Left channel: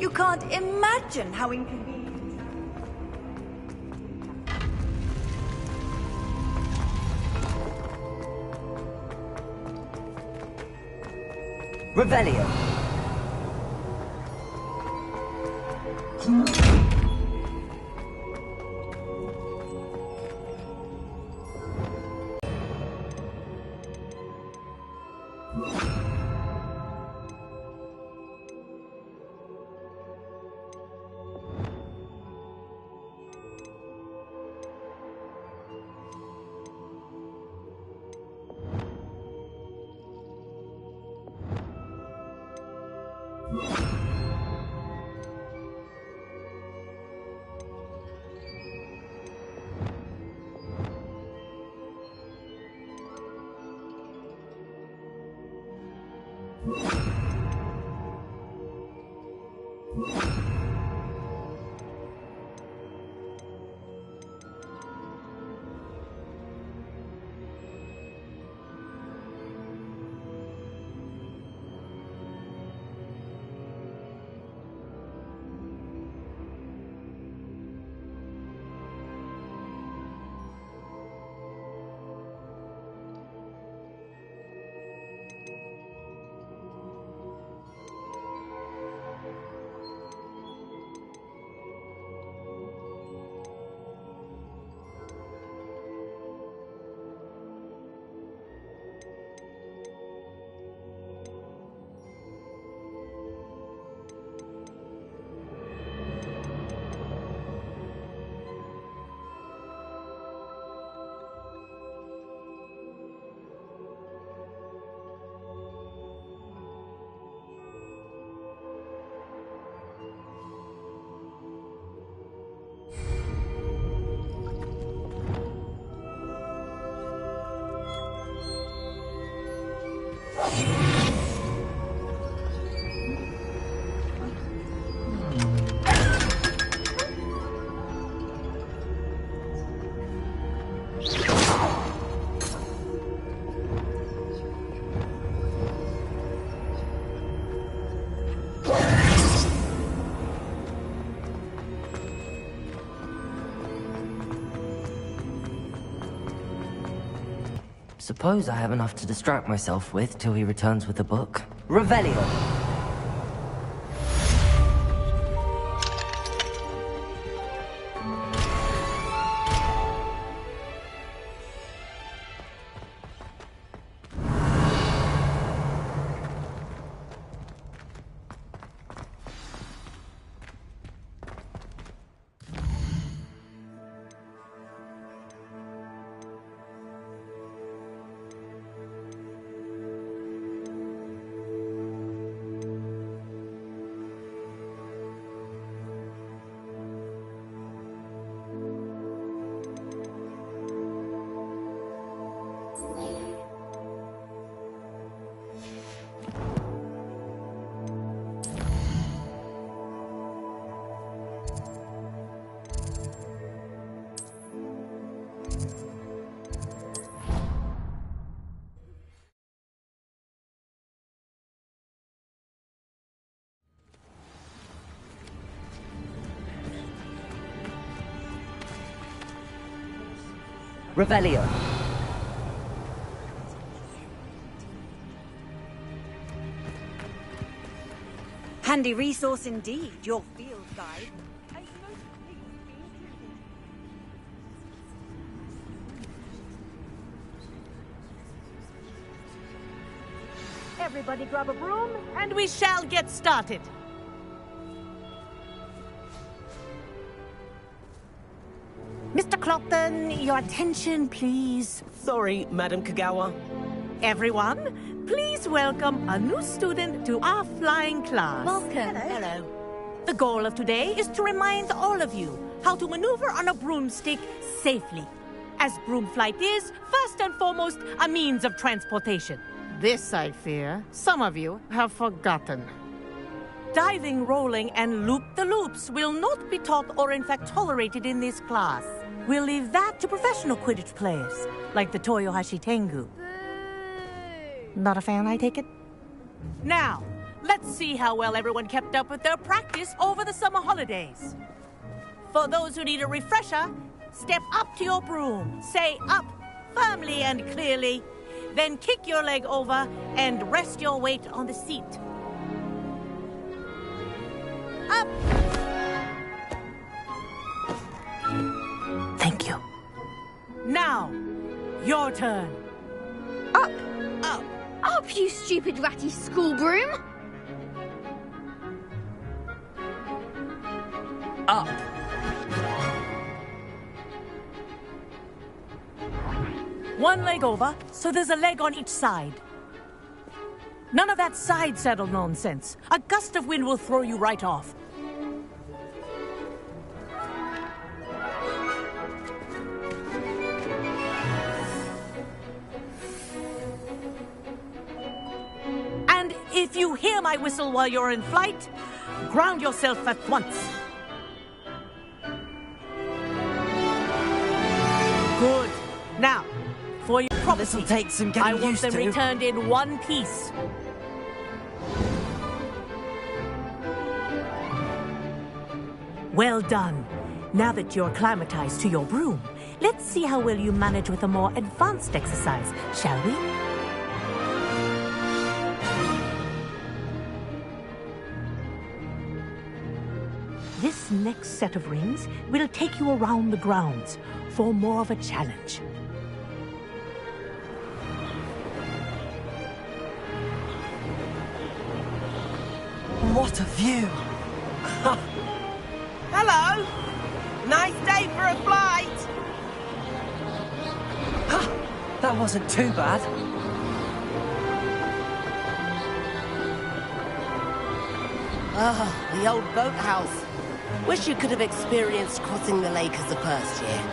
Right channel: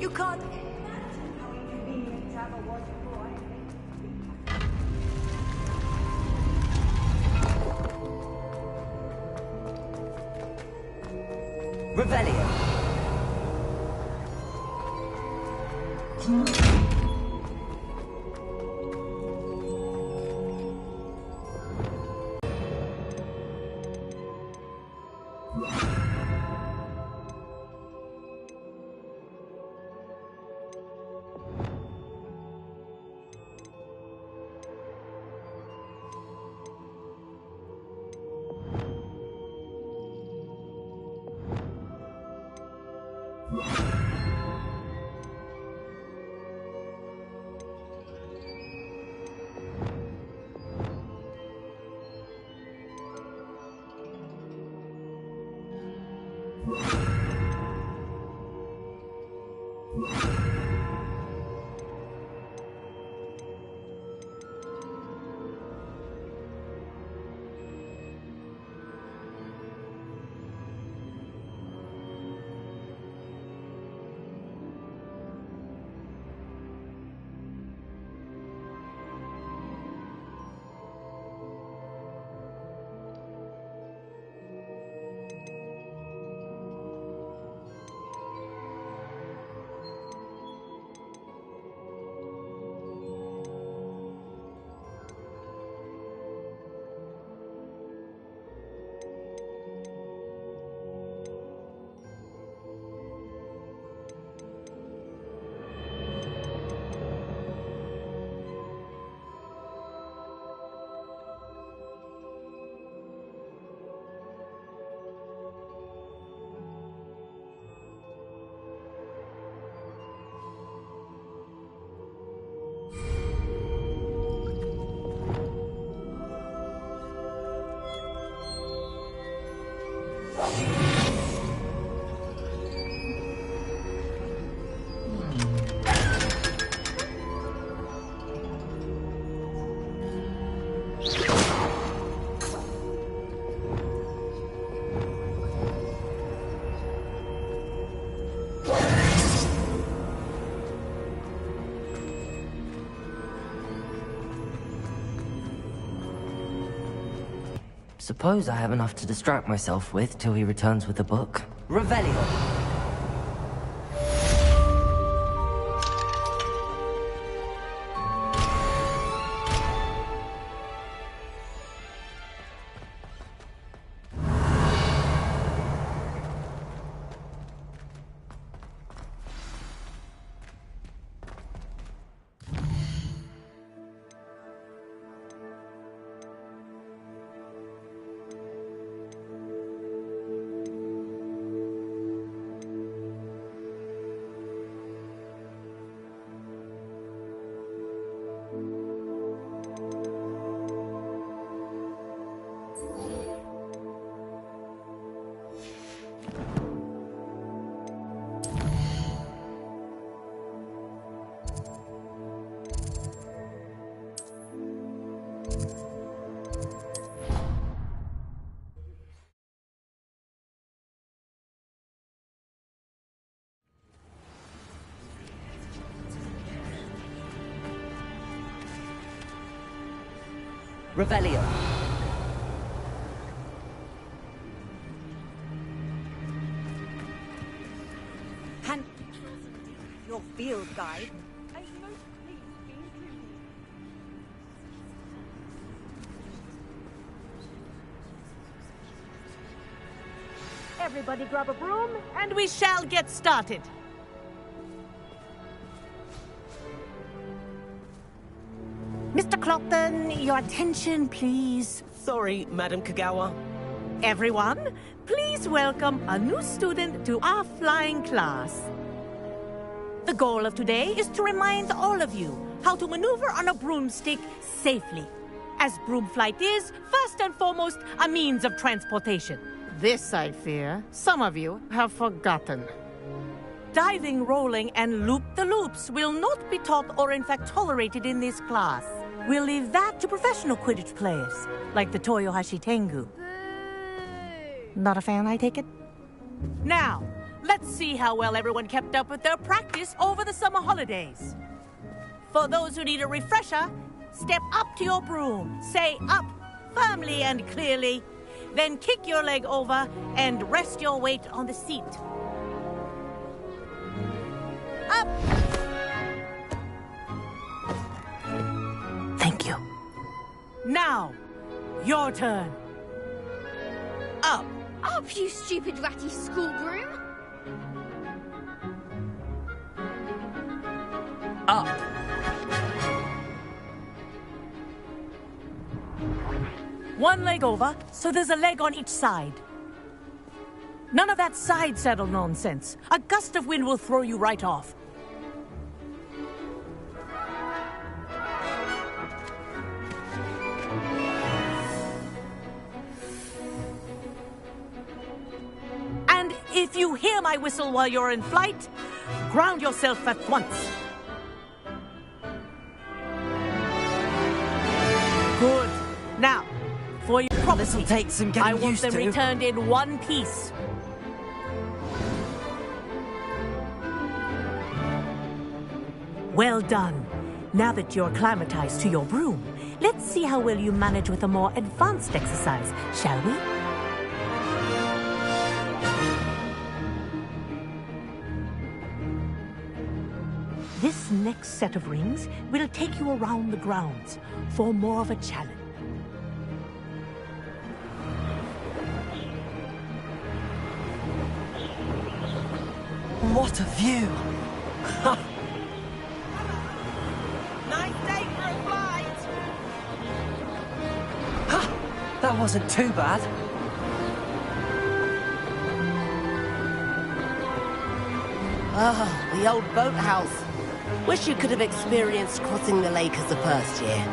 You can't imagine how inconvenient travel was. Revelio. Suppose I have enough to distract myself with till he returns with the book. Revelio! Revelio. Handy resource indeed, your field guide. Everybody grab a broom, and we shall get started. Mr. Clopton, your attention, please. Sorry, Madam Kagawa. Everyone, please welcome a new student to our flying class. Welcome. Hello. The goal of today is to remind all of you how to maneuver on a broomstick safely, as broom flight is, first and foremost, a means of transportation. This, I fear, some of you have forgotten. Diving, rolling, and loop-the-loops will not be taught or in fact tolerated in this class. We'll leave that to professional Quidditch players, like the Toyohashi Tengu. Not a fan, I take it? Now, let's see how well everyone kept up with their practice over the summer holidays. For those who need a refresher, step up to your broom, say up firmly and clearly, then kick your leg over and rest your weight on the seat. Up! Thank you. Now, your turn. Up. Up. Up, you stupid ratty school broom. Up. One leg over, so there's a leg on each side. None of that side saddle nonsense. A gust of wind will throw you right off. And if you hear my whistle while you're in flight, ground yourself at once. Good. Now, for your property, This'll take some getting I want used them to. returned in one piece. Well done. Now that you're acclimatized to your broom, let's see how well you manage with a more advanced exercise, shall we? This next set of rings will take you around the grounds for more of a challenge. What a view! Hello! Nice day for a flight! That wasn't too bad. Ah, the old boathouse. Wish you could have experienced crossing the lake as the first year.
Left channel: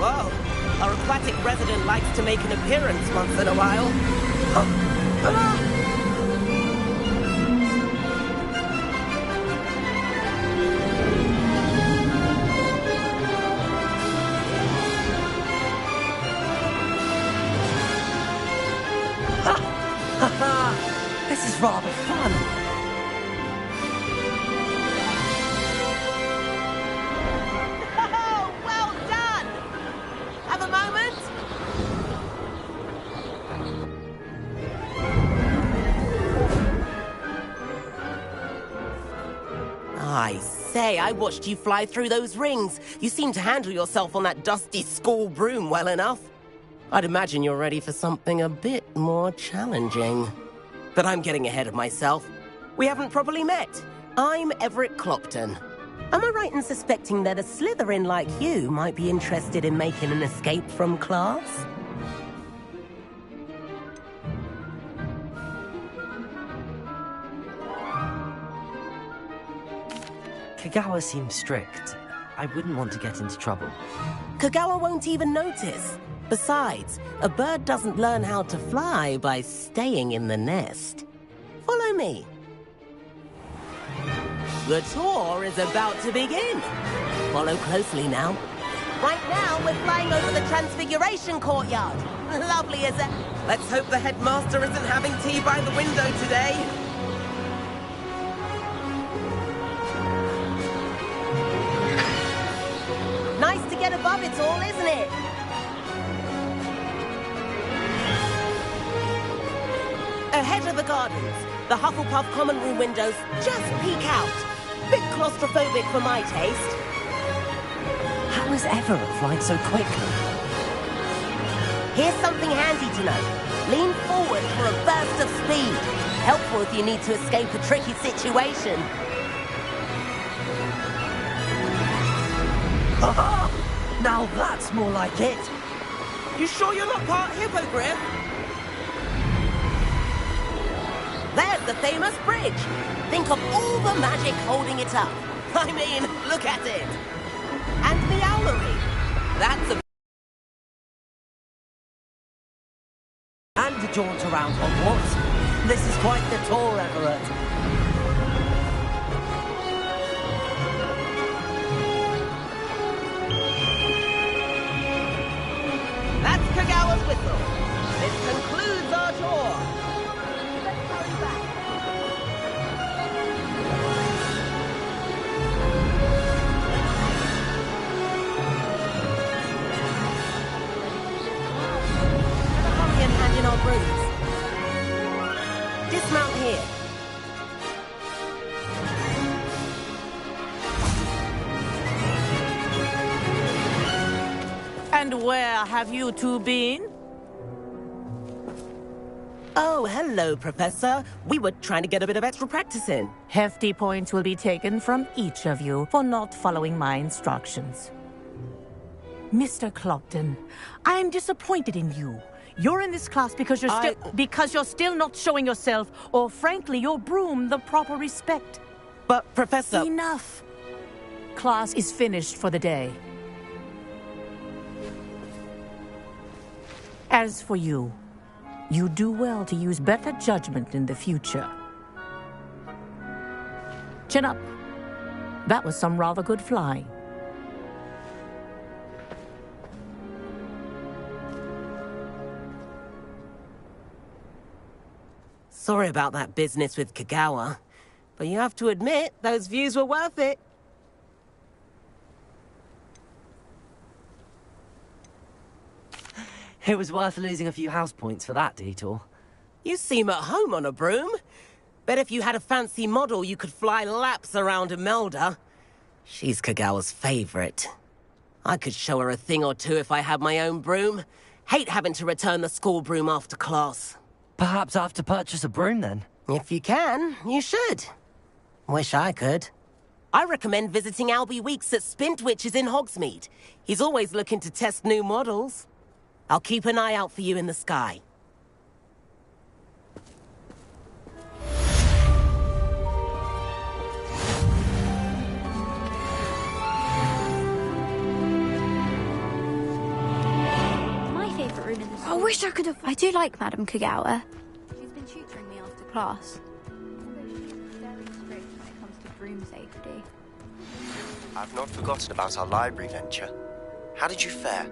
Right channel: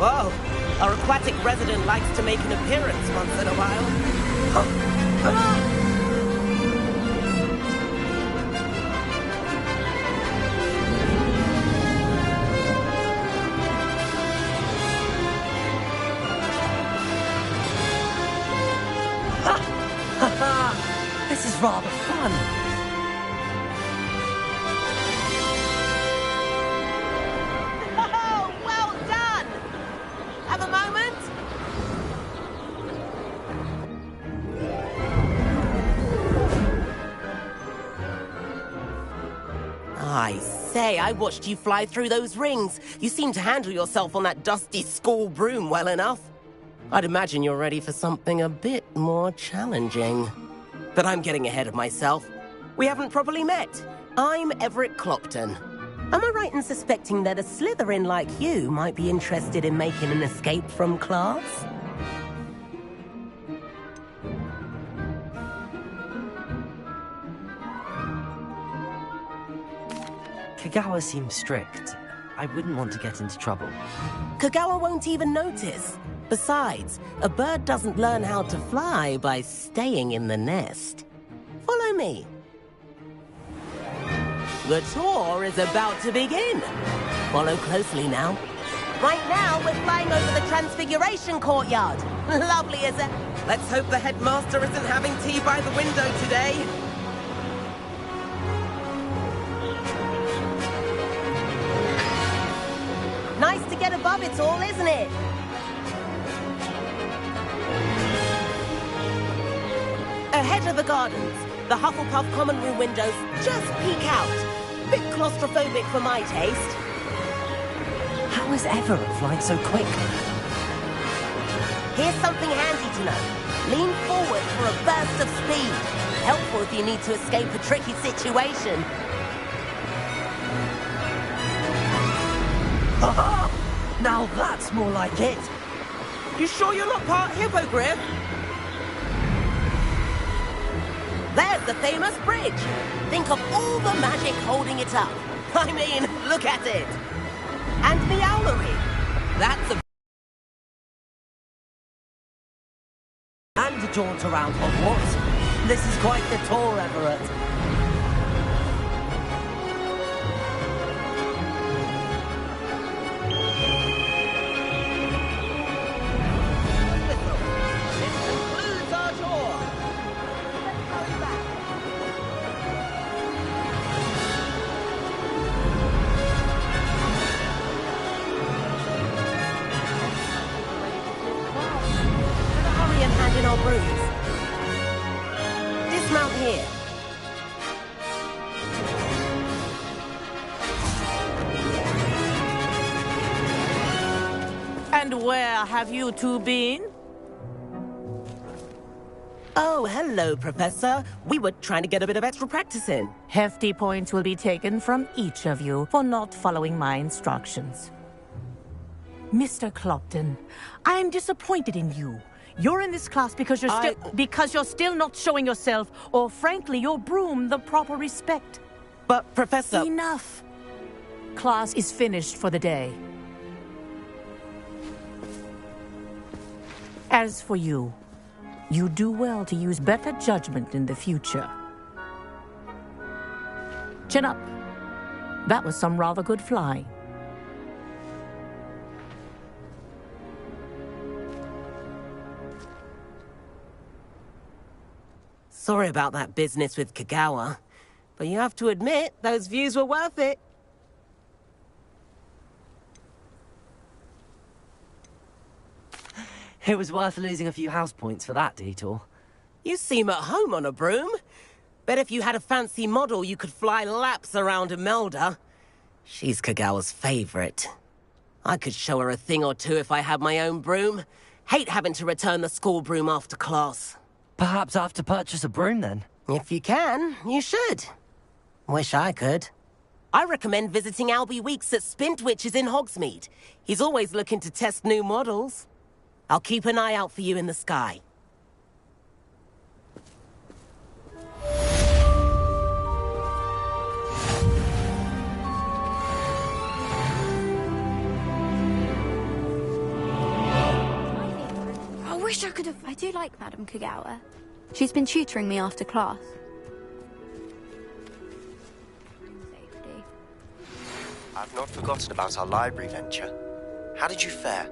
Whoa, our aquatic resident likes to make an appearance once in a while. This is rather fun. Oh, well done! Have a moment? I say, I watched you fly through those rings. You seem to handle yourself on that dusty school broom well enough. I'd imagine you're ready for something a bit more challenging. But I'm getting ahead of myself. We haven't properly met. I'm Everett Clopton. Am I right in suspecting that a Slytherin like you might be interested in making an escape from class? Kagawa seems strict. I wouldn't want to get into trouble. Kagawa won't even notice. Besides, a bird doesn't learn how to fly by staying in the nest. Follow me. The tour is about to begin. Follow closely now. Right now, we're flying over the Transfiguration Courtyard. Lovely, is it? Let's hope the headmaster isn't having tea by the window today. Nice to get above it all, isn't it? Ahead of the gardens, the Hufflepuff common room windows just peek out. Bit claustrophobic for my taste. How is Everett flying so quickly? Here's something handy to know. Lean forward for a burst of speed. Helpful if you need to escape a tricky situation. Now that's more like it. You sure you're not part hippogriff? There's the famous bridge. Think of all the magic holding it up. I mean, look at it. And the owlery. That's a... And a jaunt around Hogwarts. This is quite the tour, Everett. That's Kagawa's whistle. This concludes our tour. Let's hurry back. Better hurry and hand in our brooms. Dismount here. And where have you two been? Oh, hello, Professor. We were trying to get a bit of extra practice in. Hefty points will be taken from each of you for not following my instructions. Mr. Clopton, I'm disappointed in you. You're in this class because you're still not showing yourself, or frankly, your broom the proper respect. But, Professor... Enough. Class is finished for the day. As for you, you do well to use better judgment in the future. Chin up. That was some rather good flying. Sorry about that business with Kagawa, but you have to admit, those views were worth it. It was worth losing a few house points for that detour. You seem at home on a broom. Bet if you had a fancy model, you could fly laps around Imelda. She's Kagawa's favorite. I could show her a thing or two if I had my own broom. Hate having to return the school broom after class. Perhaps I have to purchase a broom then? If you can, you should. Wish I could. I recommend visiting Albie Weeks at Spintwitches in Hogsmeade. He's always looking to test new models. I'll keep an eye out for you in the sky. My favourite room in the school. I wish I could have... I do like Madam Kagawa. She's been tutoring me after class. When it comes to broom safety. I've not forgotten about our library venture. How did you fare?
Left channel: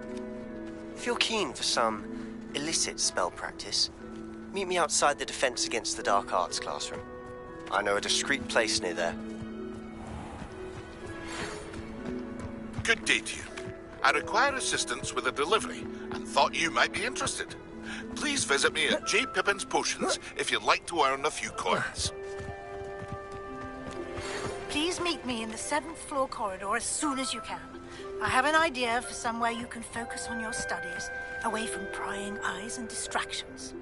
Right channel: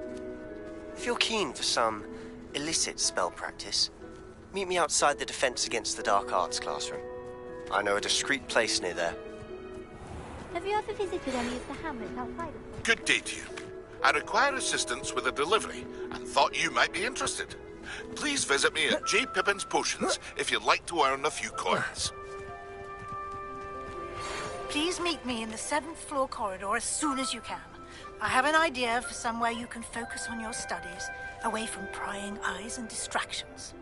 If you're keen for some illicit spell practice, meet me outside the Defense Against the Dark Arts classroom. I know a discreet place near there. Have you ever visited any of the hamlets outside of... Good day to you. I require assistance with a delivery and thought you might be interested. Please visit me at J. Pippin's Potions if you'd like to earn a few coins. Please meet me in the 7th floor corridor as soon as you can. I have an idea for somewhere you can focus on your studies, away from prying eyes and distractions.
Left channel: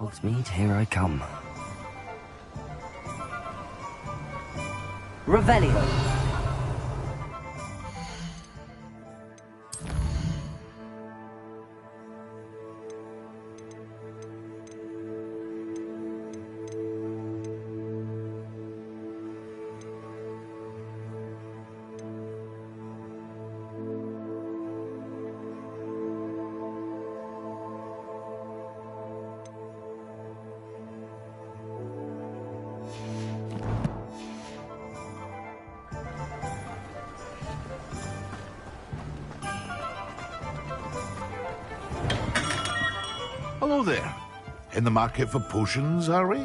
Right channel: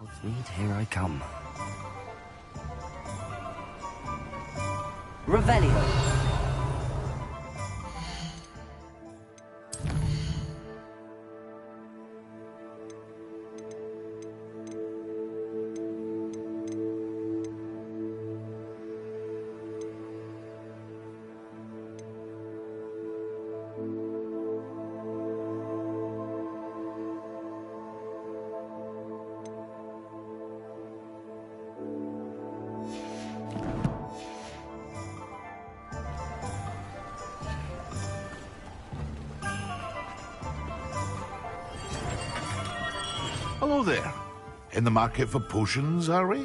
Hogsmeade, here I come. Revelio. Hello there. In the market for potions, are we?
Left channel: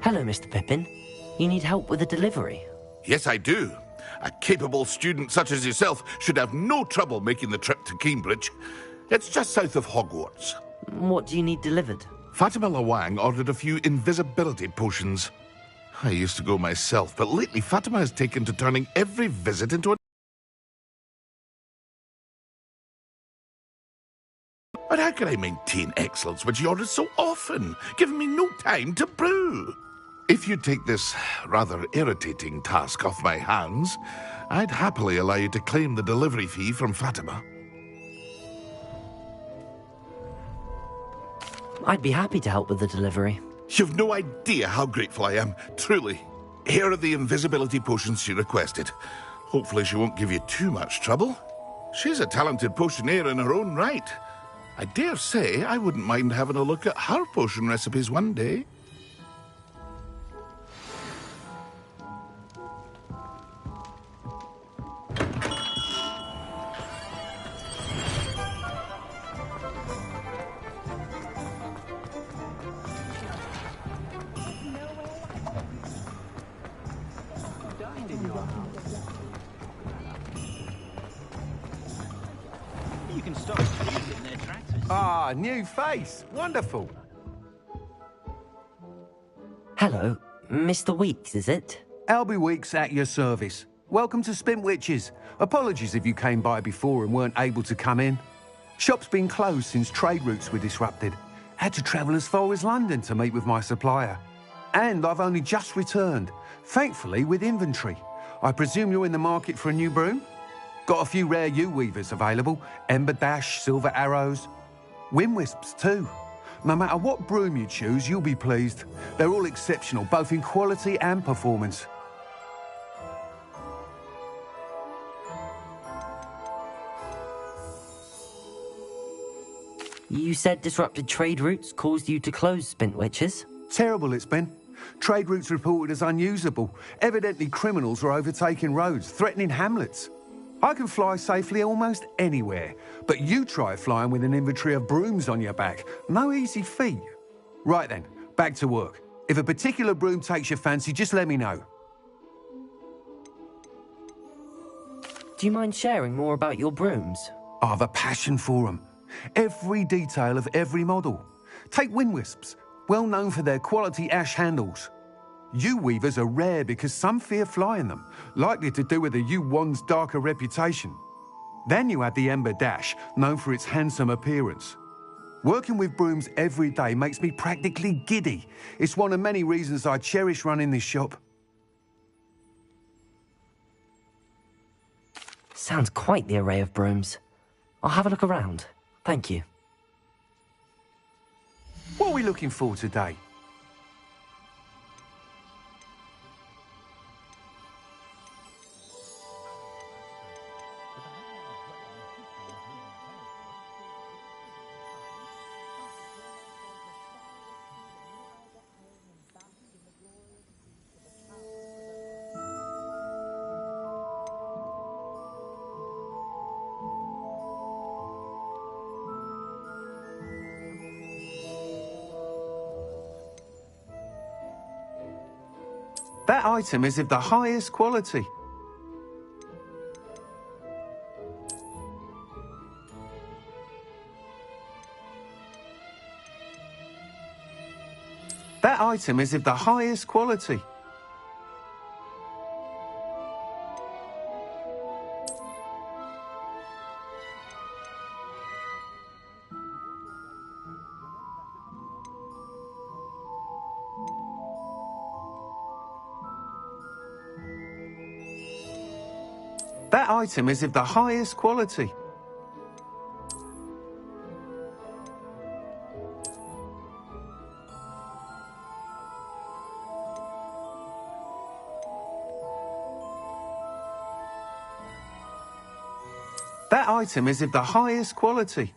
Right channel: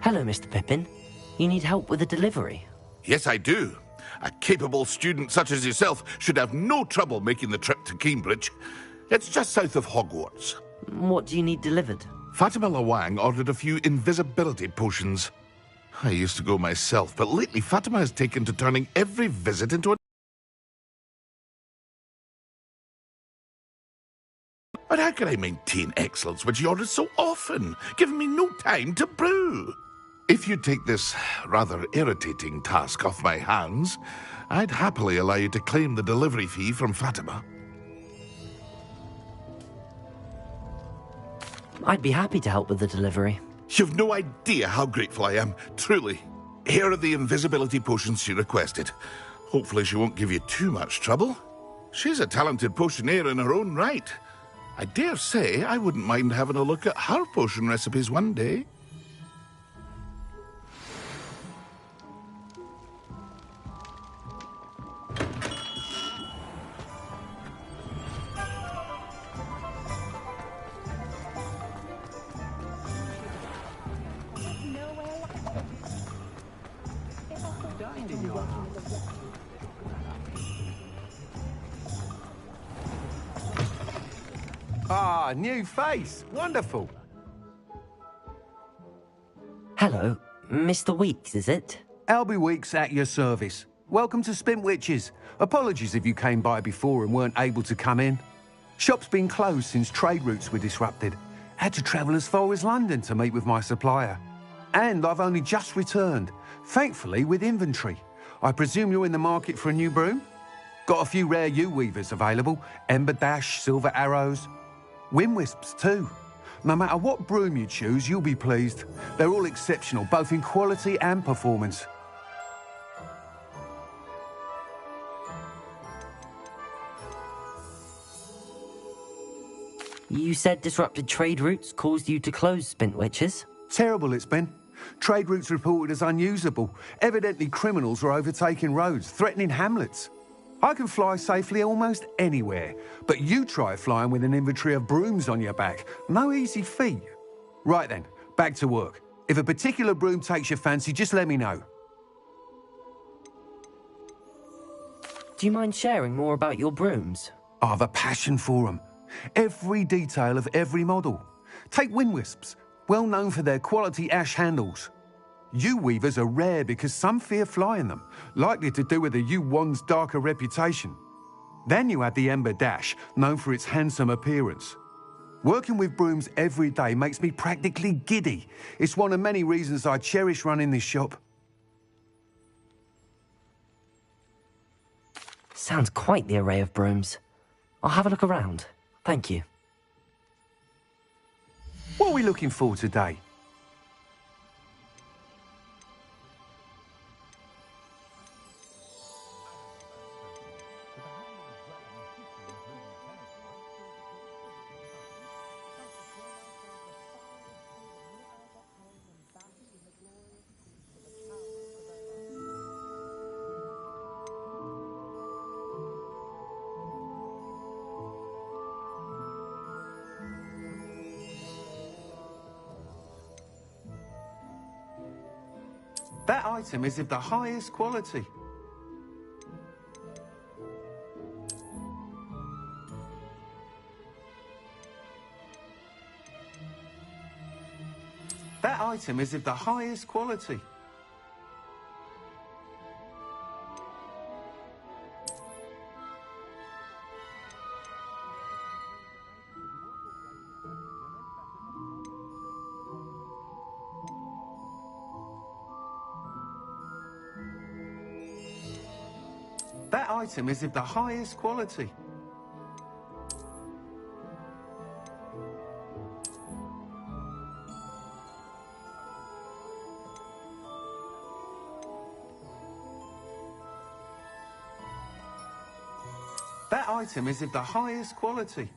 Hello, Mr. Pippin. You need help with a delivery? Yes, I do. A capable student such as yourself should have no trouble making the trip to Cambridge. It's just south of Hogwarts. What do you need delivered? Fatima Lawang ordered a few invisibility potions. I used to go myself, but lately Fatima has taken to turning every visit into a... But how can I maintain excellence when she orders so often, giving me no time to brew? If you take this rather irritating task off my hands, I'd happily allow you to claim the delivery fee from Fatima. I'd be happy to help with the delivery. You've no idea how grateful I am, truly. Here are the invisibility potions she requested. Hopefully she won't give you too much trouble. She's a talented potioneer in her own right. I dare say I wouldn't mind having a look at her potion recipes one day. Ah, new face. Wonderful. Hello, Mr. Weeks, is it? Albie Weeks at your service. Welcome to Spintwitches. Apologies if you came by before and weren't able to come in. Shop's been closed since trade routes were disrupted. Had to travel as far as London to meet with my supplier. And I've only just returned, thankfully with inventory. I presume you're in the market for a new broom? Got a few rare U-weavers available. Ember Dash, Silver Arrows. Wind Wisps too. No matter what broom you choose, you'll be pleased. They're all exceptional, both in quality and performance. You said disrupted trade routes caused you to close Spintwitches? Terrible it's been. Trade routes reported as unusable. Evidently criminals were overtaking roads, threatening hamlets. I can fly safely almost anywhere, but you try flying with an inventory of brooms on your back. No easy feat. Right then, back to work. If a particular broom takes your fancy, just let me know. Do you mind sharing more about your brooms? I have a passion for them. Every detail of every model. Take Wind Wisps, well known for their quality ash handles. U-weavers are rare because some fear flying them, likely to do with the U-wand's darker reputation. Then you have the Ember Dash, known for its handsome appearance. Working with brooms every day makes me practically giddy. It's one of many reasons I cherish running this shop. Sounds quite the array of brooms. I'll have a look around. Thank you. What are we looking for today? That item is of the highest quality. That item is of the highest quality. That item is of the highest quality. That item is of the highest quality.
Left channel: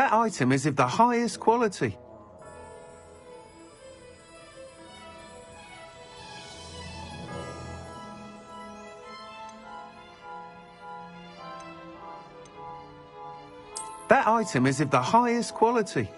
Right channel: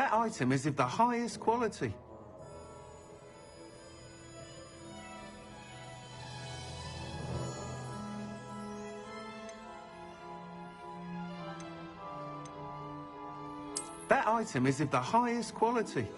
That item is of the highest quality. That item is of the highest quality.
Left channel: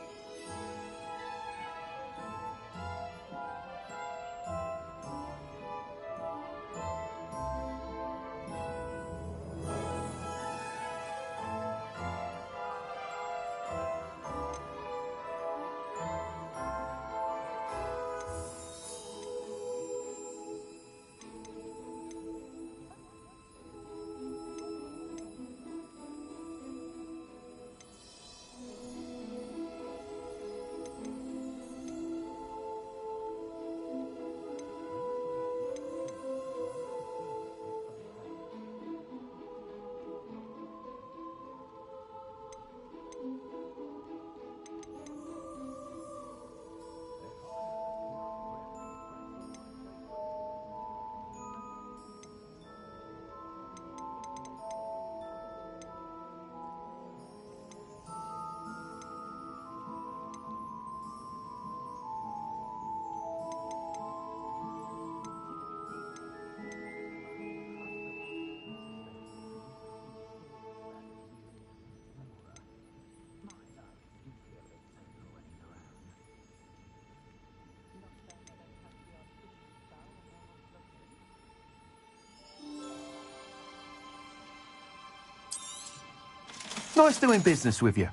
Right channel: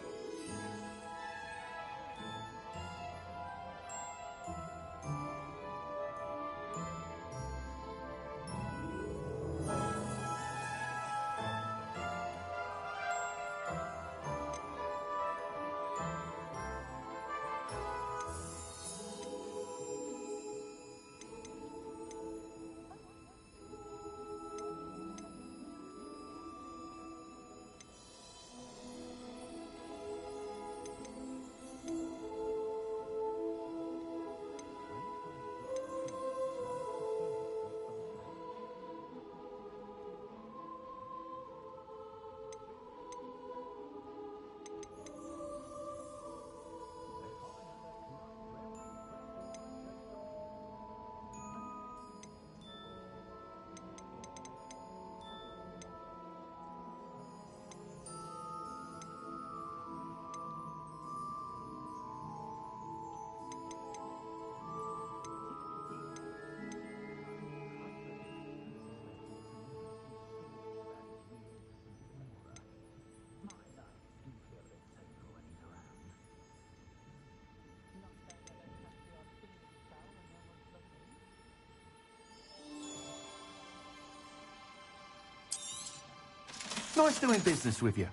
Nice doing business with you.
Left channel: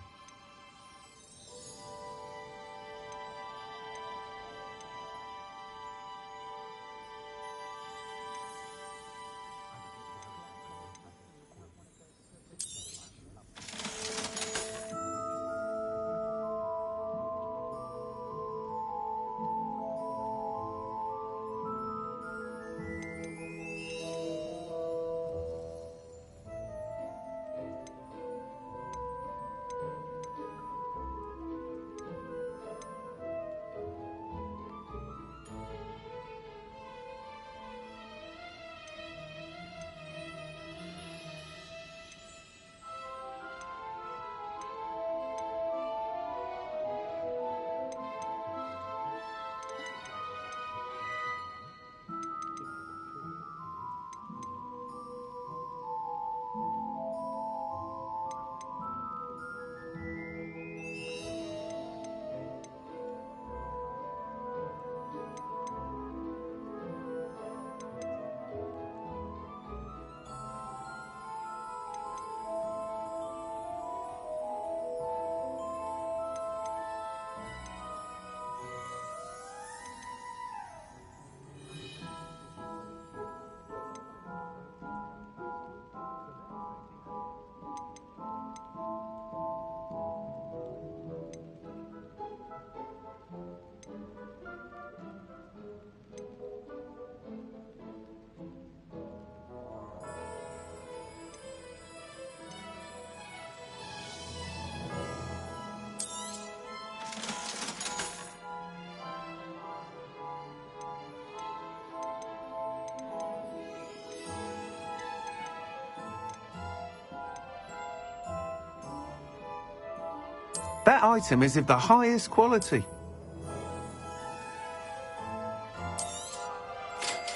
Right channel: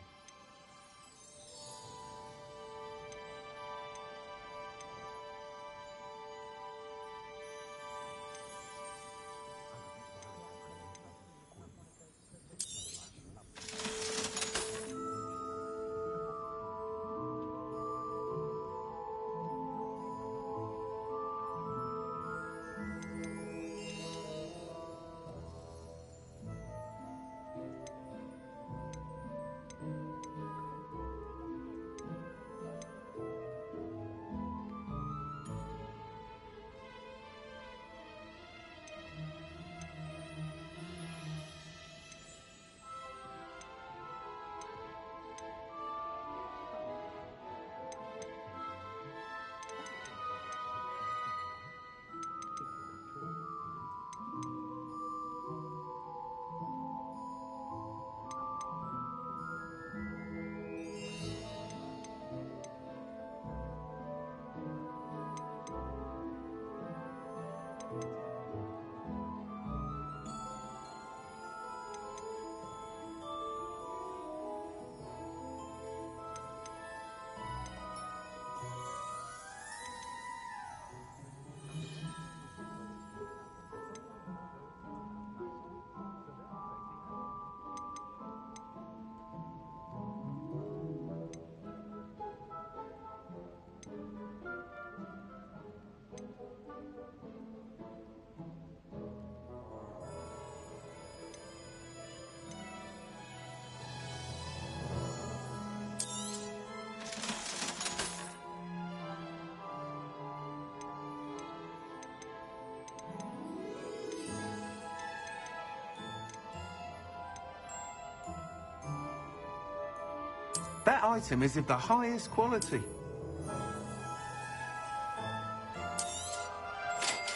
That item is of the highest quality.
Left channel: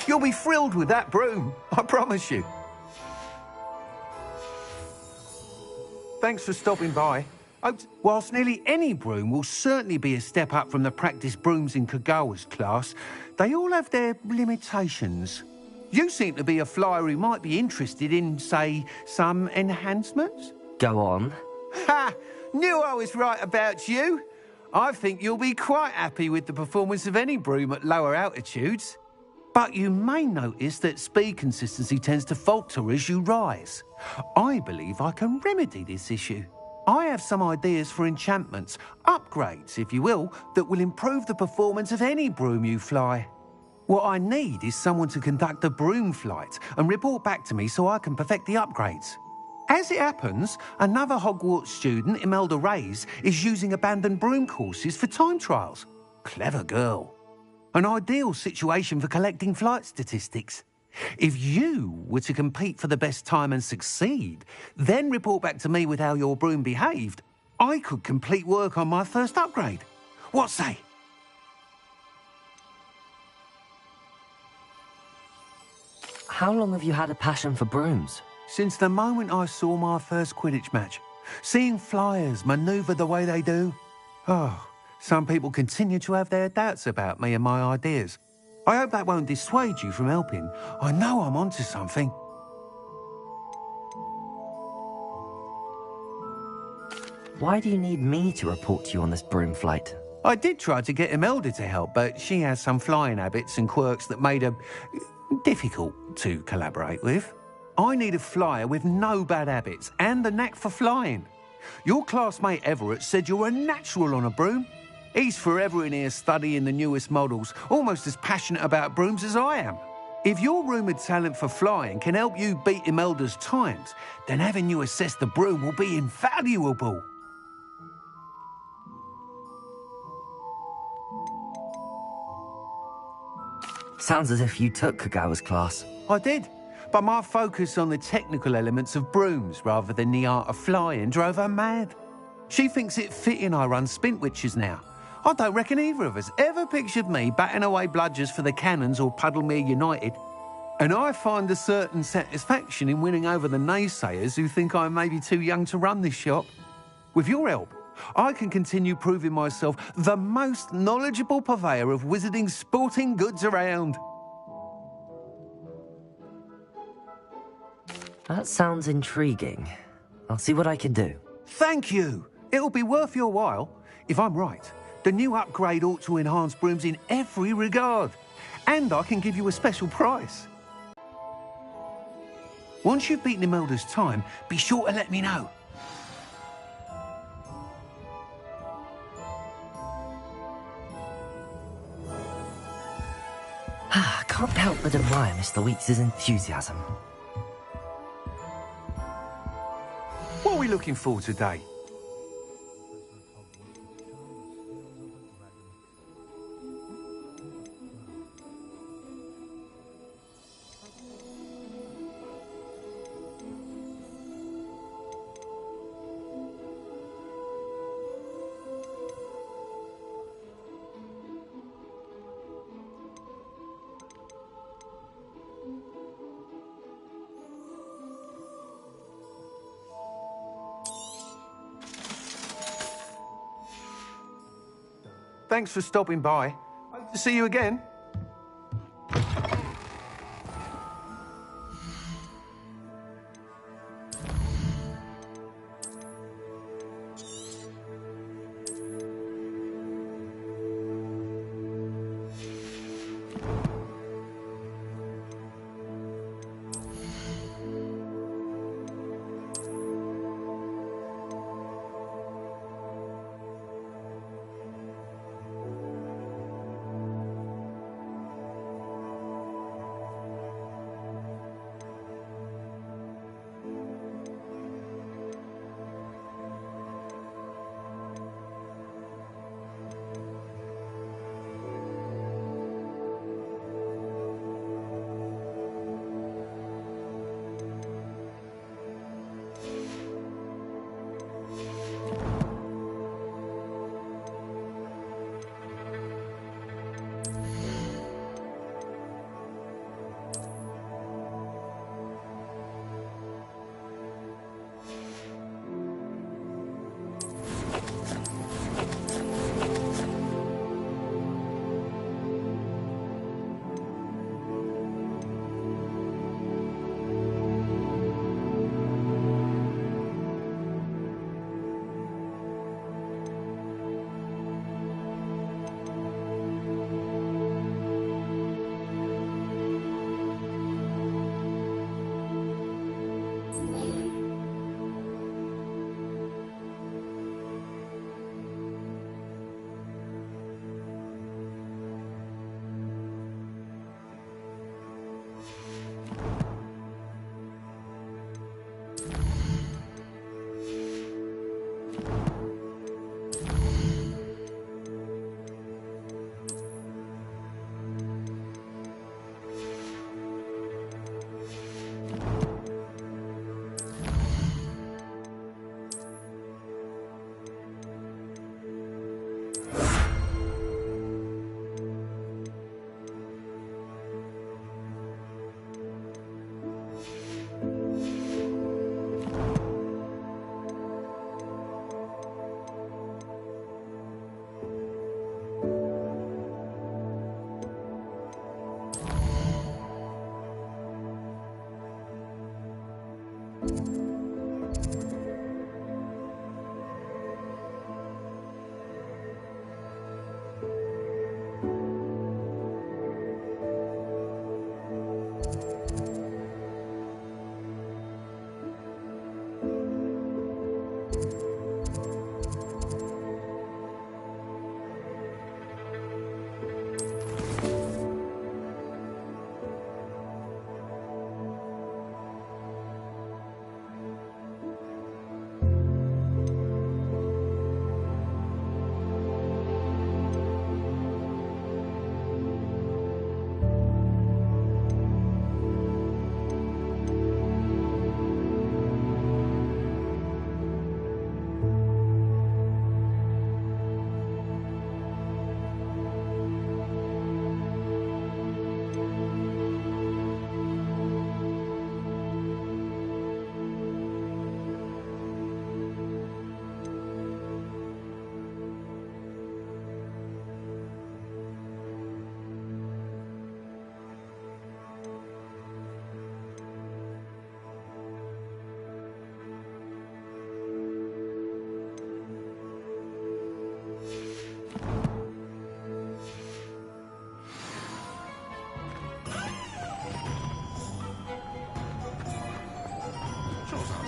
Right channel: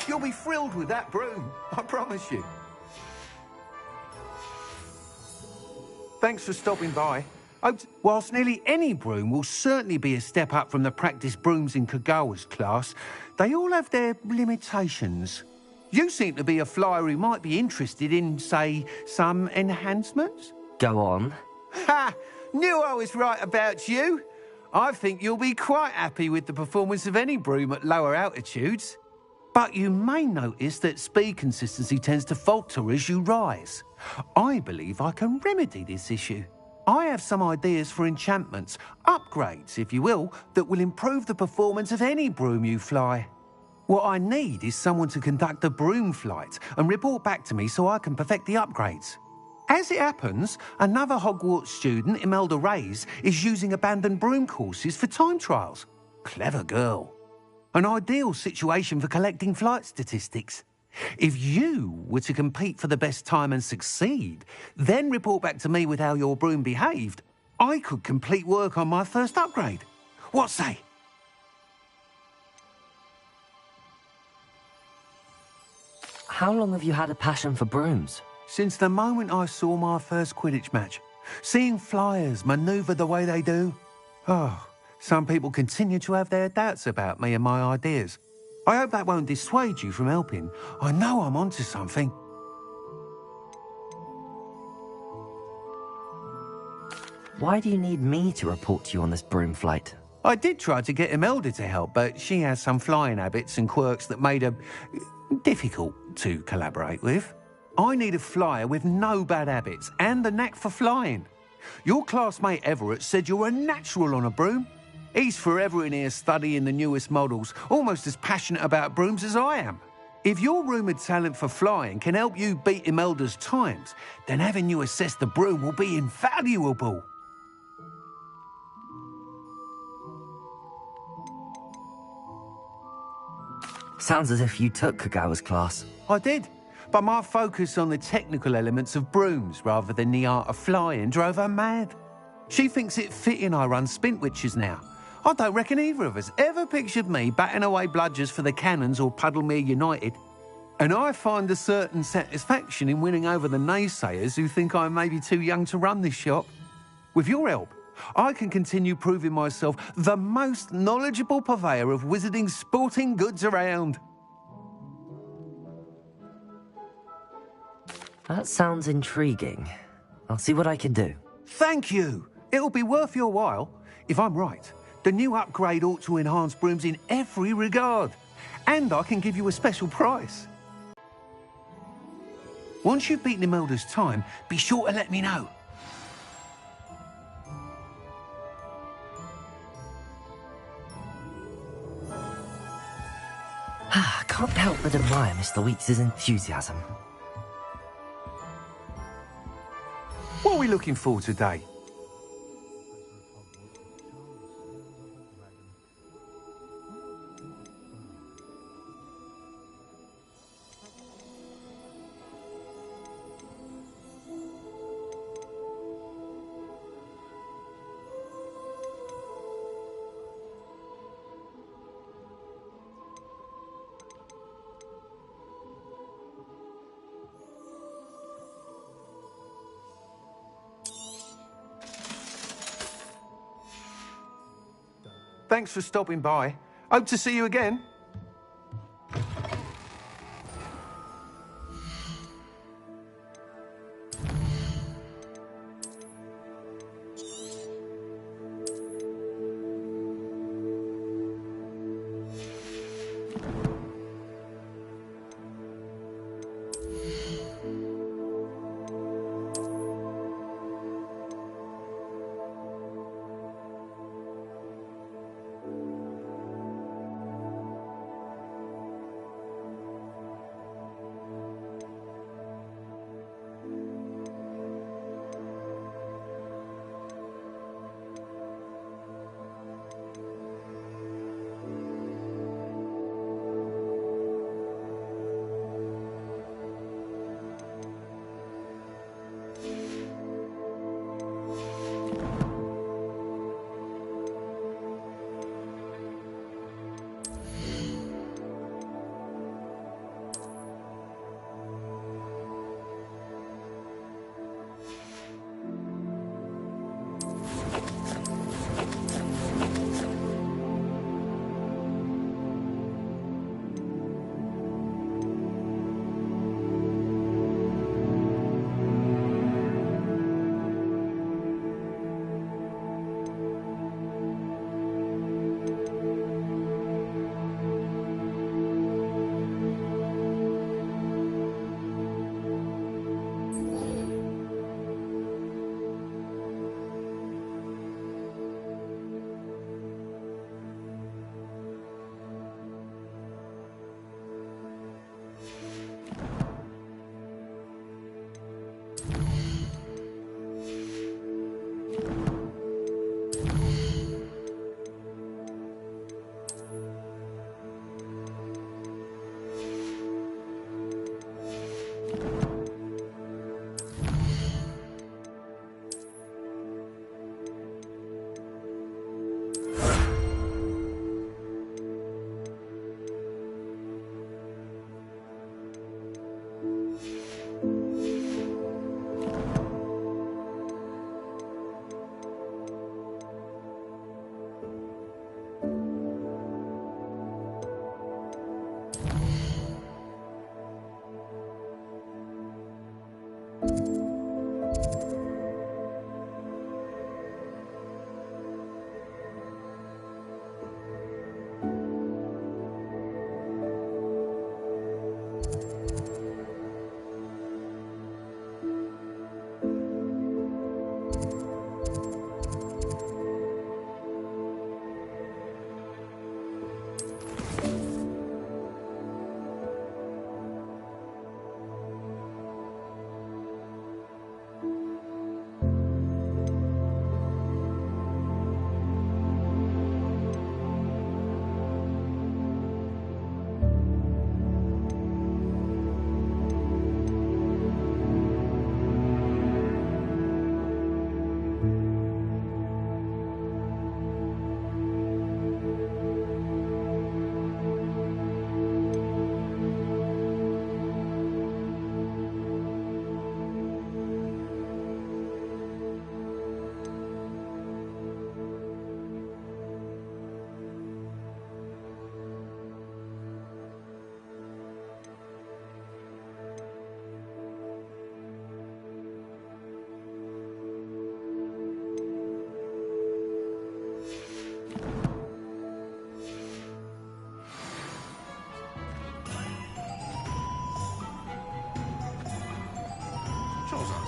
You'll be thrilled with that broom, I promise you. Thanks for stopping by. Whilst nearly any broom will certainly be a step up from the practice brooms in Kagawa's class, they all have their limitations. You seem to be a flyer who might be interested in, say, some enhancements? Go on. Ha! Knew I was right about you. I think you'll be quite happy with the performance of any broom at lower altitudes. But you may notice that speed consistency tends to falter as you rise. I believe I can remedy this issue. I have some ideas for enchantments, upgrades, if you will, that will improve the performance of any broom you fly. What I need is someone to conduct a broom flight and report back to me so I can perfect the upgrades. As it happens, another Hogwarts student, Imelda Reyes, is using abandoned broom courses for time trials. Clever girl. An ideal situation for collecting flight statistics. If you were to compete for the best time and succeed, then report back to me with how your broom behaved, I could complete work on my first upgrade. What say? How long have you had a passion for brooms? Since the moment I saw my first Quidditch match. Seeing flyers manoeuvre the way they do. Oh, some people continue to have their doubts about me and my ideas. I hope that won't dissuade you from helping. I know I'm onto something. Why do you need me to report to you on this broom flight? I did try to get Imelda to help, but she has some flying habits and quirks that made her difficult to collaborate with. I need a flyer with no bad habits and the knack for flying. Your classmate Everett said you're a natural on a broom. He's forever in here studying the newest models, almost as passionate about brooms as I am. If your rumoured talent for flying can help you beat Imelda's times, then having you assess the broom will be invaluable. Sounds as if you took Kagawa's class. I did, but my focus on the technical elements of brooms rather than the art of flying drove her mad. She thinks it fitting I run Spintwitches now. I don't reckon either of us ever pictured me batting away bludgers for the Cannons or Puddlemere United. And I find a certain satisfaction in winning over the naysayers who think I may be too young to run this shop. With your help, I can continue proving myself the most knowledgeable purveyor of wizarding sporting goods around. That sounds intriguing. I'll see what I can do. Thank you. It'll be worth your while. If I'm right, the new upgrade ought to enhance brooms in every regard. And I can give you a special price. Once you've beaten Imelda's time, be sure to let me know. I can't help but admire Mr. Weeks' enthusiasm. What are we looking for today? Thanks for stopping by. Hope to see you again.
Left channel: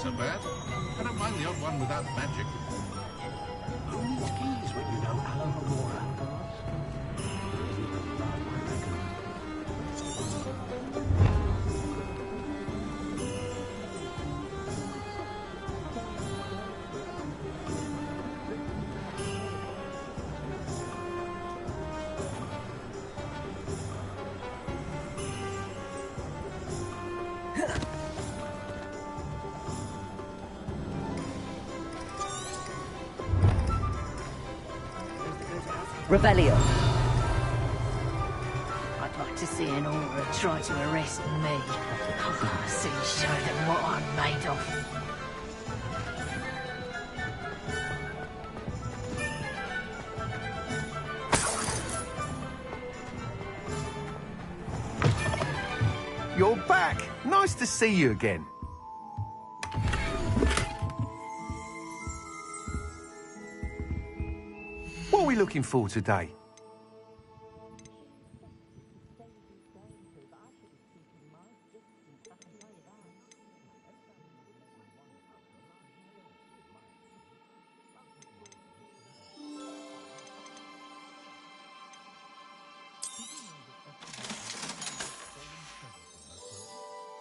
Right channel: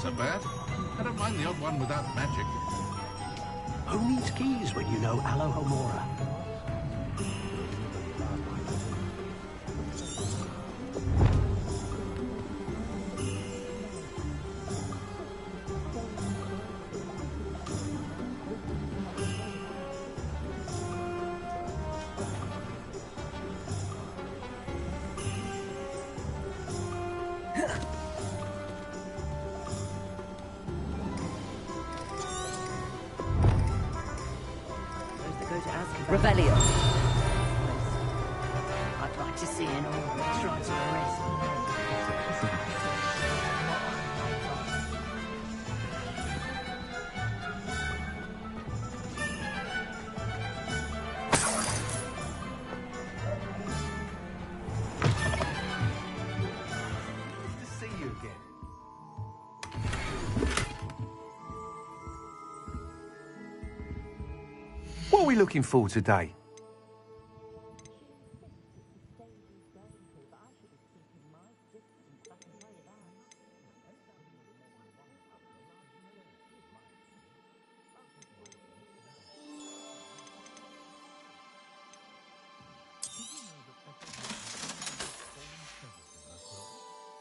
so bad. I don't mind the odd one without magic. Who needs keys when you know Alohomora? Revelio. I'd like to see an aura try to arrest me. I want to see show them what I'm made of. You're back. Nice to see you again. What are we looking for today?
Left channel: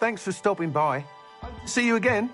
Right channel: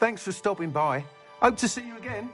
Thanks for stopping by. Hope to see you again.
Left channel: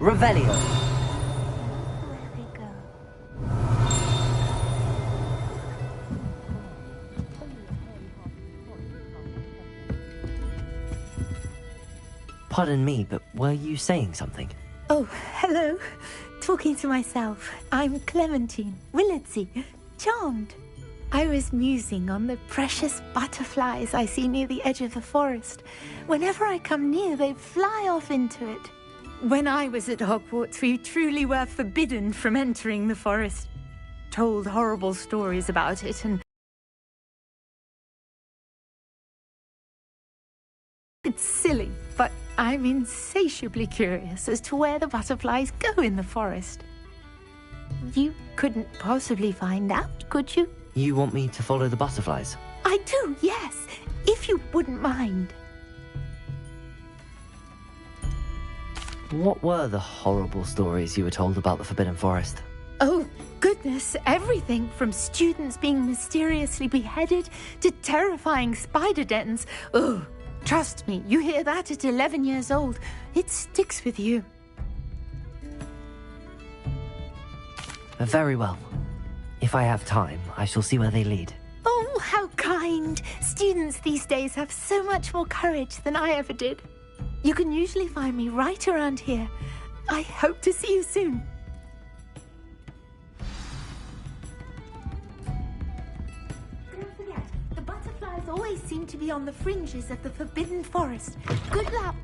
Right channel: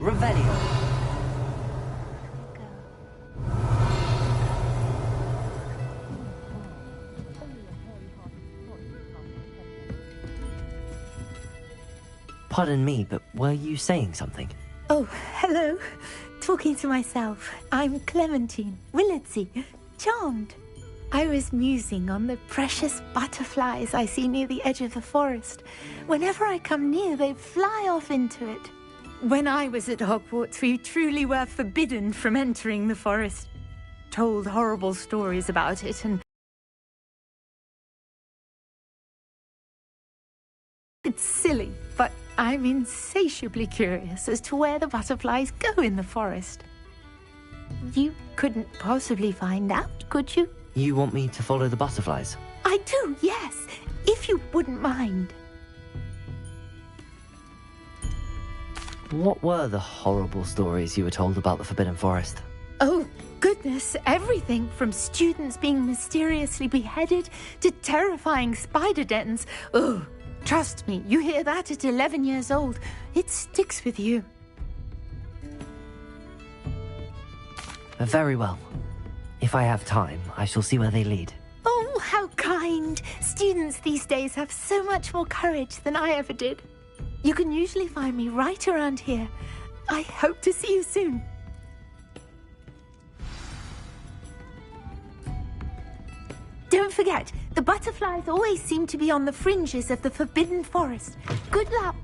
Revelio. Pardon me, but were you saying something? Oh, hello. Talking to myself. I'm Clementine Willardsey. Charmed. I was musing on the precious butterflies I see near the edge of the forest. Whenever I come near, they fly off into it. When I was at Hogwarts, we truly were forbidden from entering the forest. Told horrible stories about it, and it's silly, but I'm insatiably curious as to where the butterflies go in the forest. You couldn't possibly find out, could you? You want me to follow the butterflies? I do, yes, if you wouldn't mind. What were the horrible stories you were told about the Forbidden Forest? Oh, goodness, everything from students being mysteriously beheaded to terrifying spider dens. Oh, trust me, you hear that at 11 years old. It sticks with you. Very well. If I have time, I shall see where they lead. Oh, how kind. Students these days have so much more courage than I ever did. You can usually find me right around here. I hope to see you soon. Don't forget, the butterflies always seem to be on the fringes of the Forbidden Forest. Good luck.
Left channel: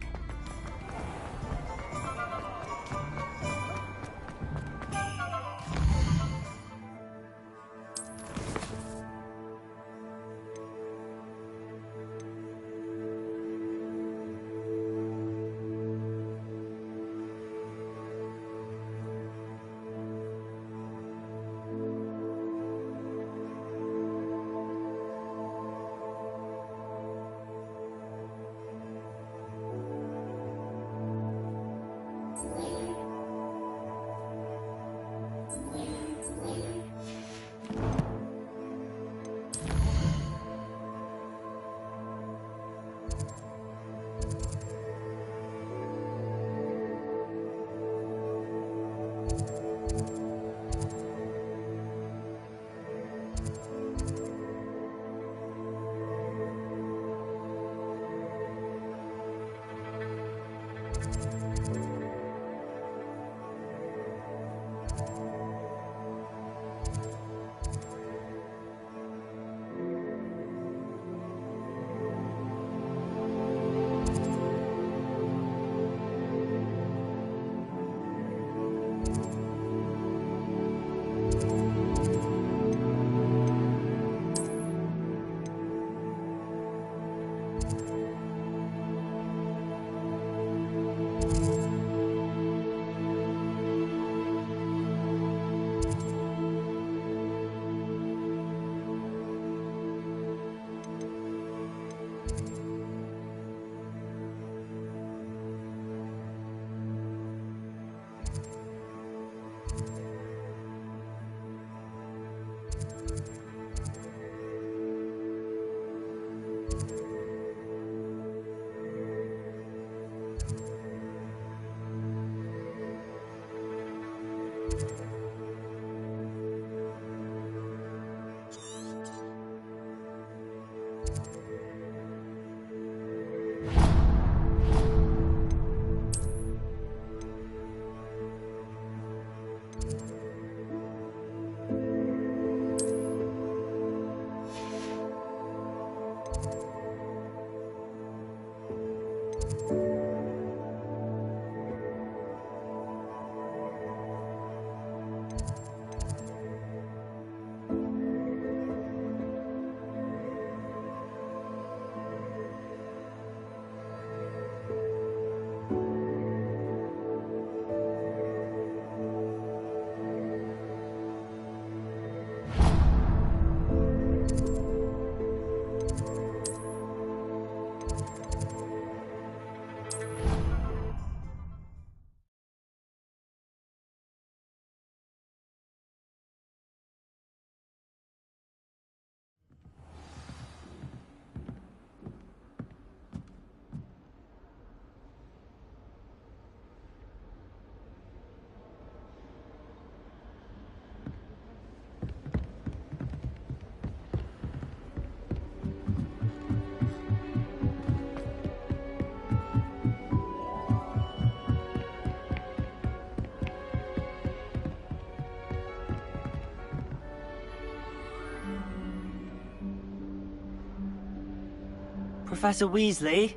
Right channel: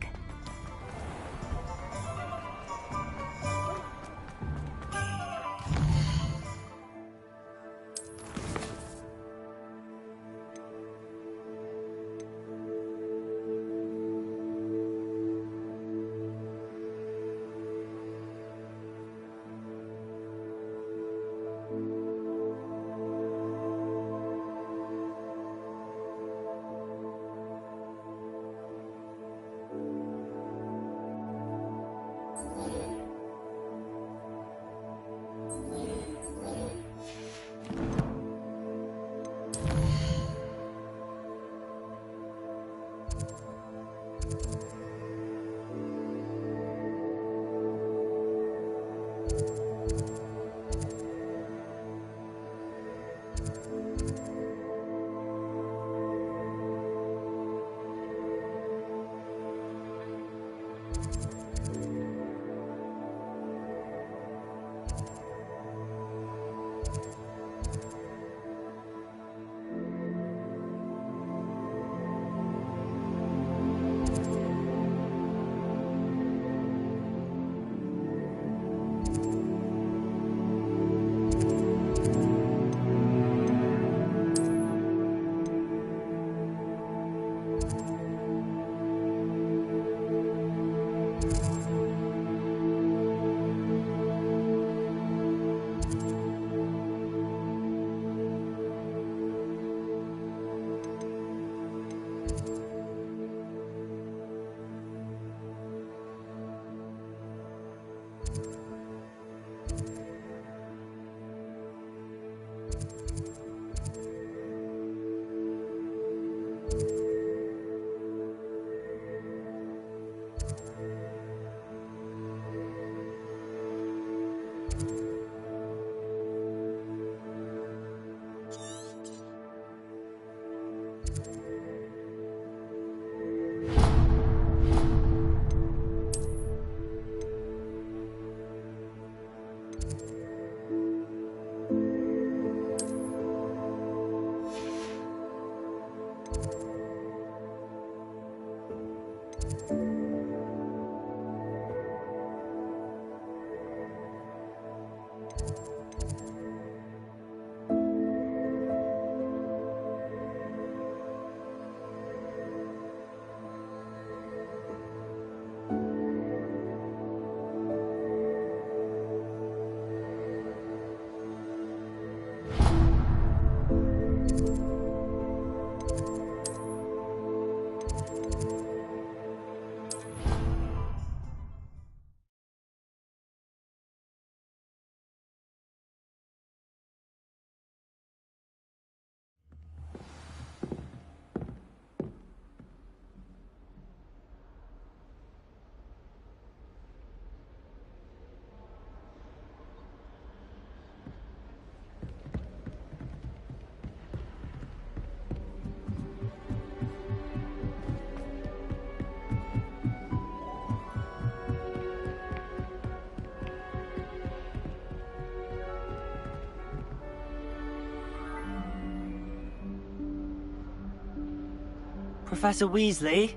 Professor Weasley?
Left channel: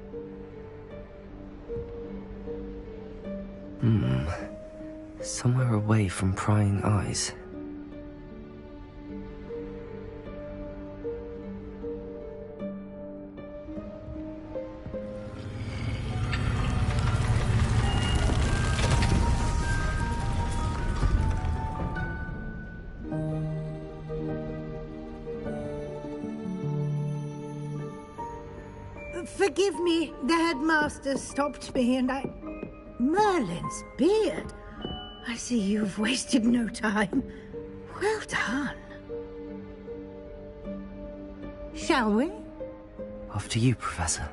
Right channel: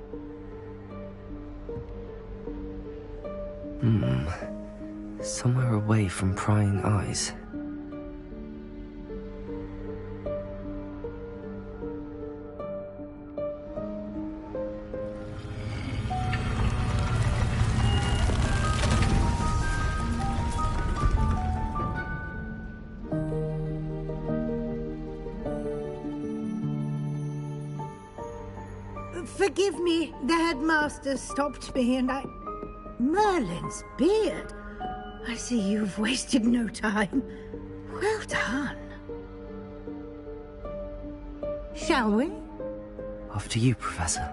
Somewhere away from prying eyes. Forgive me, the headmaster stopped me and Merlin's beard. I see you've wasted no time. Well done. Shall we? After you, Professor.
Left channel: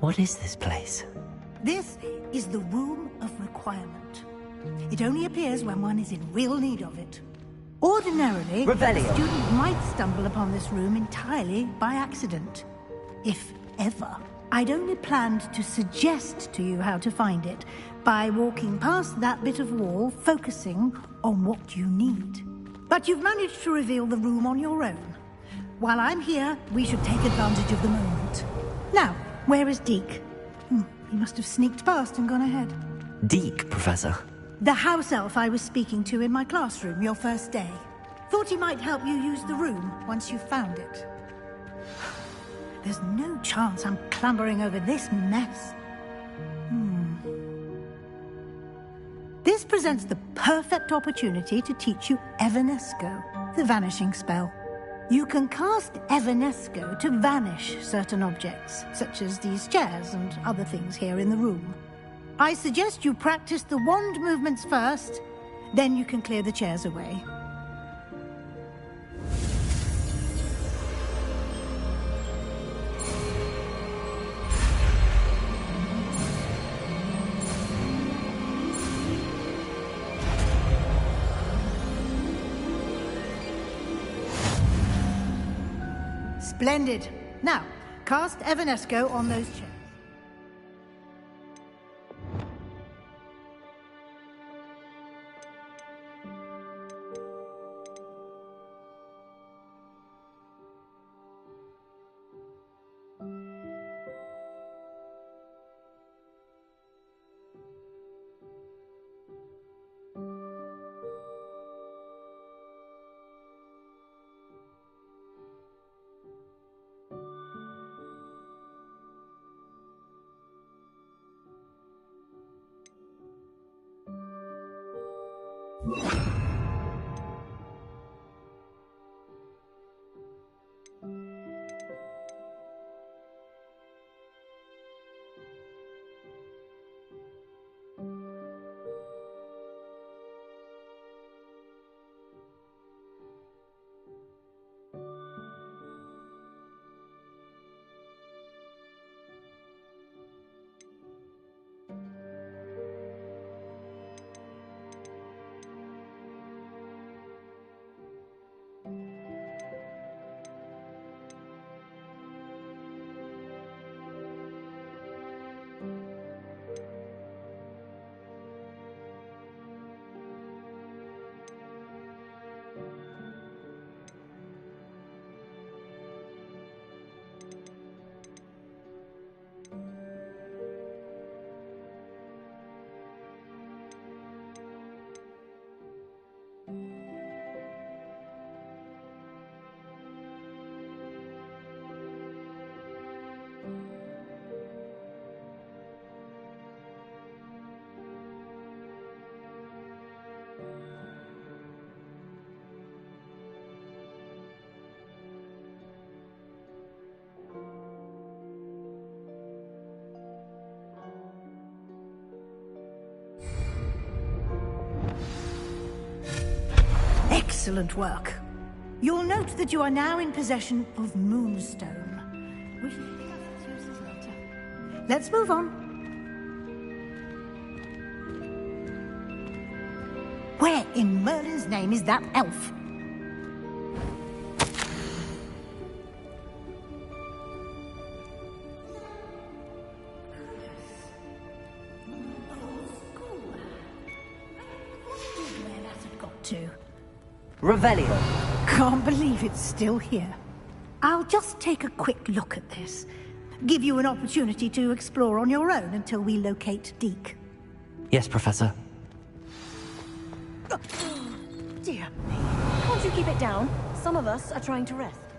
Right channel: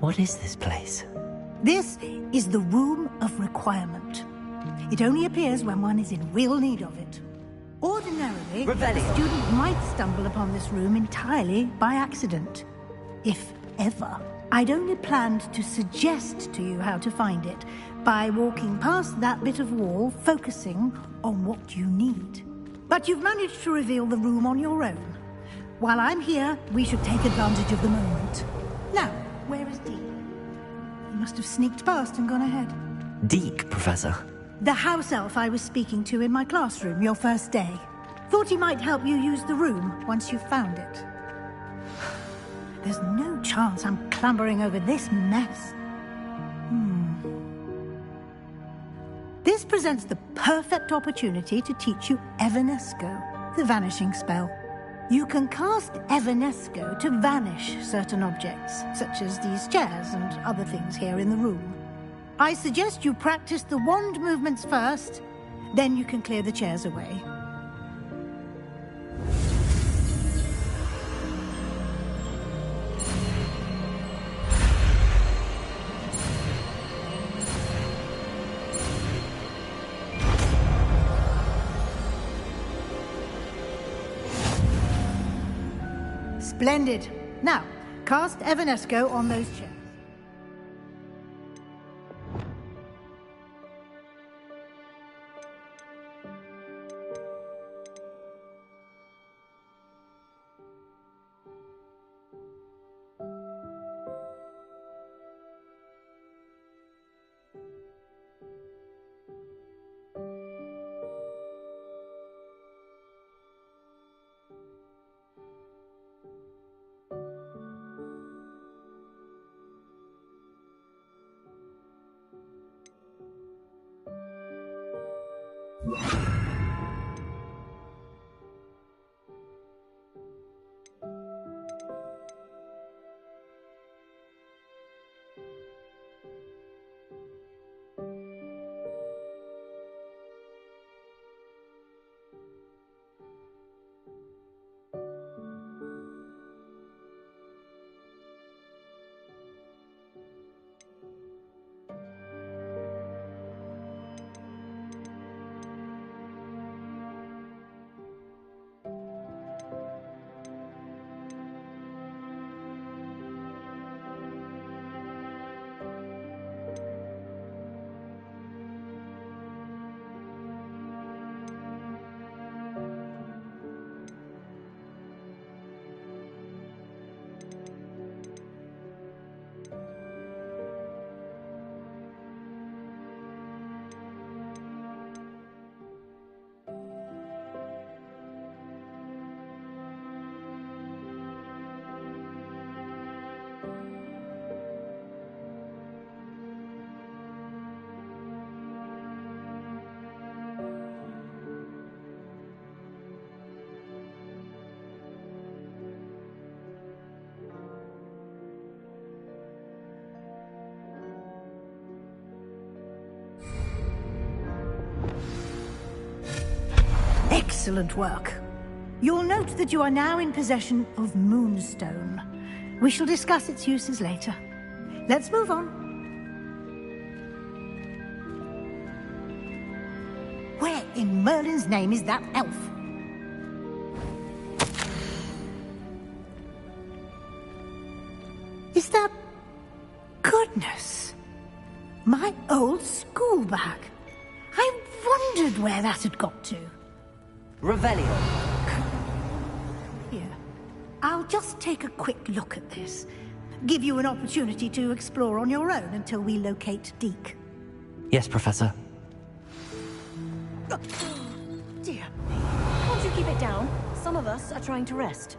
What is this place? This is the Room of Requirement. It only appears when one is in real need of it. Ordinarily, Revelio. a student might stumble upon this room entirely by accident. If ever. I'd only planned to suggest to you how to find it by walking past that bit of wall, focusing on what you need. But you've managed to reveal the room on your own. While I'm here, we should take advantage of the moment. Now, where is Deke? He must have sneaked past and gone ahead. Deke, Professor. The house elf I was speaking to in my classroom your first day. Thought he might help you use the room once you've found it. There's no chance I'm clambering over this mess. This presents the perfect opportunity to teach you Evanesco, the vanishing spell. You can cast Evanesco to vanish certain objects, such as these chairs and other things here in the room. I suggest you practice the wand movements first, then you can clear the chairs away. Splendid. Now, cast Evanesco on those chairs. Excellent work. You'll note that you are now in possession of Moonstone. We shall discuss its uses later. Let's move on. Where in Merlin's name is that elf? Is that... Goodness. My old school bag. I wondered where that had got to. Revelio. Can't believe it's still here. I'll just take a quick look at this. Give you an opportunity to explore on your own until we locate Deke. Yes, Professor. Oh, dear me. Can't you keep it down? Some of us are trying to rest.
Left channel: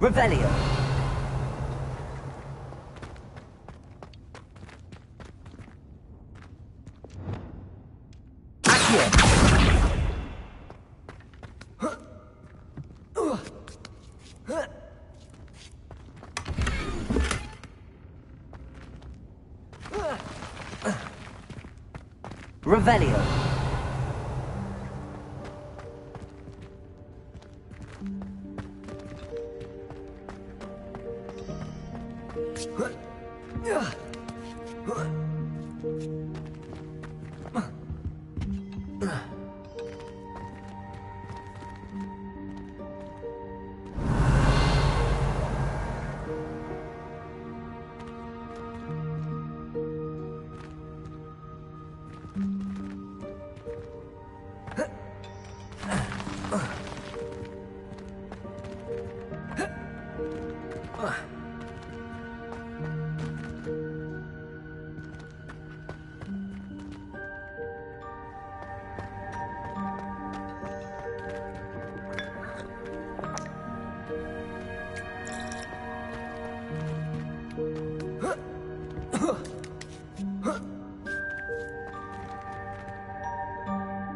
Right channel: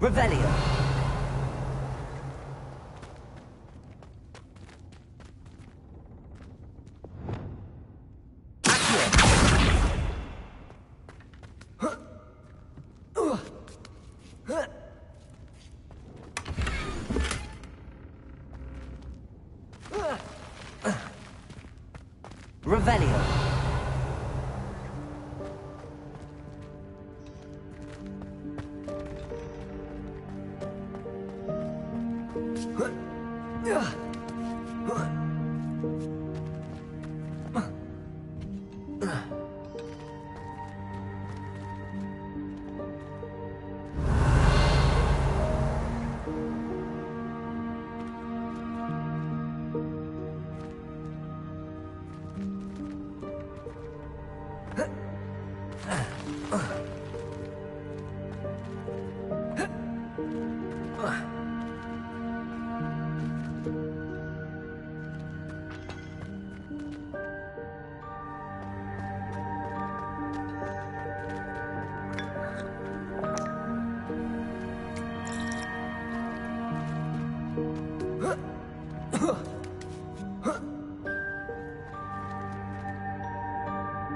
Revelio. Revelio.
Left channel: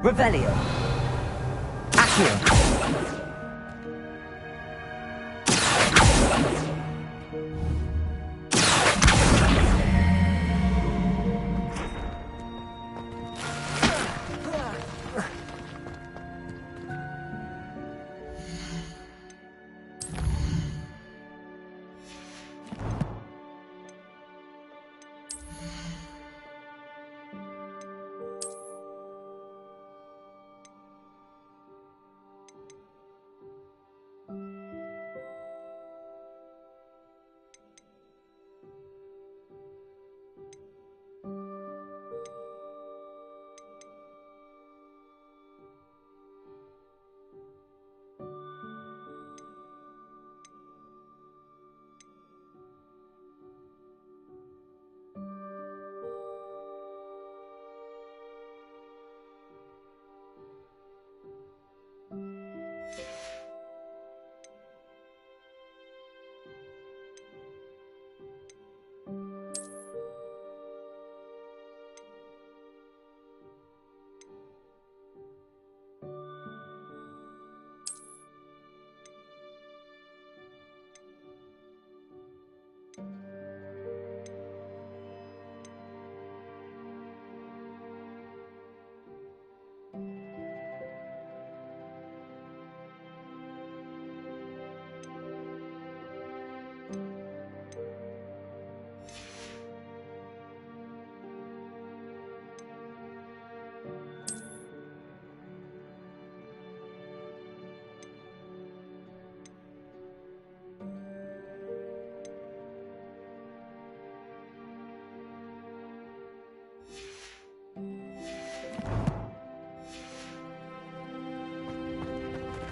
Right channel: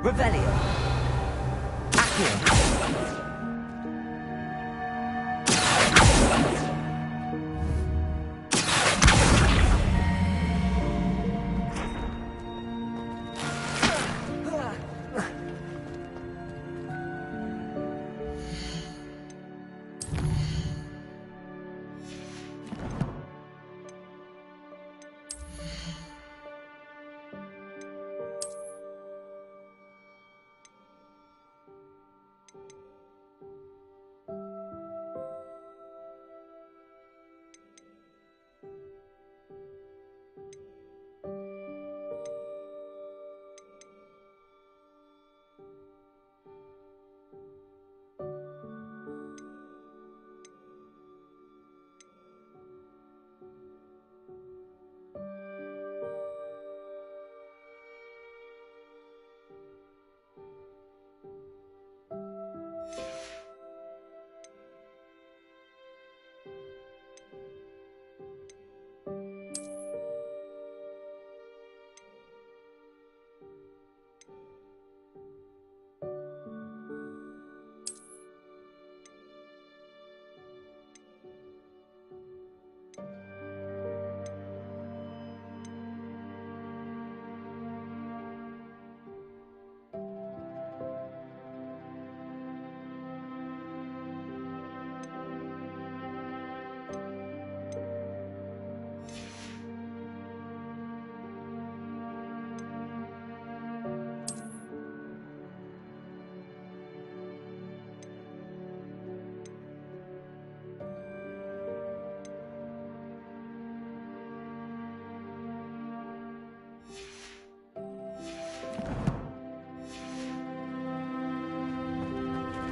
Revelio. Accio.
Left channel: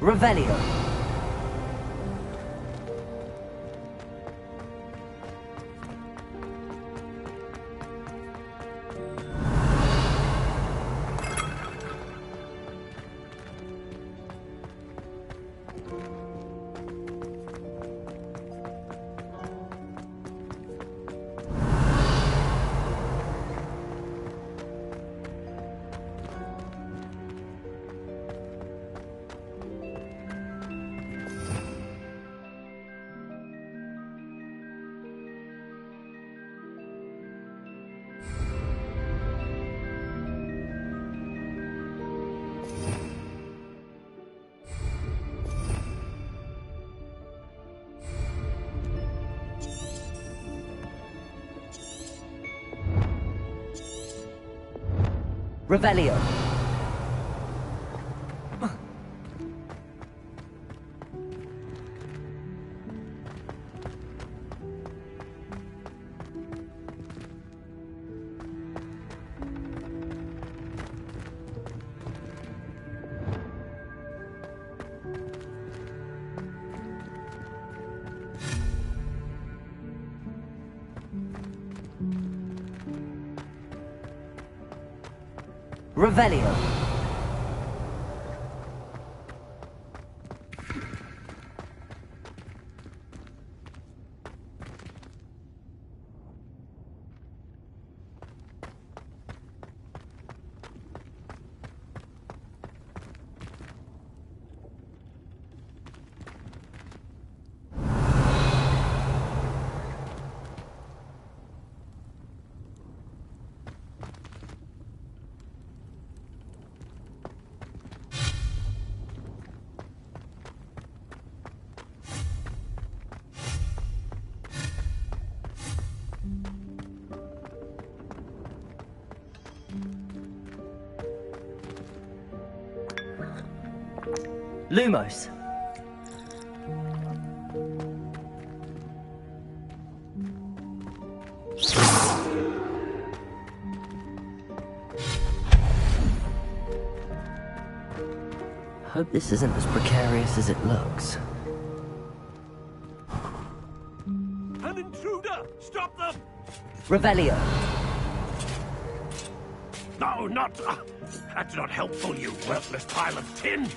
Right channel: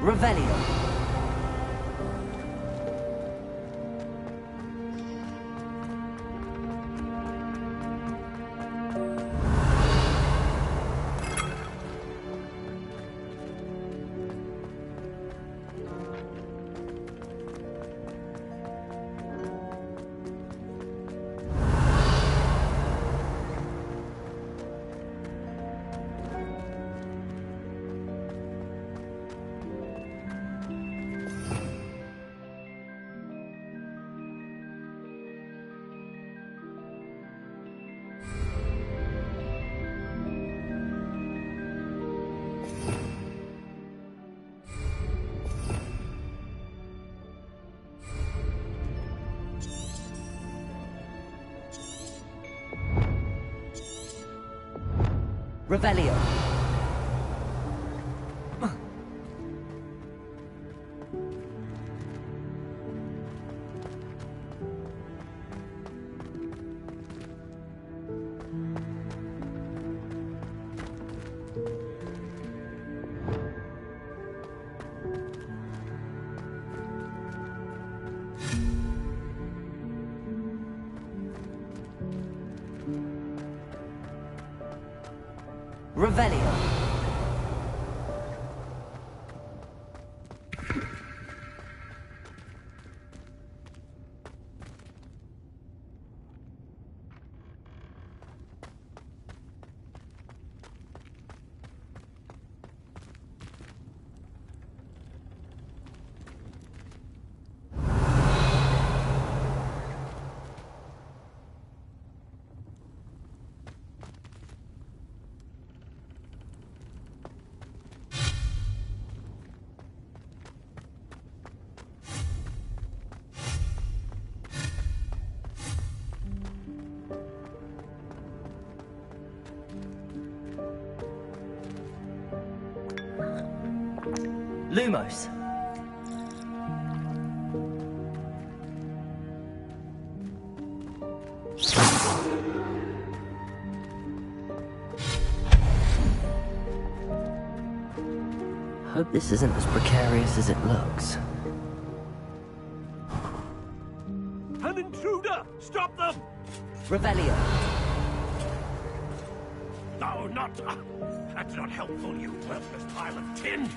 Revelio. Revelio. Revelio. Lumos. Hope this isn't as precarious as it looks. An intruder! Stop them! Revelio. No, not... that's not helpful, you worthless pile of tin!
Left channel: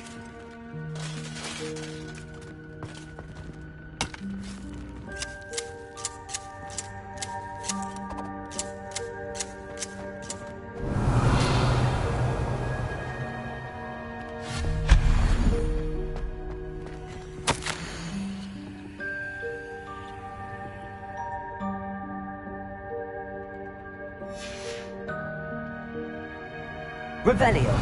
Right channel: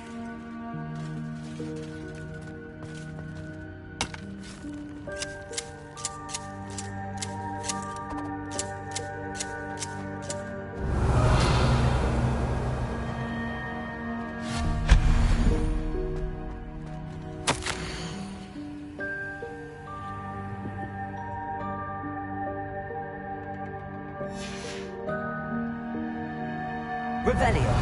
Revelio.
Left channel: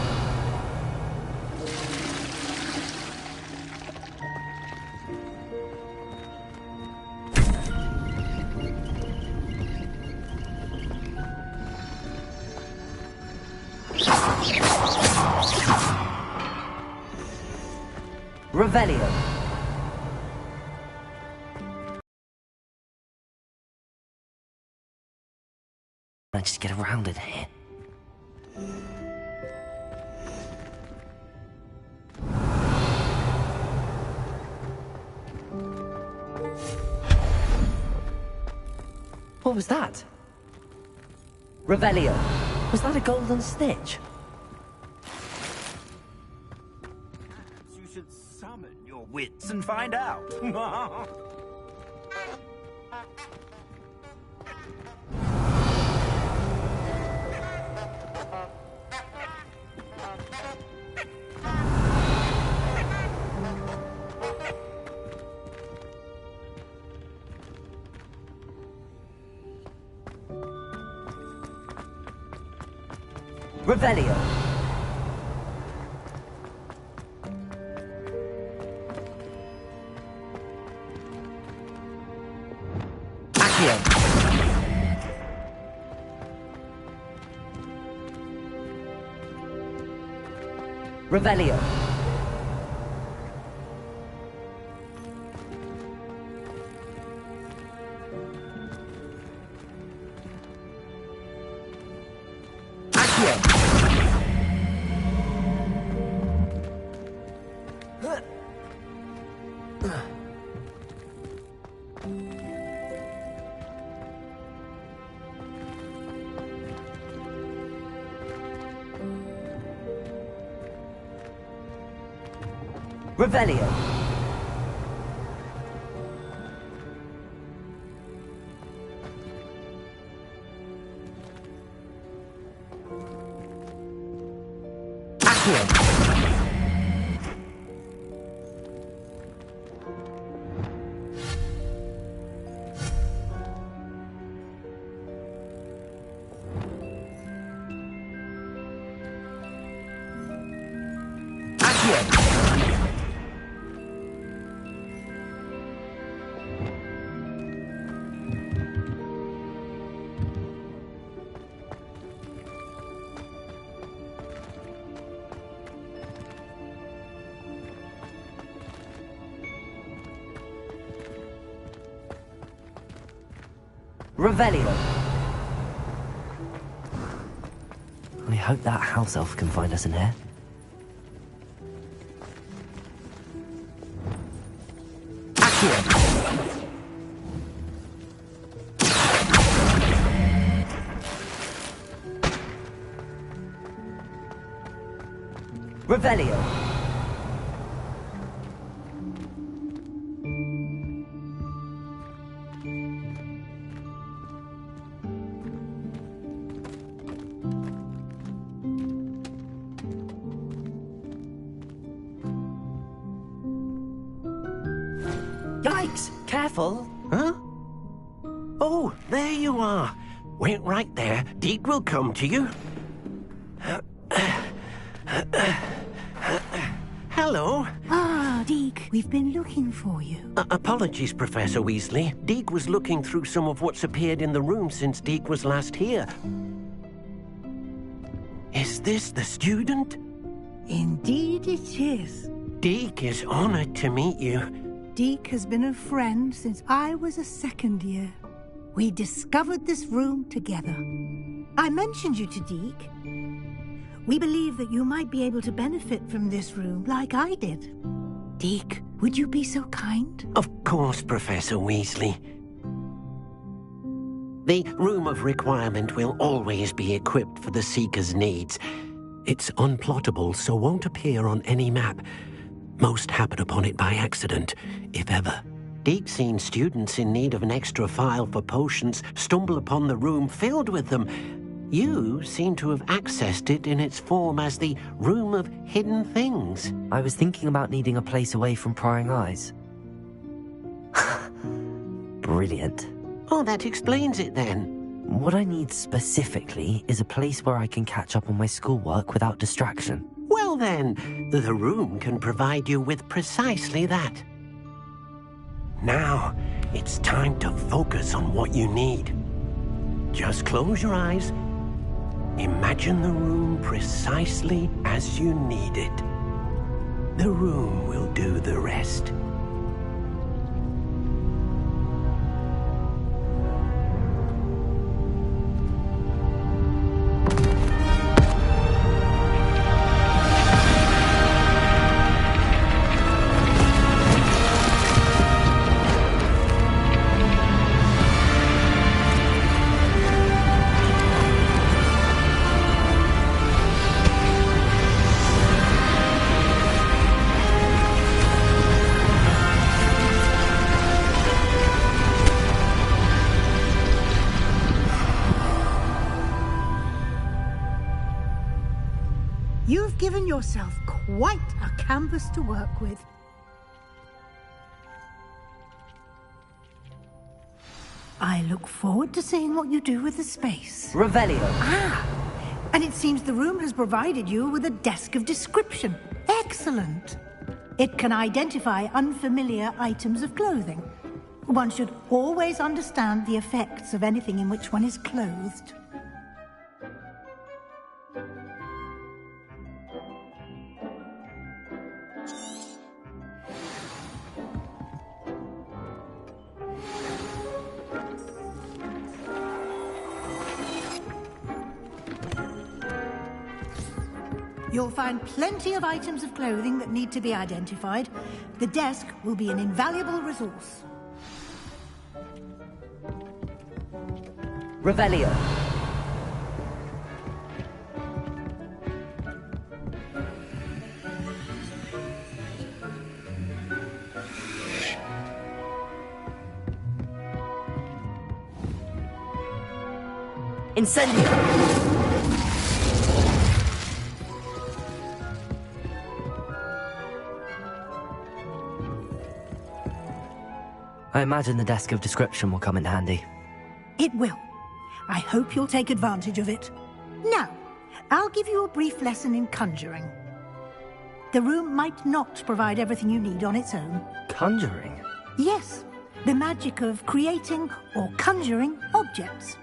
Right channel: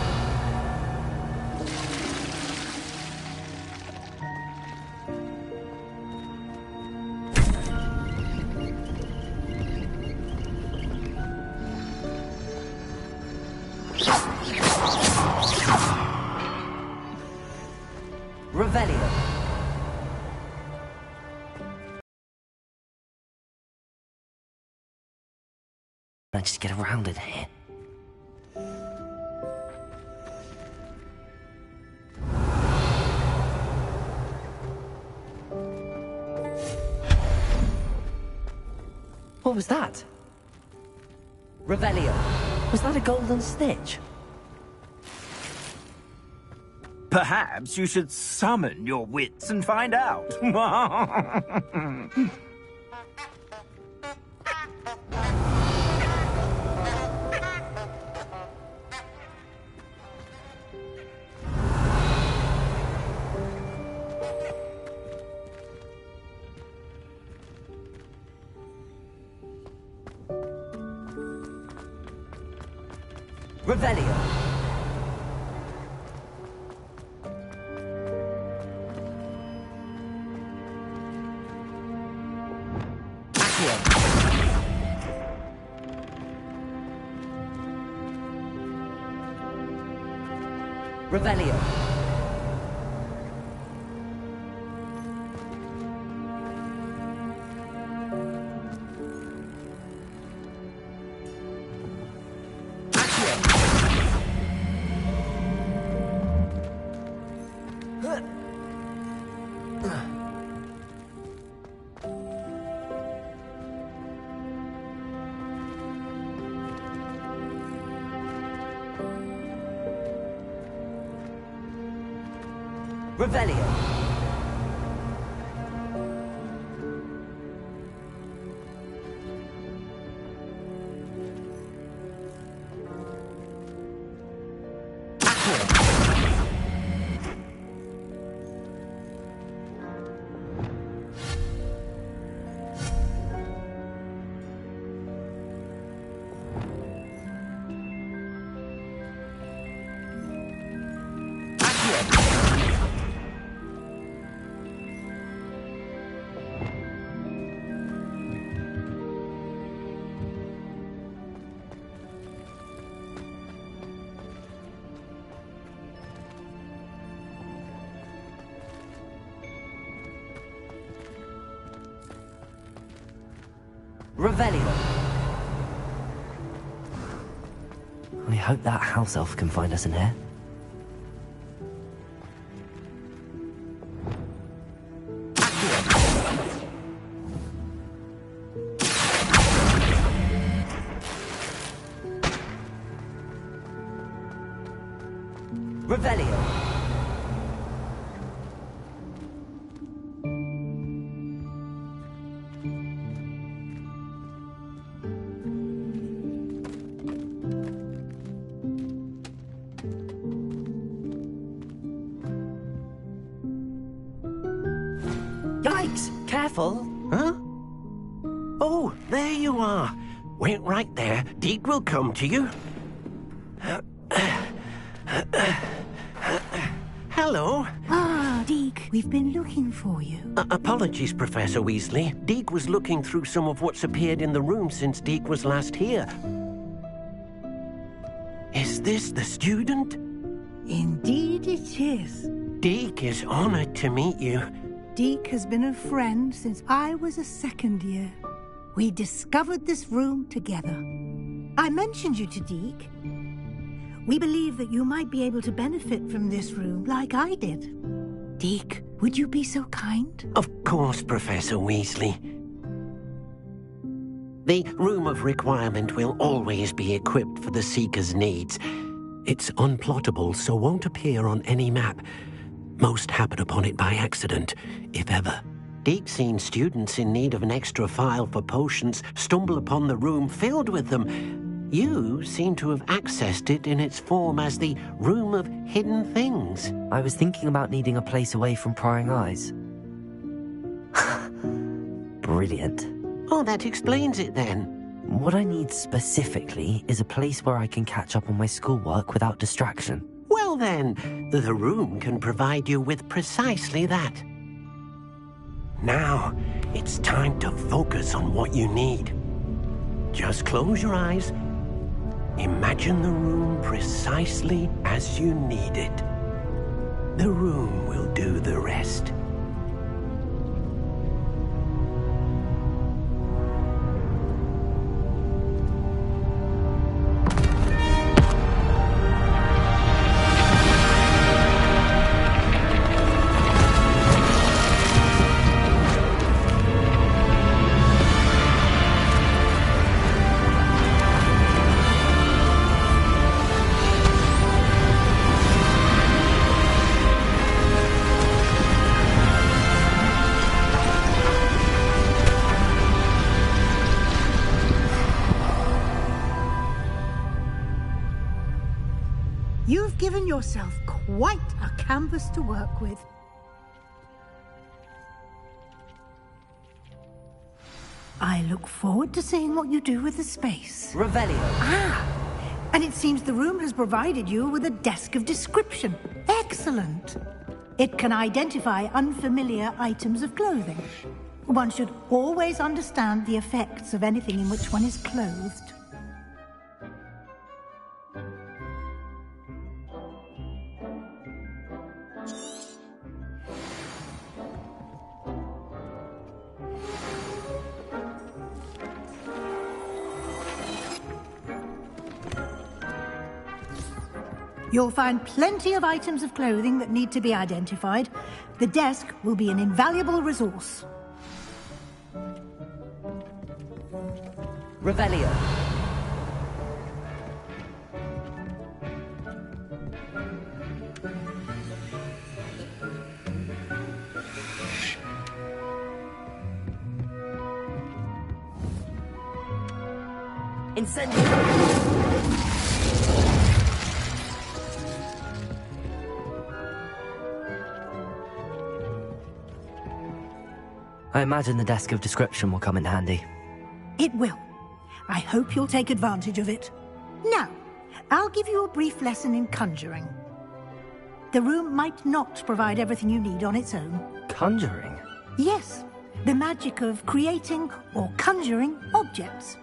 Revelio. I just get around it here. What was that? Revelio. Was that a golden snitch? Perhaps you should summon your wits and find out. Revelio. Accio. Revelio. Revelio. Accio. Revelio. I hope that house elf can find us in here. Revelio. Yikes! Careful! Huh? Oh, there you are. Wait right there. Deke will come to you. Hello. Ah, Deke, we've been looking for you. Apologies, Professor Weasley. Deke was looking through some of what's appeared in the room since Deke was last here. Is this the student? Indeed it is. Deke is honored to meet you. Deke has been a friend since I was a second year. We discovered this room together. I mentioned you to Deke. We believe that you might be able to benefit from this room like I did. Deke, would you be so kind? Of course, Professor Weasley. The Room of Requirement will always be equipped for the Seeker's needs. It's unplottable, so won't appear on any map. Most happen upon it by accident, if ever. Deke's seen students in need of an extra file for potions stumble upon the room filled with them. You seem to have accessed it in its form as the Room of Hidden Things. I was thinking about needing a place away from prying eyes. Brilliant. Oh, that explains it then. What I need specifically is a place where I can catch up on my schoolwork without distraction. Well then, the room can provide you with precisely that. Now, it's time to focus on what you need. Just close your eyes. Imagine the room precisely as you need it. The room will do the rest. You've given yourself quite a canvas to work with. I look forward to seeing what you do with the space. Revelio. Ah! And it seems the room has provided you with a desk of description. Excellent! It can identify unfamiliar items of clothing. One should always understand the effects of anything in which one is clothed. You'll find plenty of items of clothing that need to be identified. The desk will be an invaluable resource. Revelio. Incendio. I imagine the desk of description will come in handy. It will. I hope you'll take advantage of it. Now, I'll give you a brief lesson in conjuring. The room might not provide everything you need on its own. Conjuring? Yes, the magic of creating or conjuring objects.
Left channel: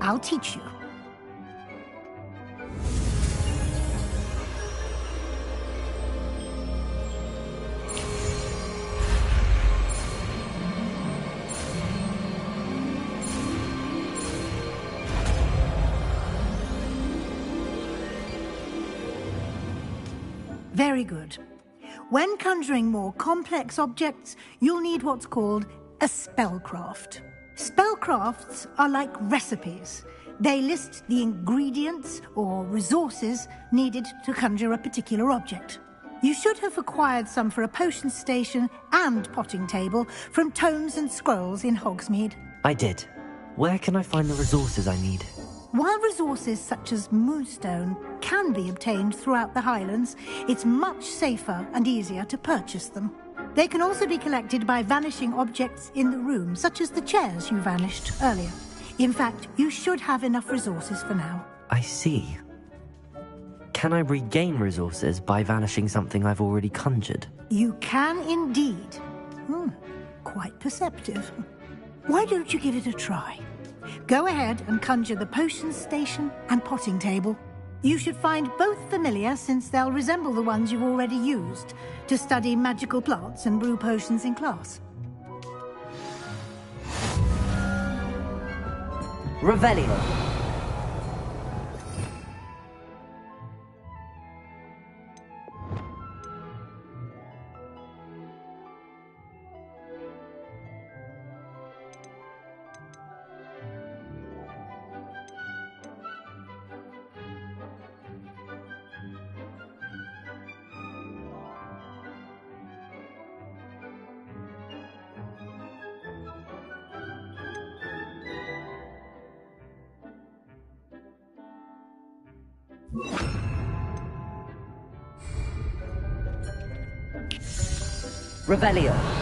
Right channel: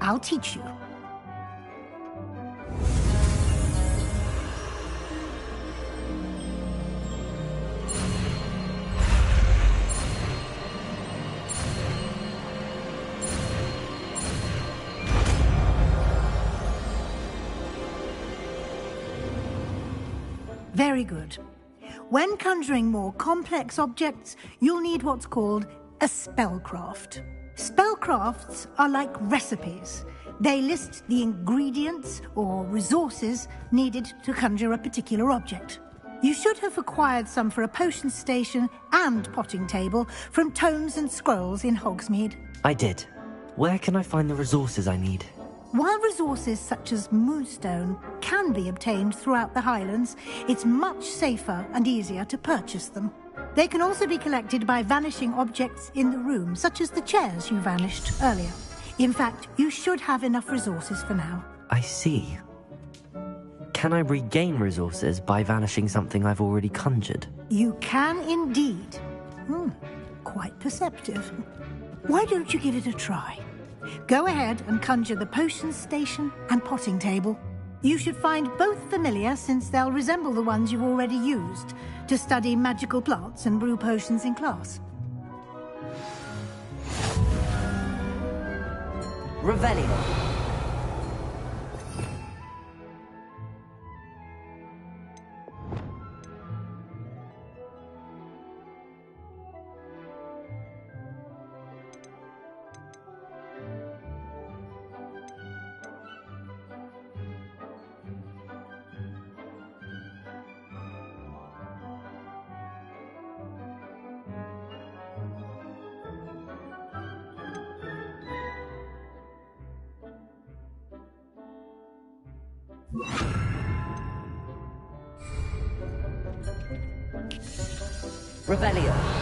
I'll teach you. Very good. When conjuring more complex objects, you'll need what's called a spellcraft. Spellcrafts are like recipes. They list the ingredients or resources needed to conjure a particular object. You should have acquired some for a potion station and potting table from tomes and scrolls in Hogsmeade. I did. Where can I find the resources I need? While resources such as moonstone can be obtained throughout the Highlands, it's much safer and easier to purchase them. They can also be collected by vanishing objects in the room, such as the chairs you vanished earlier. In fact, you should have enough resources for now. I see. Can I regain resources by vanishing something I've already conjured? You can indeed. Quite perceptive. Why don't you give it a try? Go ahead and conjure the potion station and potting table. You should find both familiar, since they'll resemble the ones you've already used to study magical plants and brew potions in class. Revelio. Revelio.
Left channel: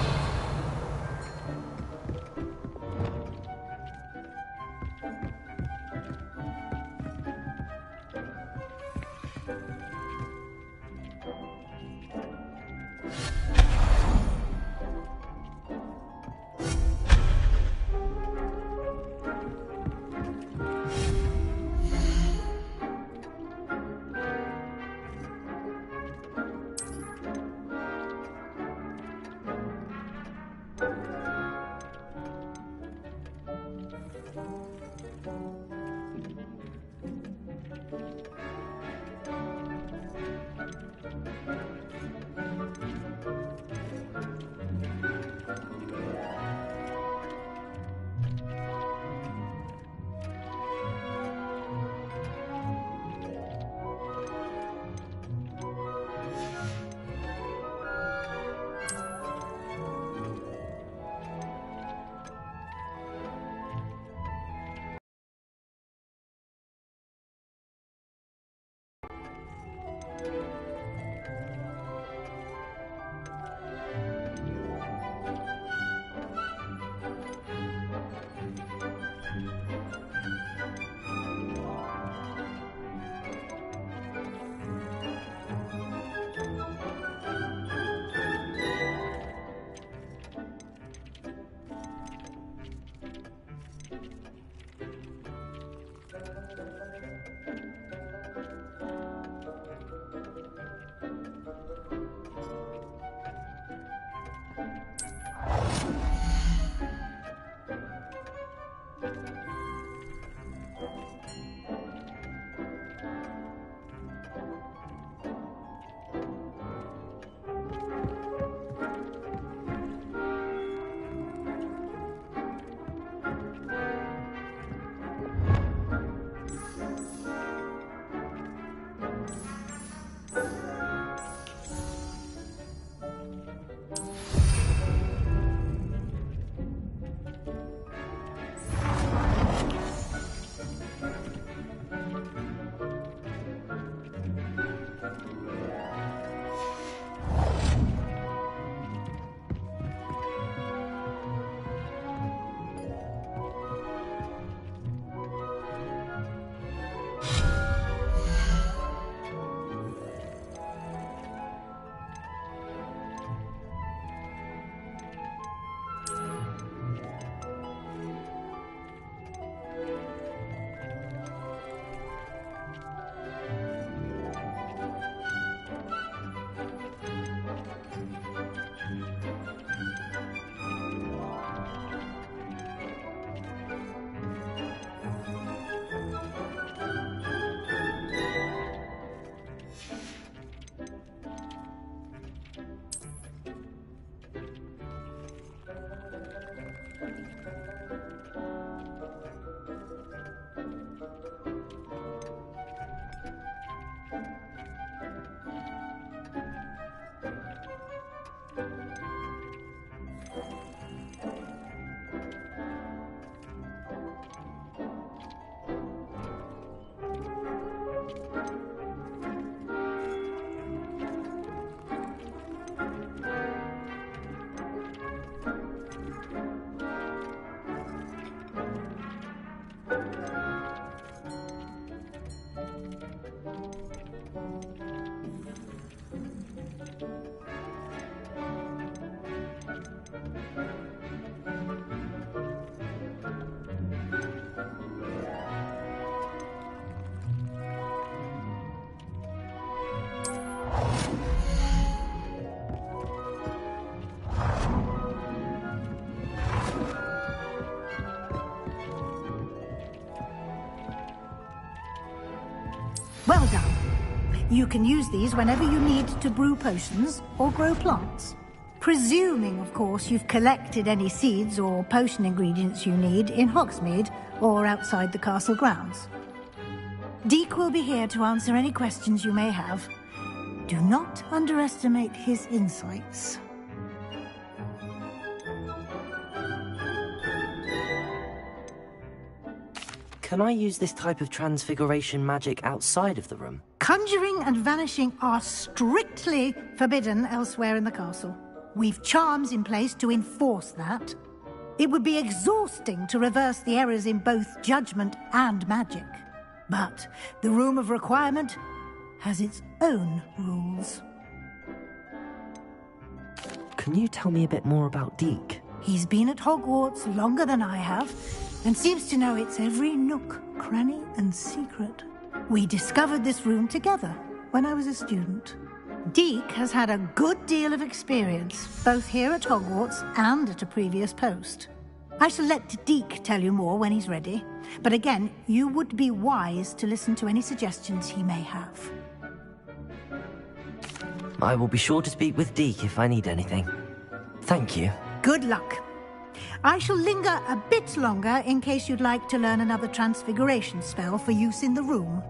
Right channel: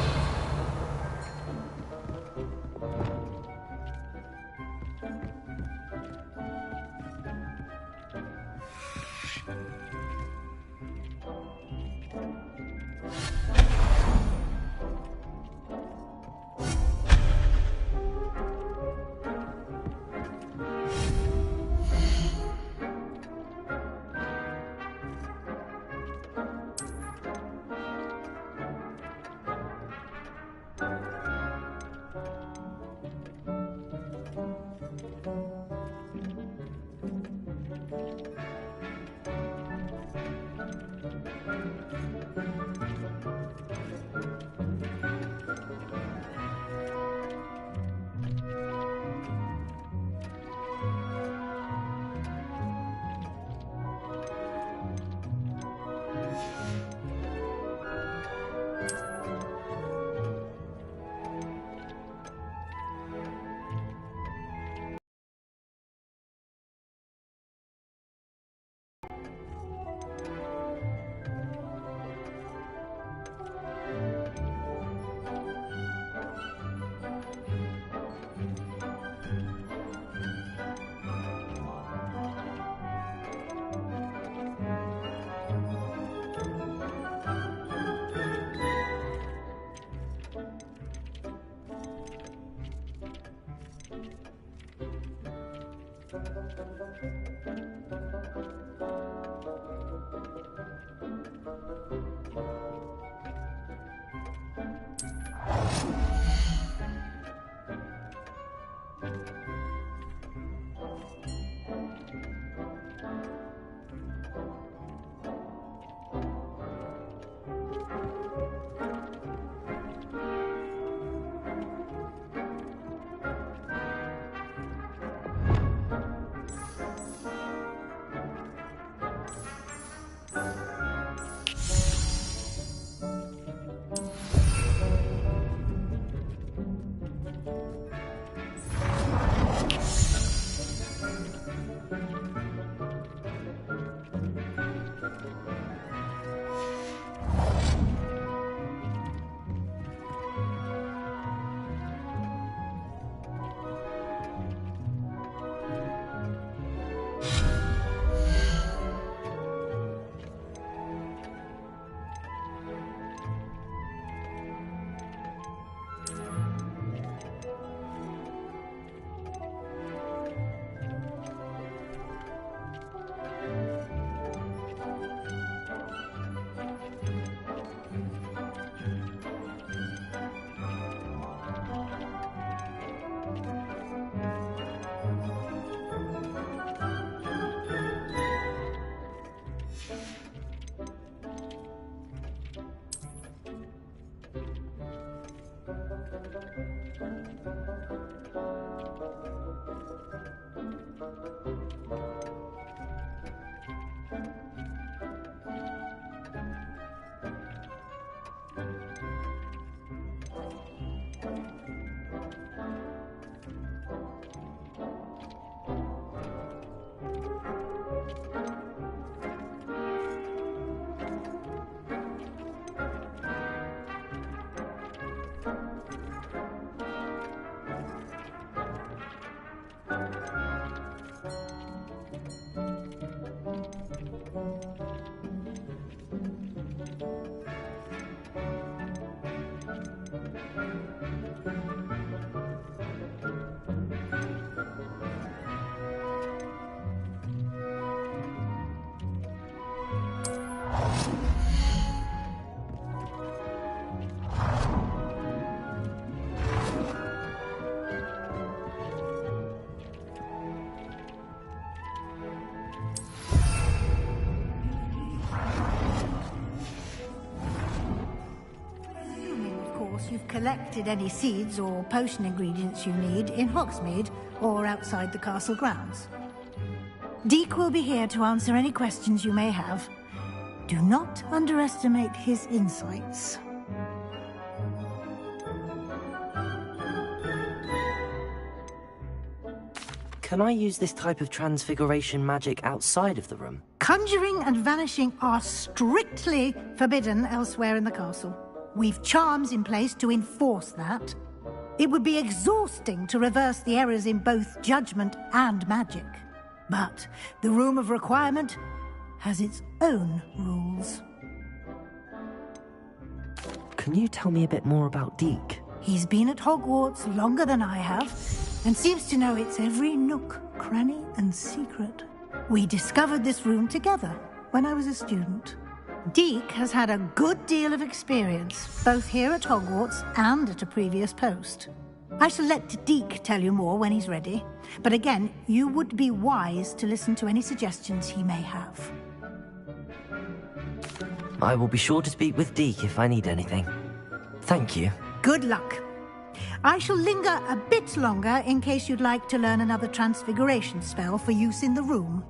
You can use these whenever you need to brew potions or grow plants. Presuming, of course, you've collected any seeds or potion ingredients you need in Hogsmeade or outside the castle grounds. Deek will be here to answer any questions you may have. Do not underestimate his insights. Can I use this type of transfiguration magic outside of the room? Conjuring and vanishing are strictly forbidden elsewhere in the castle. We've charms in place to enforce that. It would be exhausting to reverse the errors in both judgment and magic. But the Room of Requirement has its own rules. Can you tell me a bit more about Deek? He's been at Hogwarts longer than I have, and seems to know its every nook, cranny, and secret. We discovered this room together when I was a student. Deek has had a good deal of experience, both here at Hogwarts and at a previous post. I shall let Deek tell you more when he's ready, but again, you would be wise to listen to any suggestions he may have. I will be sure to speak with Deek if I need anything. Thank you. Good luck. I shall linger a bit longer in case you'd like to learn another transfiguration spell for use in the room.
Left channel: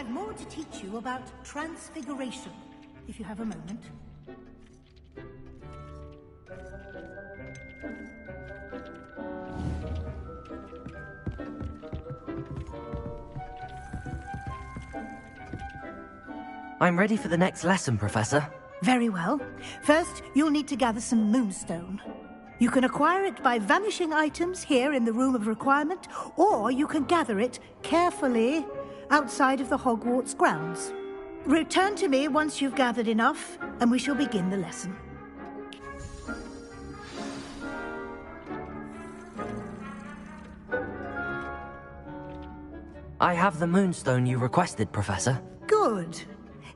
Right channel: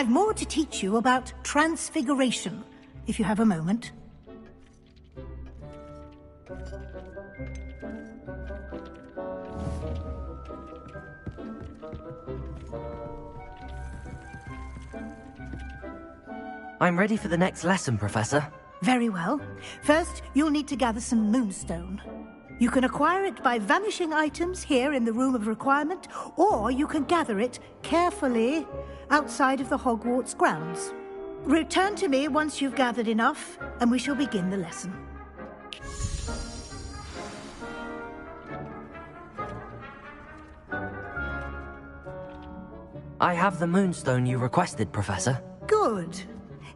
I've more to teach you about transfiguration, if you have a moment. I'm ready for the next lesson, Professor. Very well. First, you'll need to gather some moonstone. You can acquire it by vanishing items here in the Room of Requirement, or you can gather it carefully outside of the Hogwarts grounds. Return to me once you've gathered enough, and we shall begin the lesson. I have the moonstone you requested, Professor. Good.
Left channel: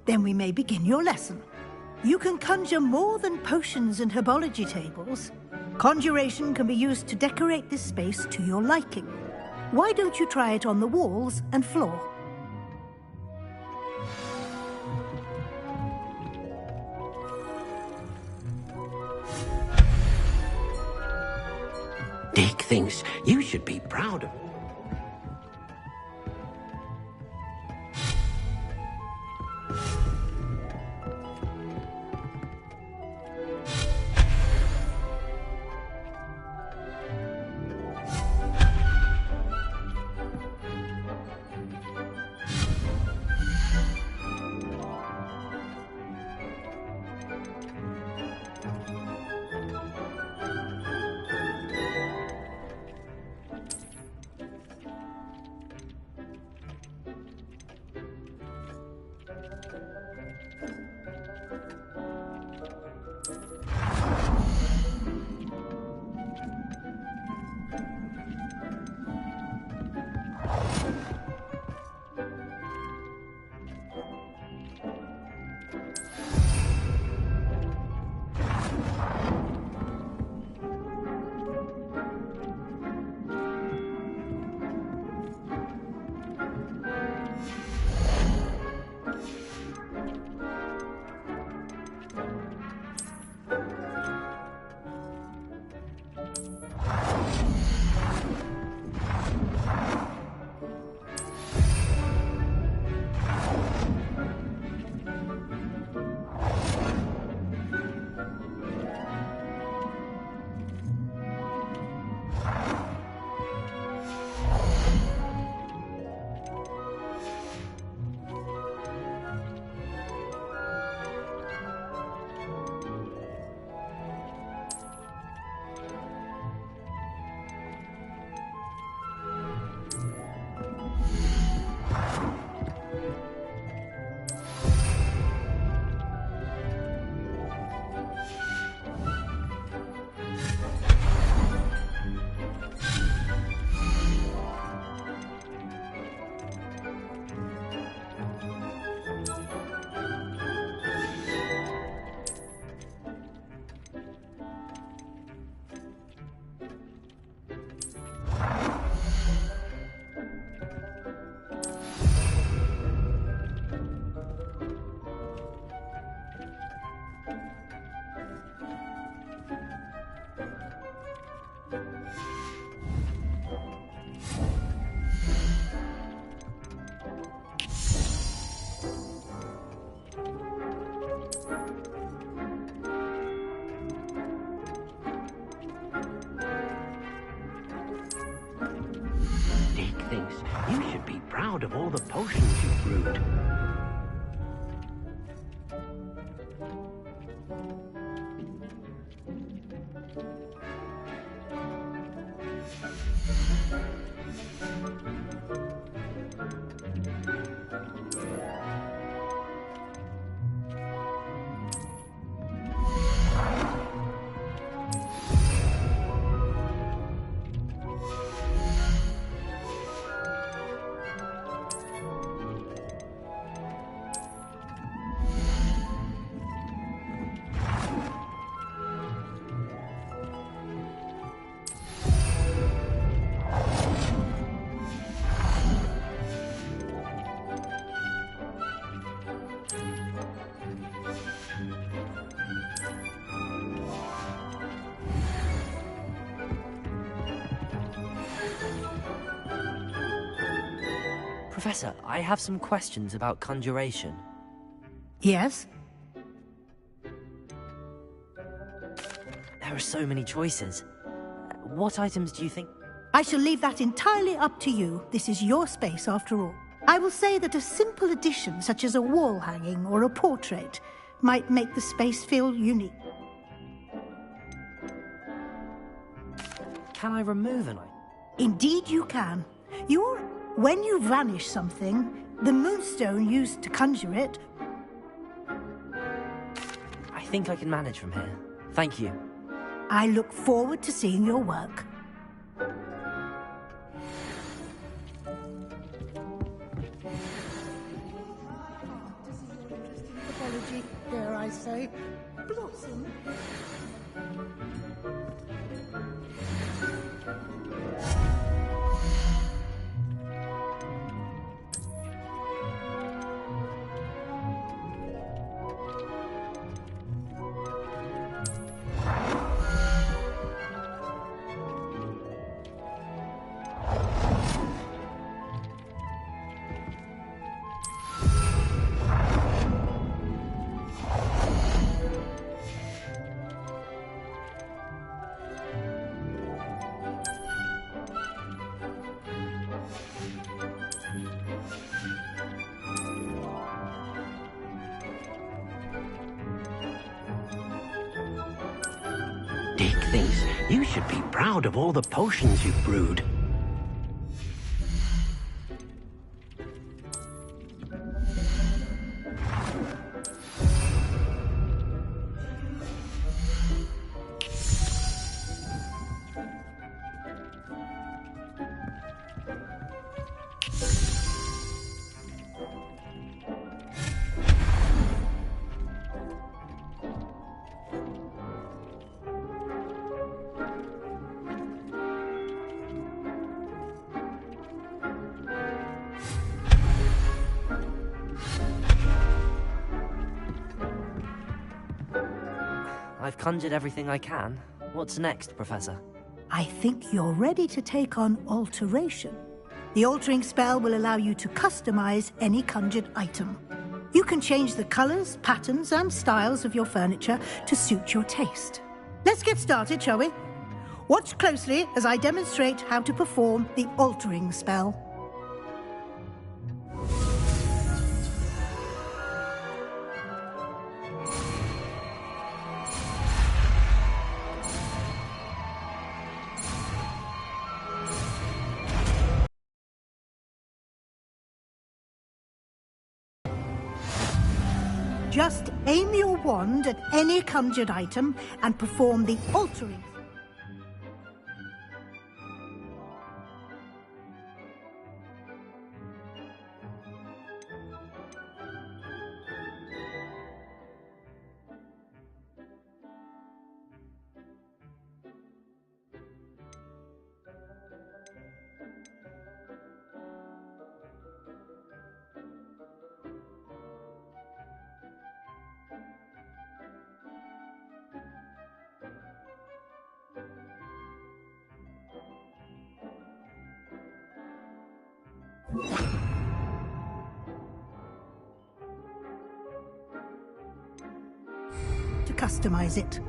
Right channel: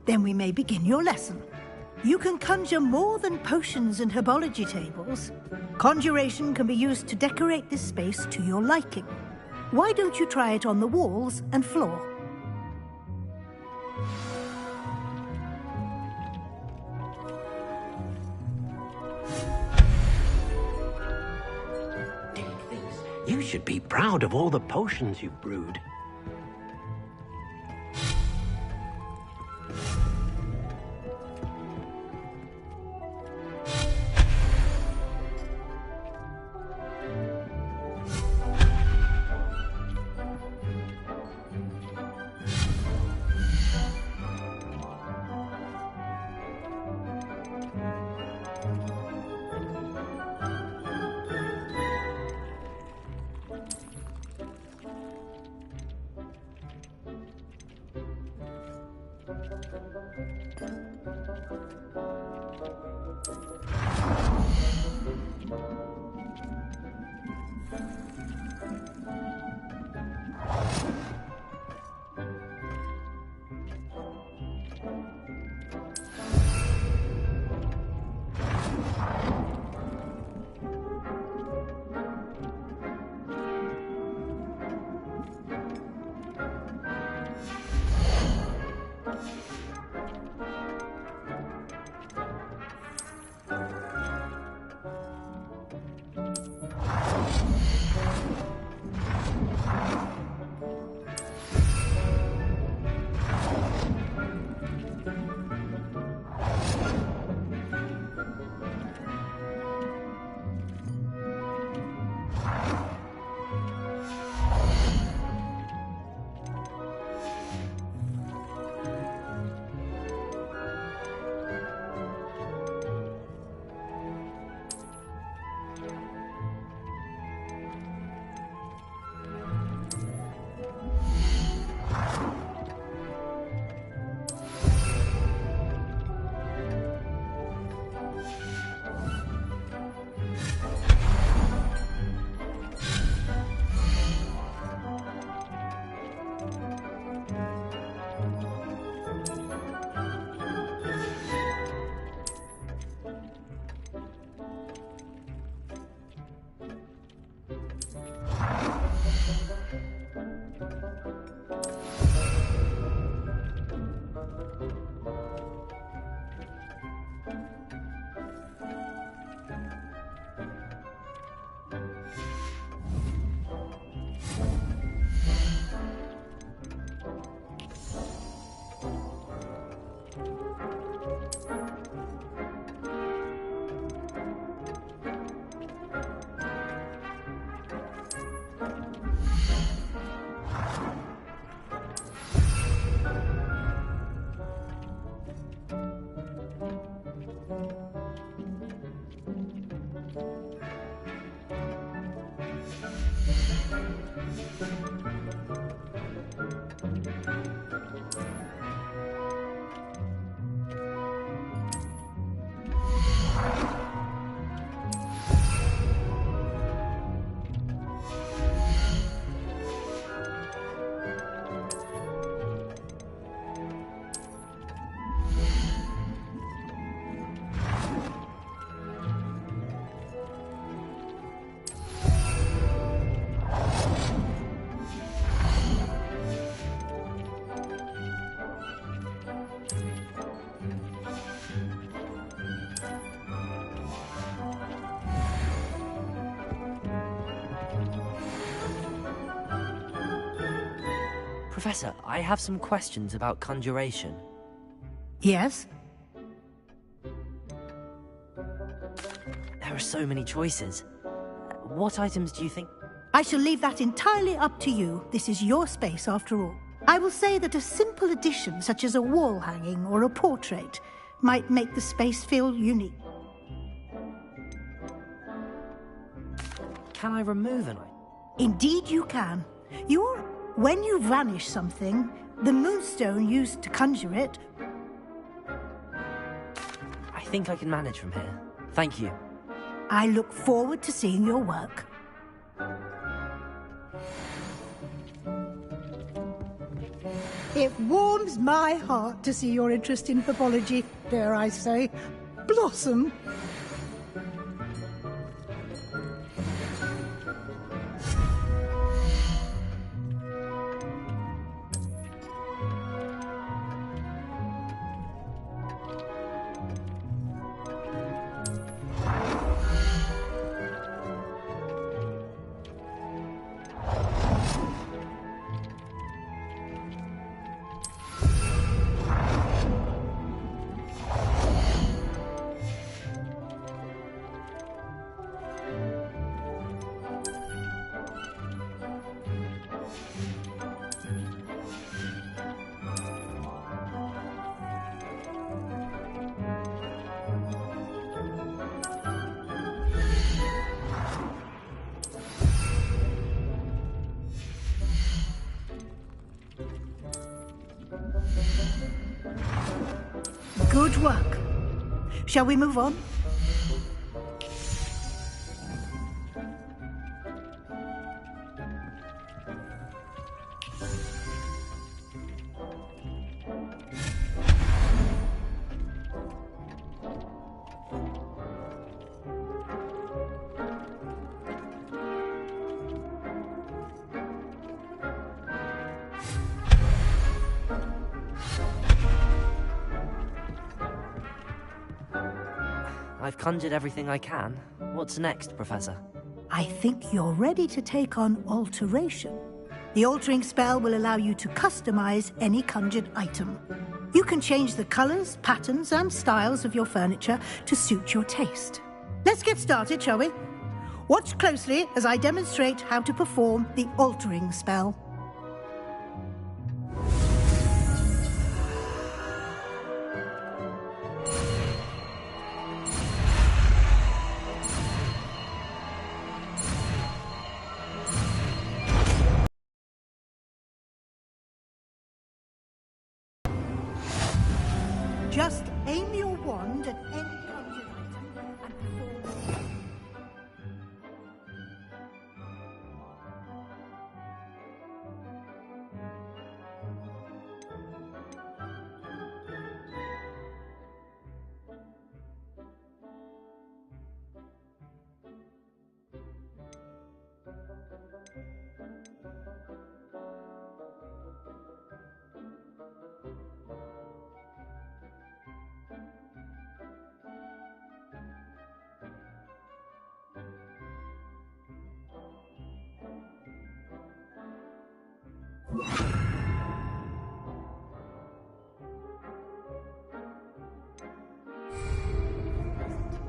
Then we may begin your lesson. You can conjure more than potions and herbology tables. Conjuration can be used to decorate this space to your liking. Why don't you try it on the walls and floor? Dick thinks you should be proud of all the potions you've brewed. Professor, I have some questions about conjuration. Yes? There are so many choices. What items do you think? I shall leave that entirely up to you. This is your space, after all. I will say that a simple addition, such as a wall hanging or a portrait, might make the space feel unique. Can I remove an item? Indeed you can. When you vanish something, the moonstone used to conjure it... I think I can manage from here. Thank you. I look forward to seeing your work. It warms my heart to see your interest in pathology, dare I say, blossom. Dick thinks you should be proud of all the potions you've brewed. Good work. Shall we move on? I've conjured everything I can. What's next, Professor? I think you're ready to take on alteration. The altering spell will allow you to customize any conjured item. You can change the colors, patterns, and styles of your furniture to suit your taste. Let's get started, shall we? Watch closely as I demonstrate how to perform the altering spell. Just aim your wand at any conjured item and perform the altering. To customize it.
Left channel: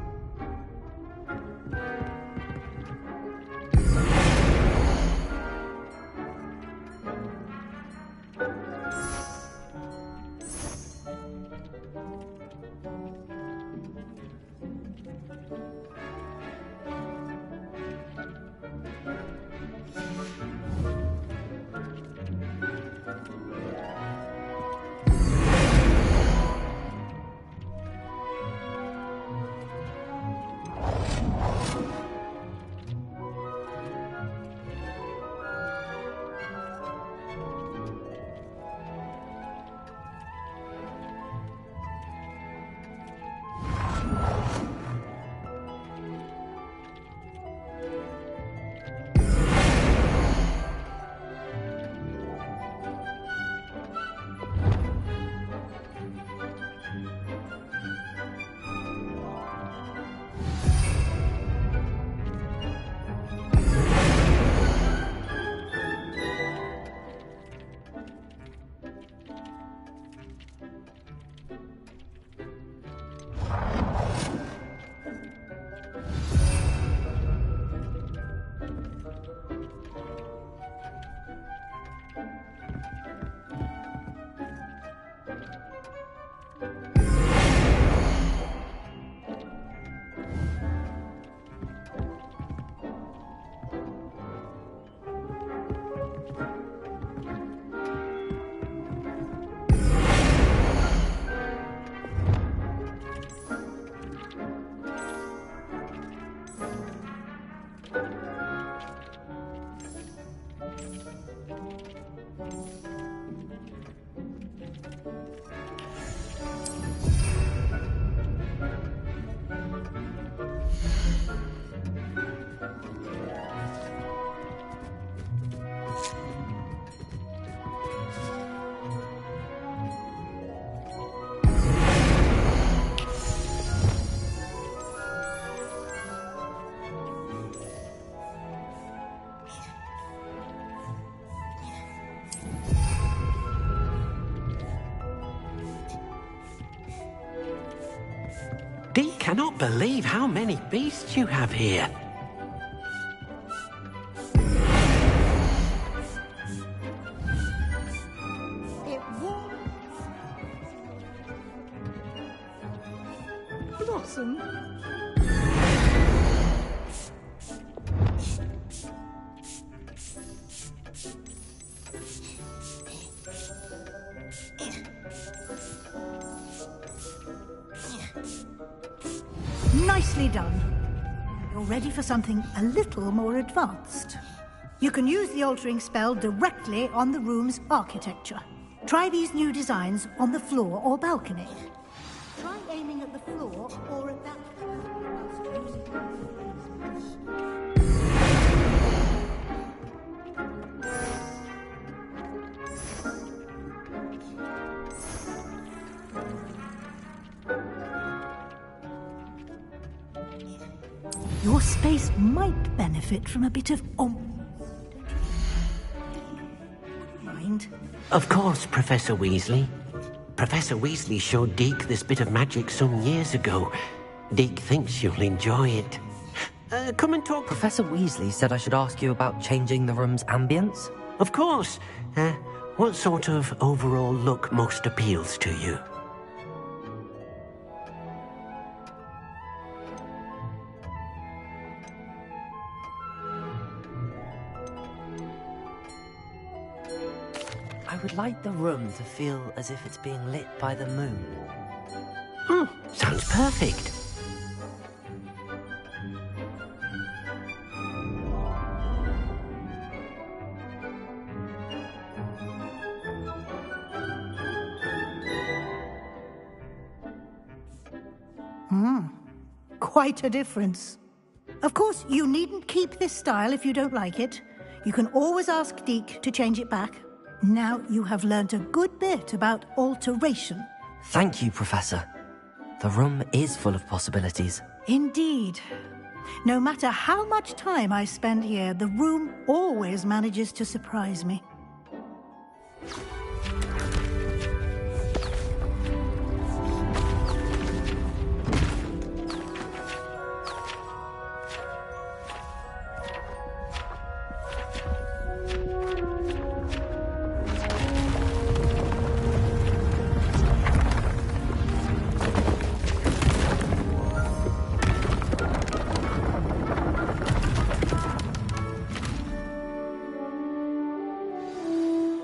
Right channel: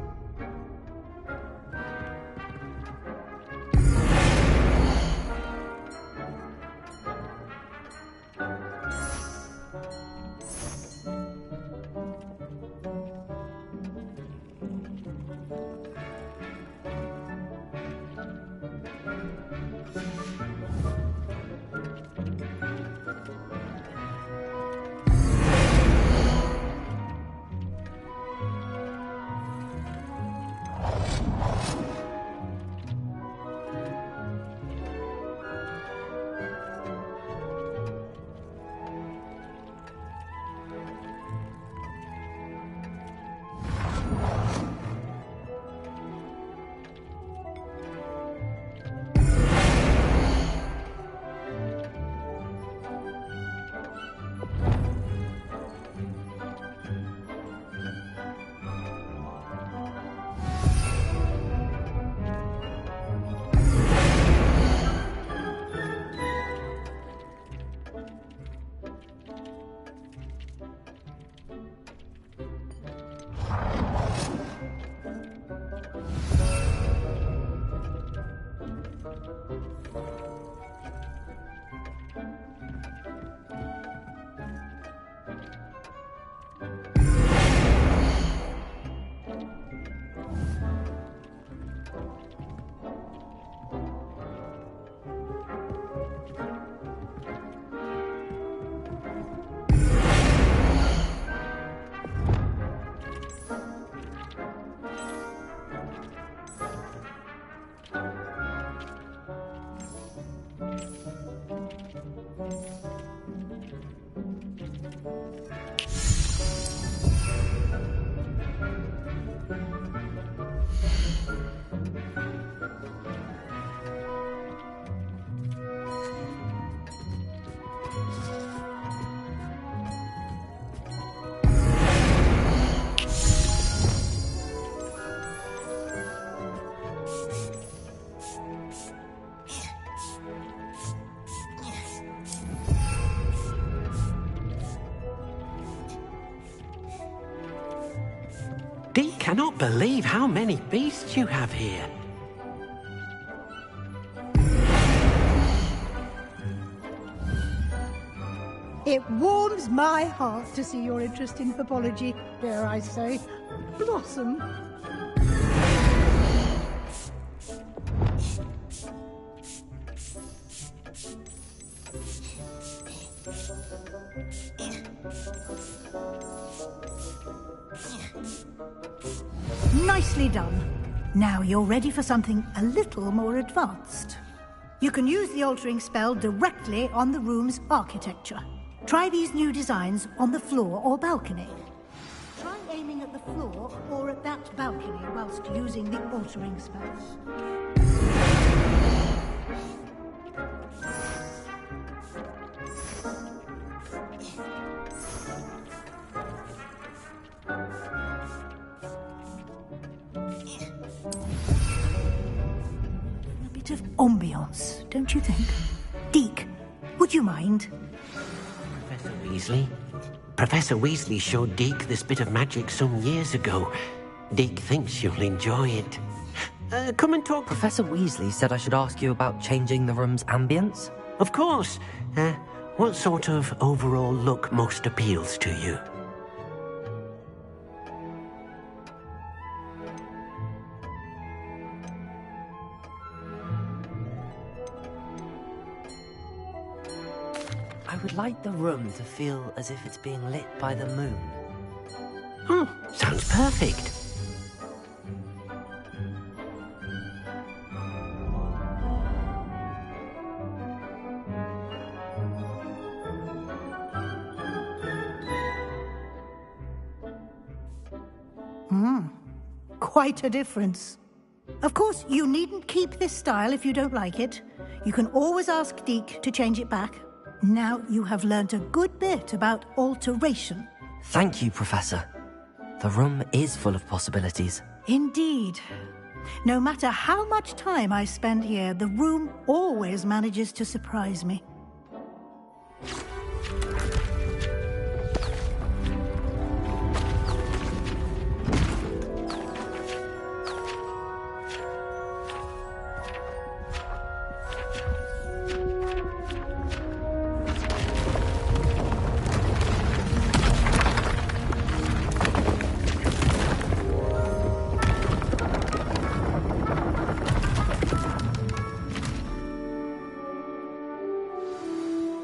Deke cannot believe how many beasts you have here. It warms my heart to see your interest in herbology, dare I say, blossom. Nicely done. Now you're ready for something a little more advanced. You can use the altering spell directly on the room's architecture. Try these new designs on the floor or balcony. Try aiming at the floor or at that balcony whilst using the altering spell. Your space might benefit from a bit of ambiance, don't you think? Deke, would you mind? Of course, Professor Weasley. Professor Weasley showed Deke this bit of magic some years ago. Deke thinks you'll enjoy it. Come and talk. Professor Weasley said I should ask you about changing the room's ambience? Of course. What sort of overall look most appeals to you? I would like the room to feel as if it's being lit by the moon. Sounds perfect. Quite a difference. Of course, you needn't keep this style if you don't like it. You can always ask Deke to change it back. Now you have learnt a good bit about alteration. Thank you, Professor. The room is full of possibilities. Indeed. No matter how much time I spend here, the room always manages to surprise me.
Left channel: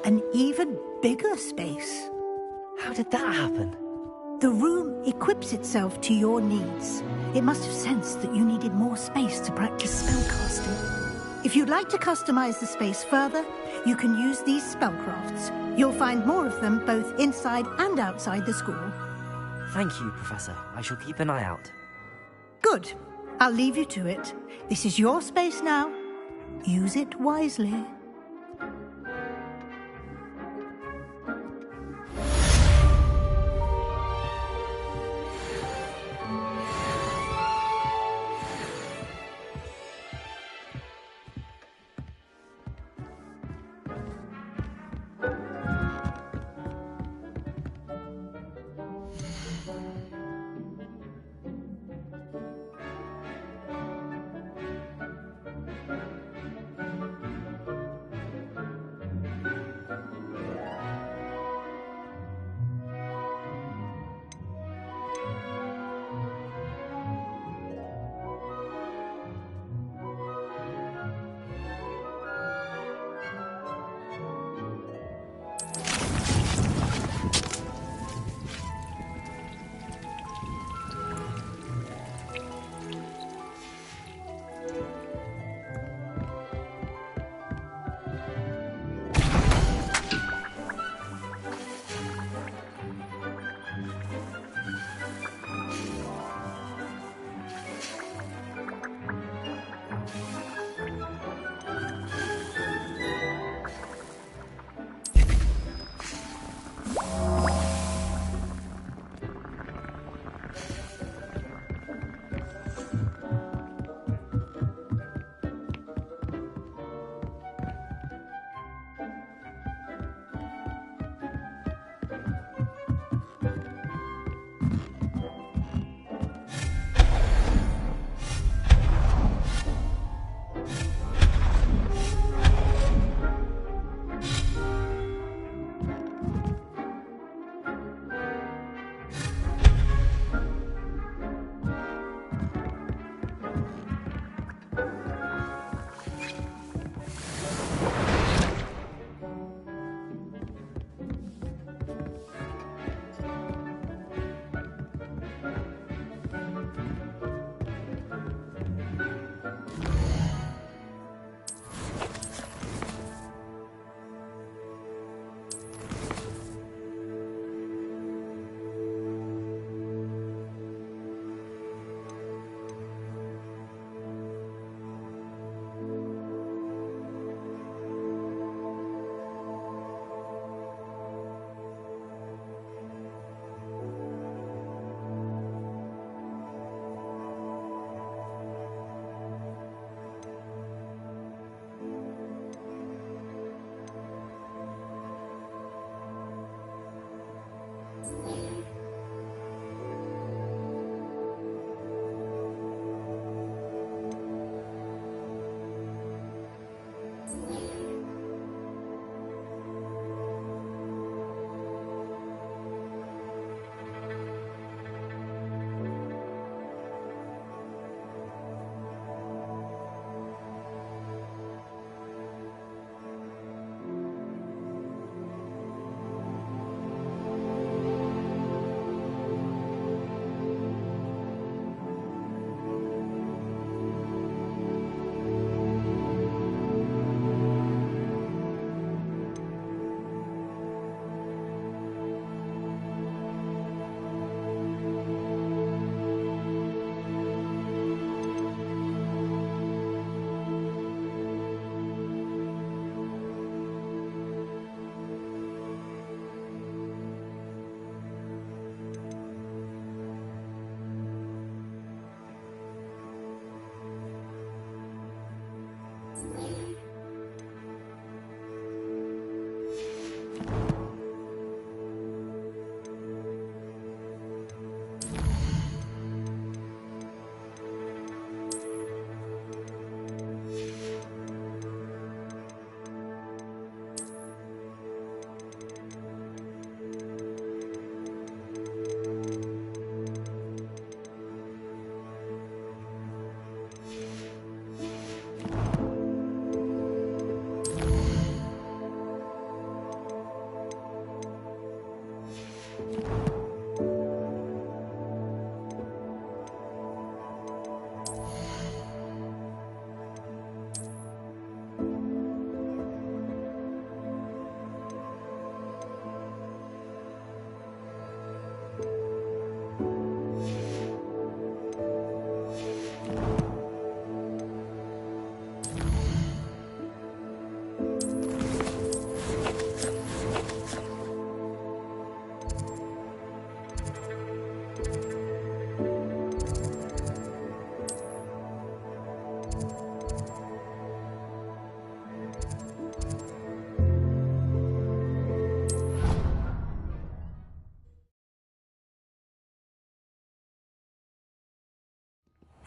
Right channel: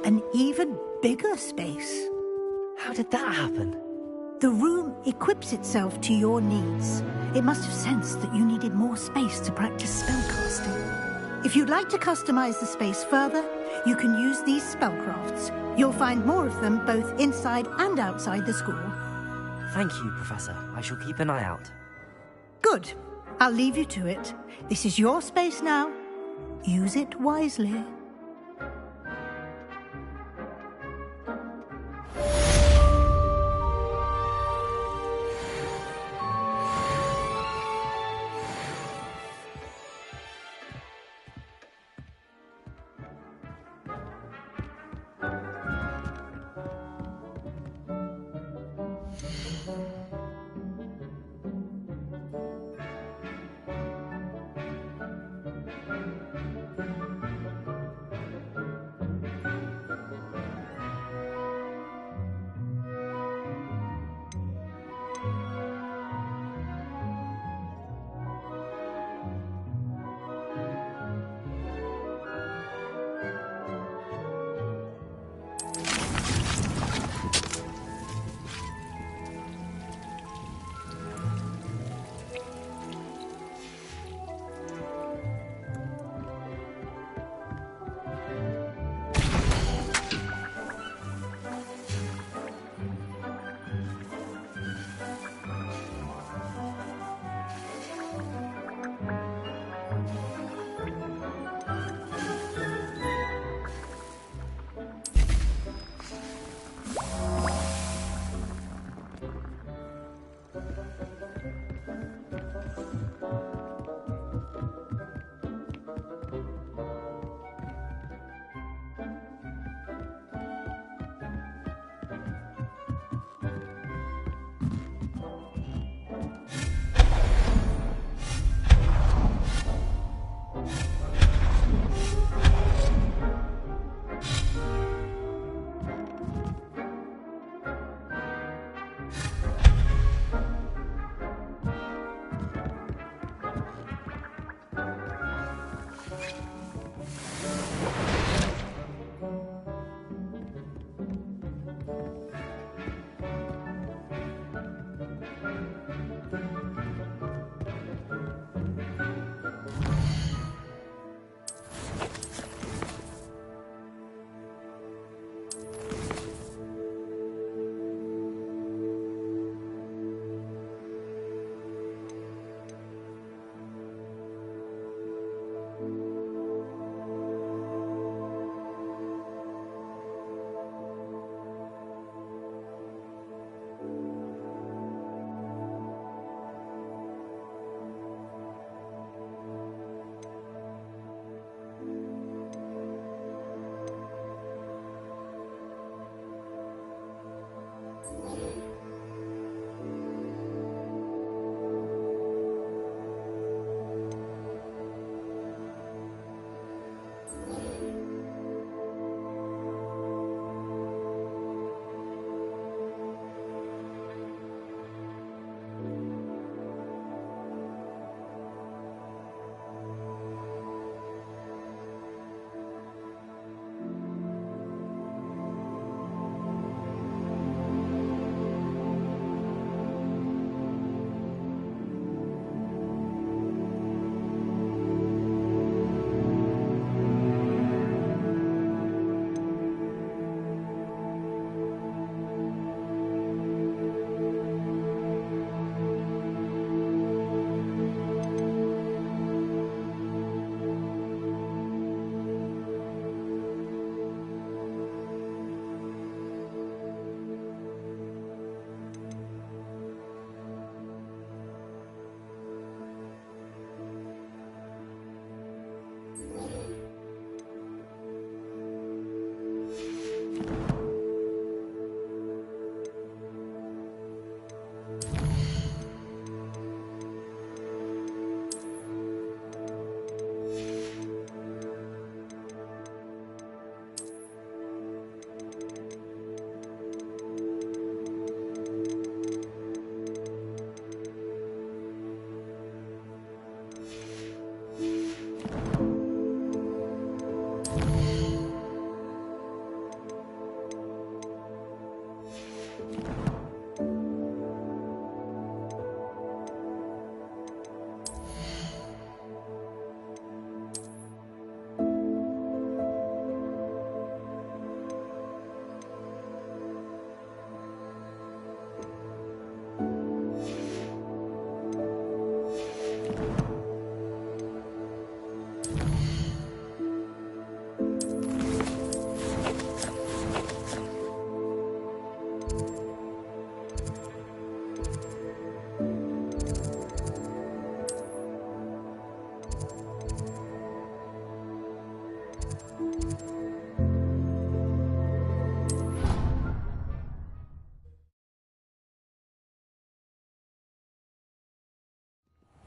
An even bigger space. How did that happen? The room equips itself to your needs. It must have sensed that you needed more space to practice spellcasting. If you'd like to customize the space further, you can use these spellcrafts. You'll find more of them both inside and outside the school. Thank you, Professor. I shall keep an eye out. Good. I'll leave you to it. This is your space now. Use it wisely.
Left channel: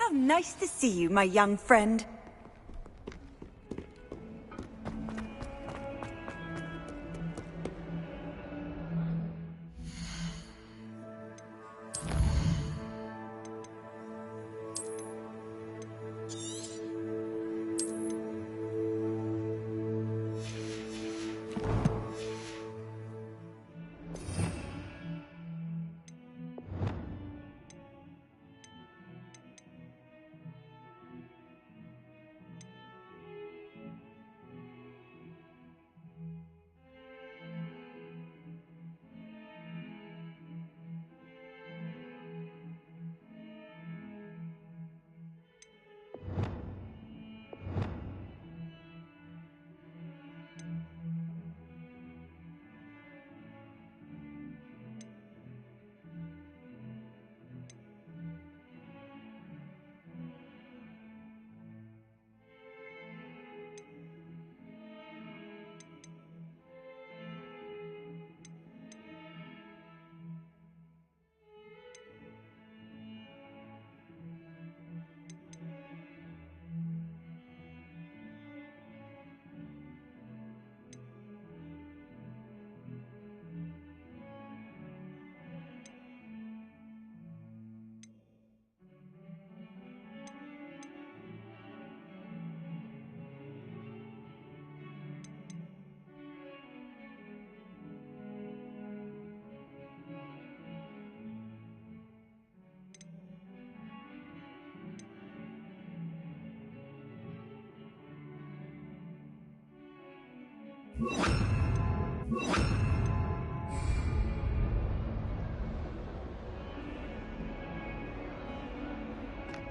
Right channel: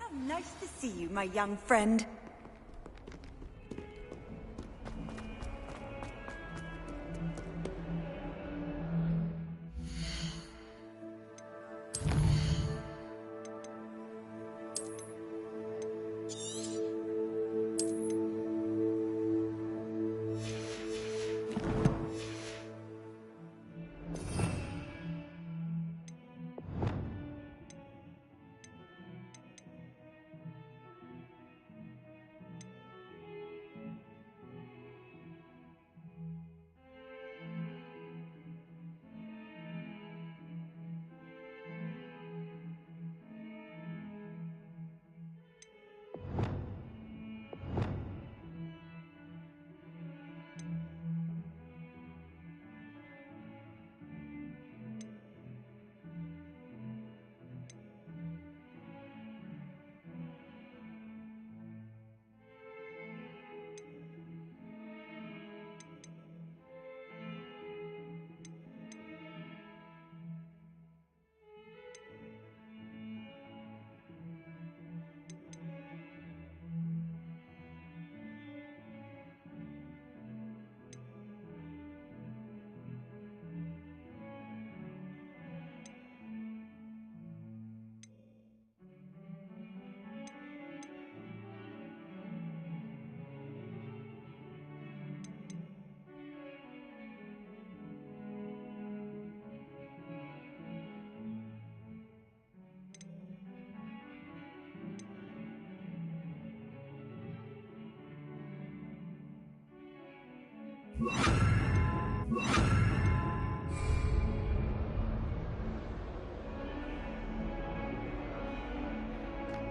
How nice to see you, my young friend.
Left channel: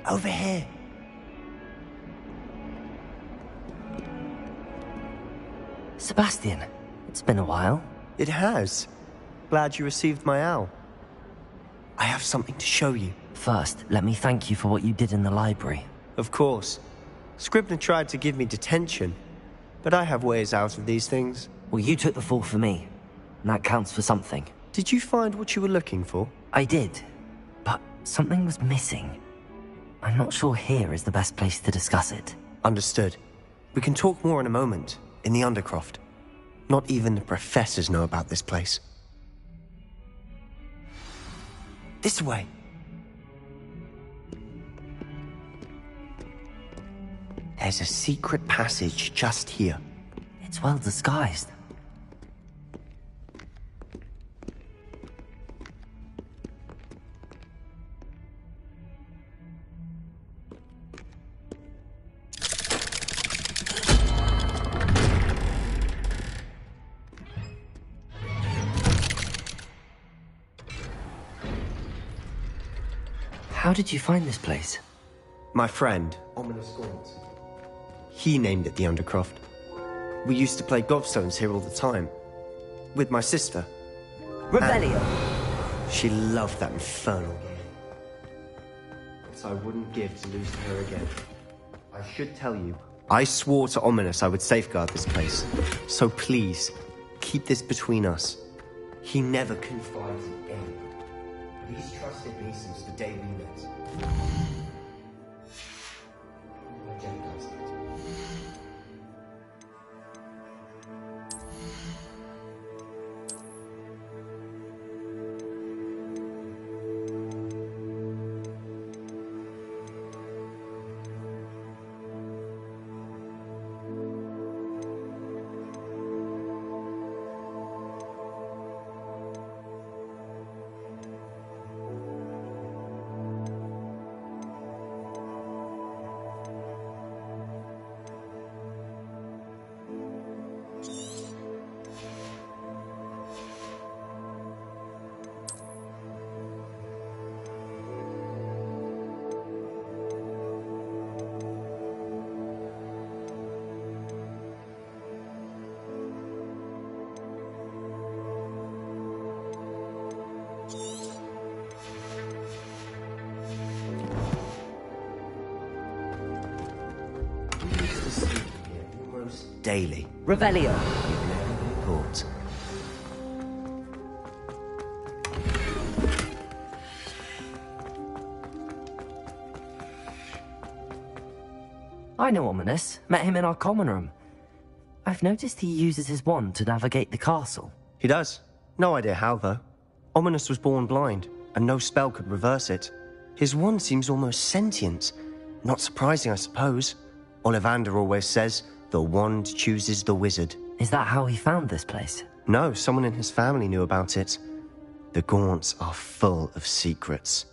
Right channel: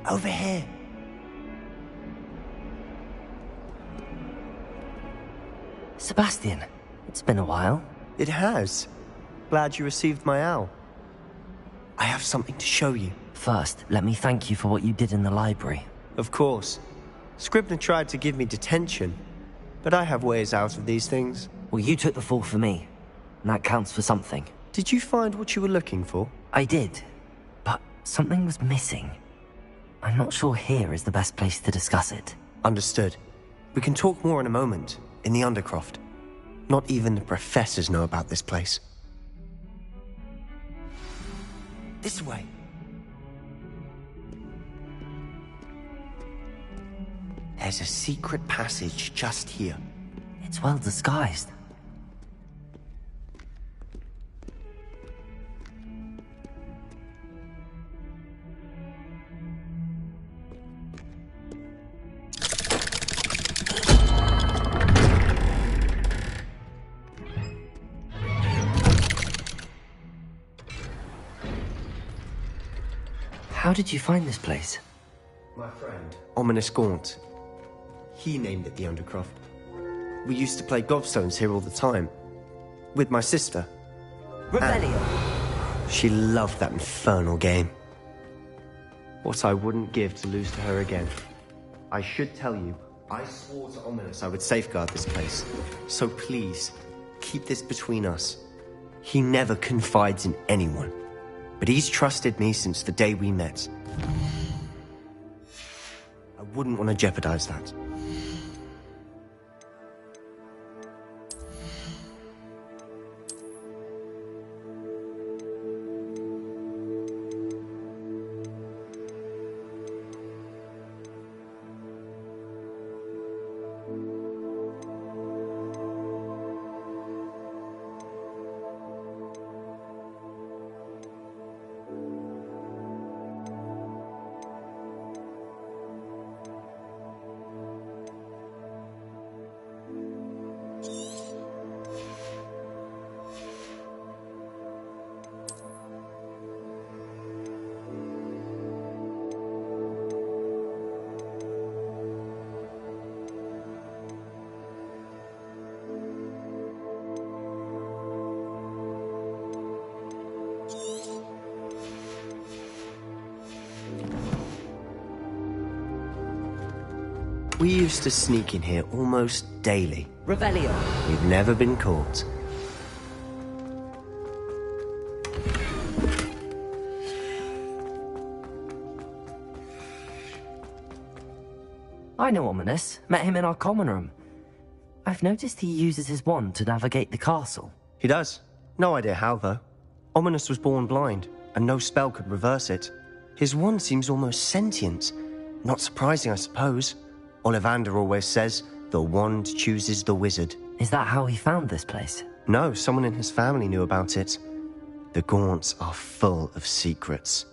Over here. Sebastian, it's been a while. It has. Glad you received my owl. I have something to show you. First, let me thank you for what you did in the library. Of course. Scribner tried to give me detention, but I have ways out of these things. Well, you took the fall for me, and that counts for something. Did you find what you were looking for? I did, but something was missing. I'm not sure here is the best place to discuss it. Understood. We can talk more in a moment, in the Undercroft. Not even the professors know about this place. This way. There's a secret passage just here. It's well disguised. How did you find this place? My friend, Ominous Gaunt. He named it the Undercroft. We used to play gobstones here all the time. With my sister. Rebellion! She loved that infernal game. What I wouldn't give to lose to her again. I should tell you, I swore to Ominous I would safeguard this place. So please, keep this between us. He never confides in anyone. But he's trusted me since the day we met. I wouldn't want to jeopardize that. We used to sneak in here almost daily. Revelio. We've never been caught. I know Ominous. Met him in our common room. I've noticed he uses his wand to navigate the castle. He does. No idea how, though. Ominous was born blind, and no spell could reverse it. His wand seems almost sentient. Not surprising, I suppose. Ollivander always says, the wand chooses the wizard. Is that how he found this place? No, someone in his family knew about it. The Gaunts are full of secrets.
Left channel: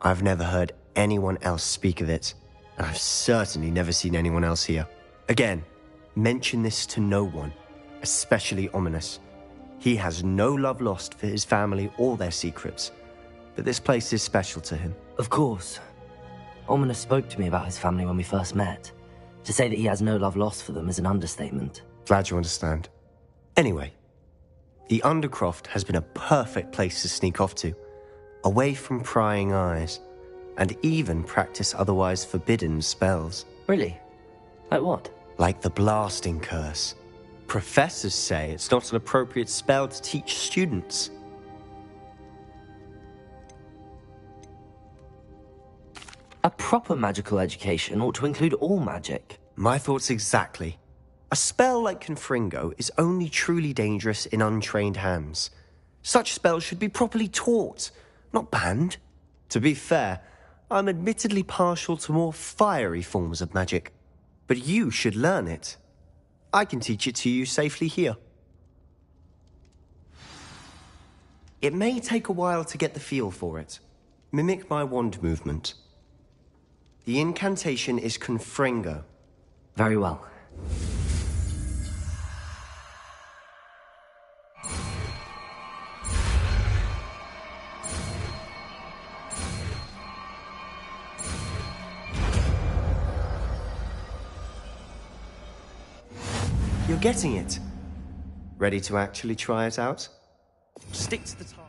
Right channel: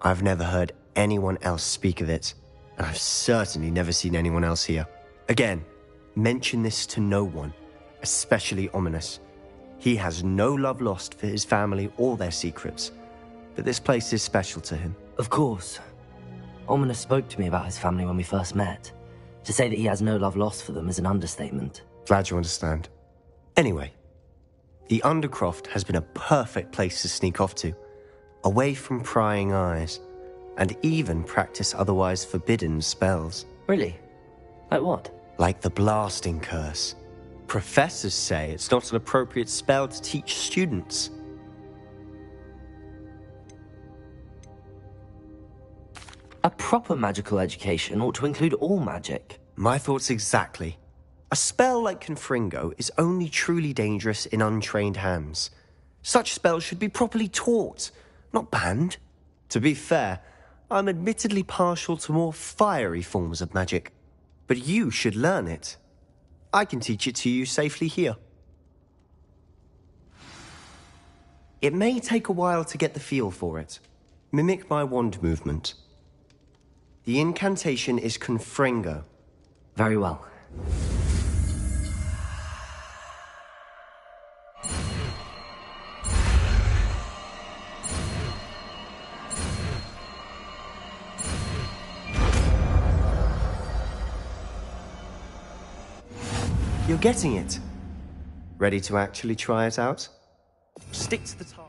I've never heard anyone else speak of it, and I've certainly never seen anyone else here. Again, mention this to no one, especially Ominous. He has no love lost for his family or their secrets, but this place is special to him. Of course. Ominous spoke to me about his family when we first met. To say that he has no love lost for them is an understatement. Glad you understand. Anyway, the Undercroft has been a perfect place to sneak off to, away from prying eyes, and even practice otherwise forbidden spells. Really? Like what? Like the Blasting Curse. Professors say it's not an appropriate spell to teach students. A proper magical education ought to include all magic. My thoughts exactly. A spell like Confringo is only truly dangerous in untrained hands. Such spells should be properly taught, not banned. To be fair, I'm admittedly partial to more fiery forms of magic. But you should learn it. I can teach it to you safely here. It may take a while to get the feel for it. Mimic my wand movement. The incantation is Confringo. Very well. You're getting it. Ready to actually try it out? Stick to the target.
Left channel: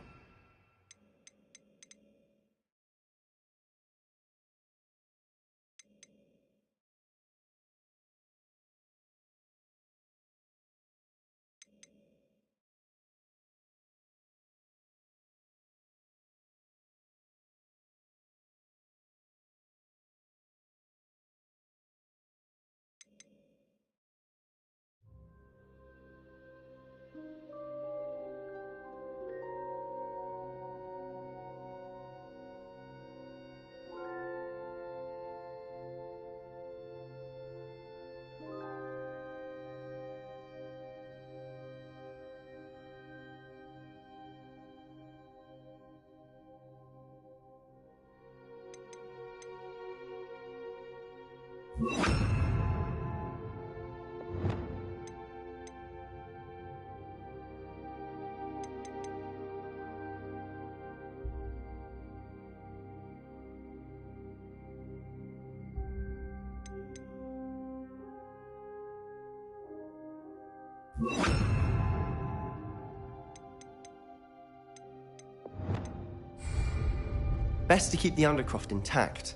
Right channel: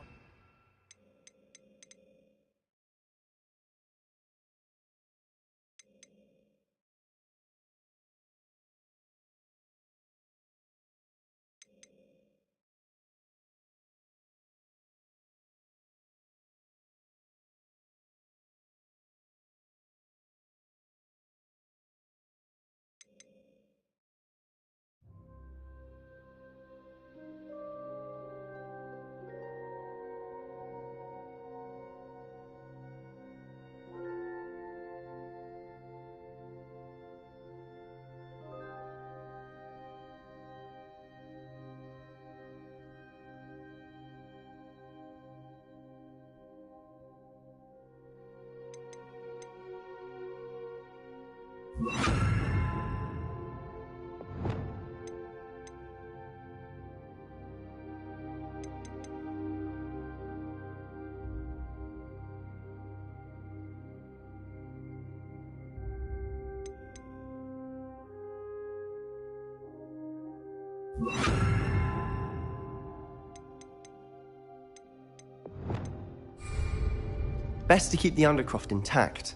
Best to keep the Undercroft intact.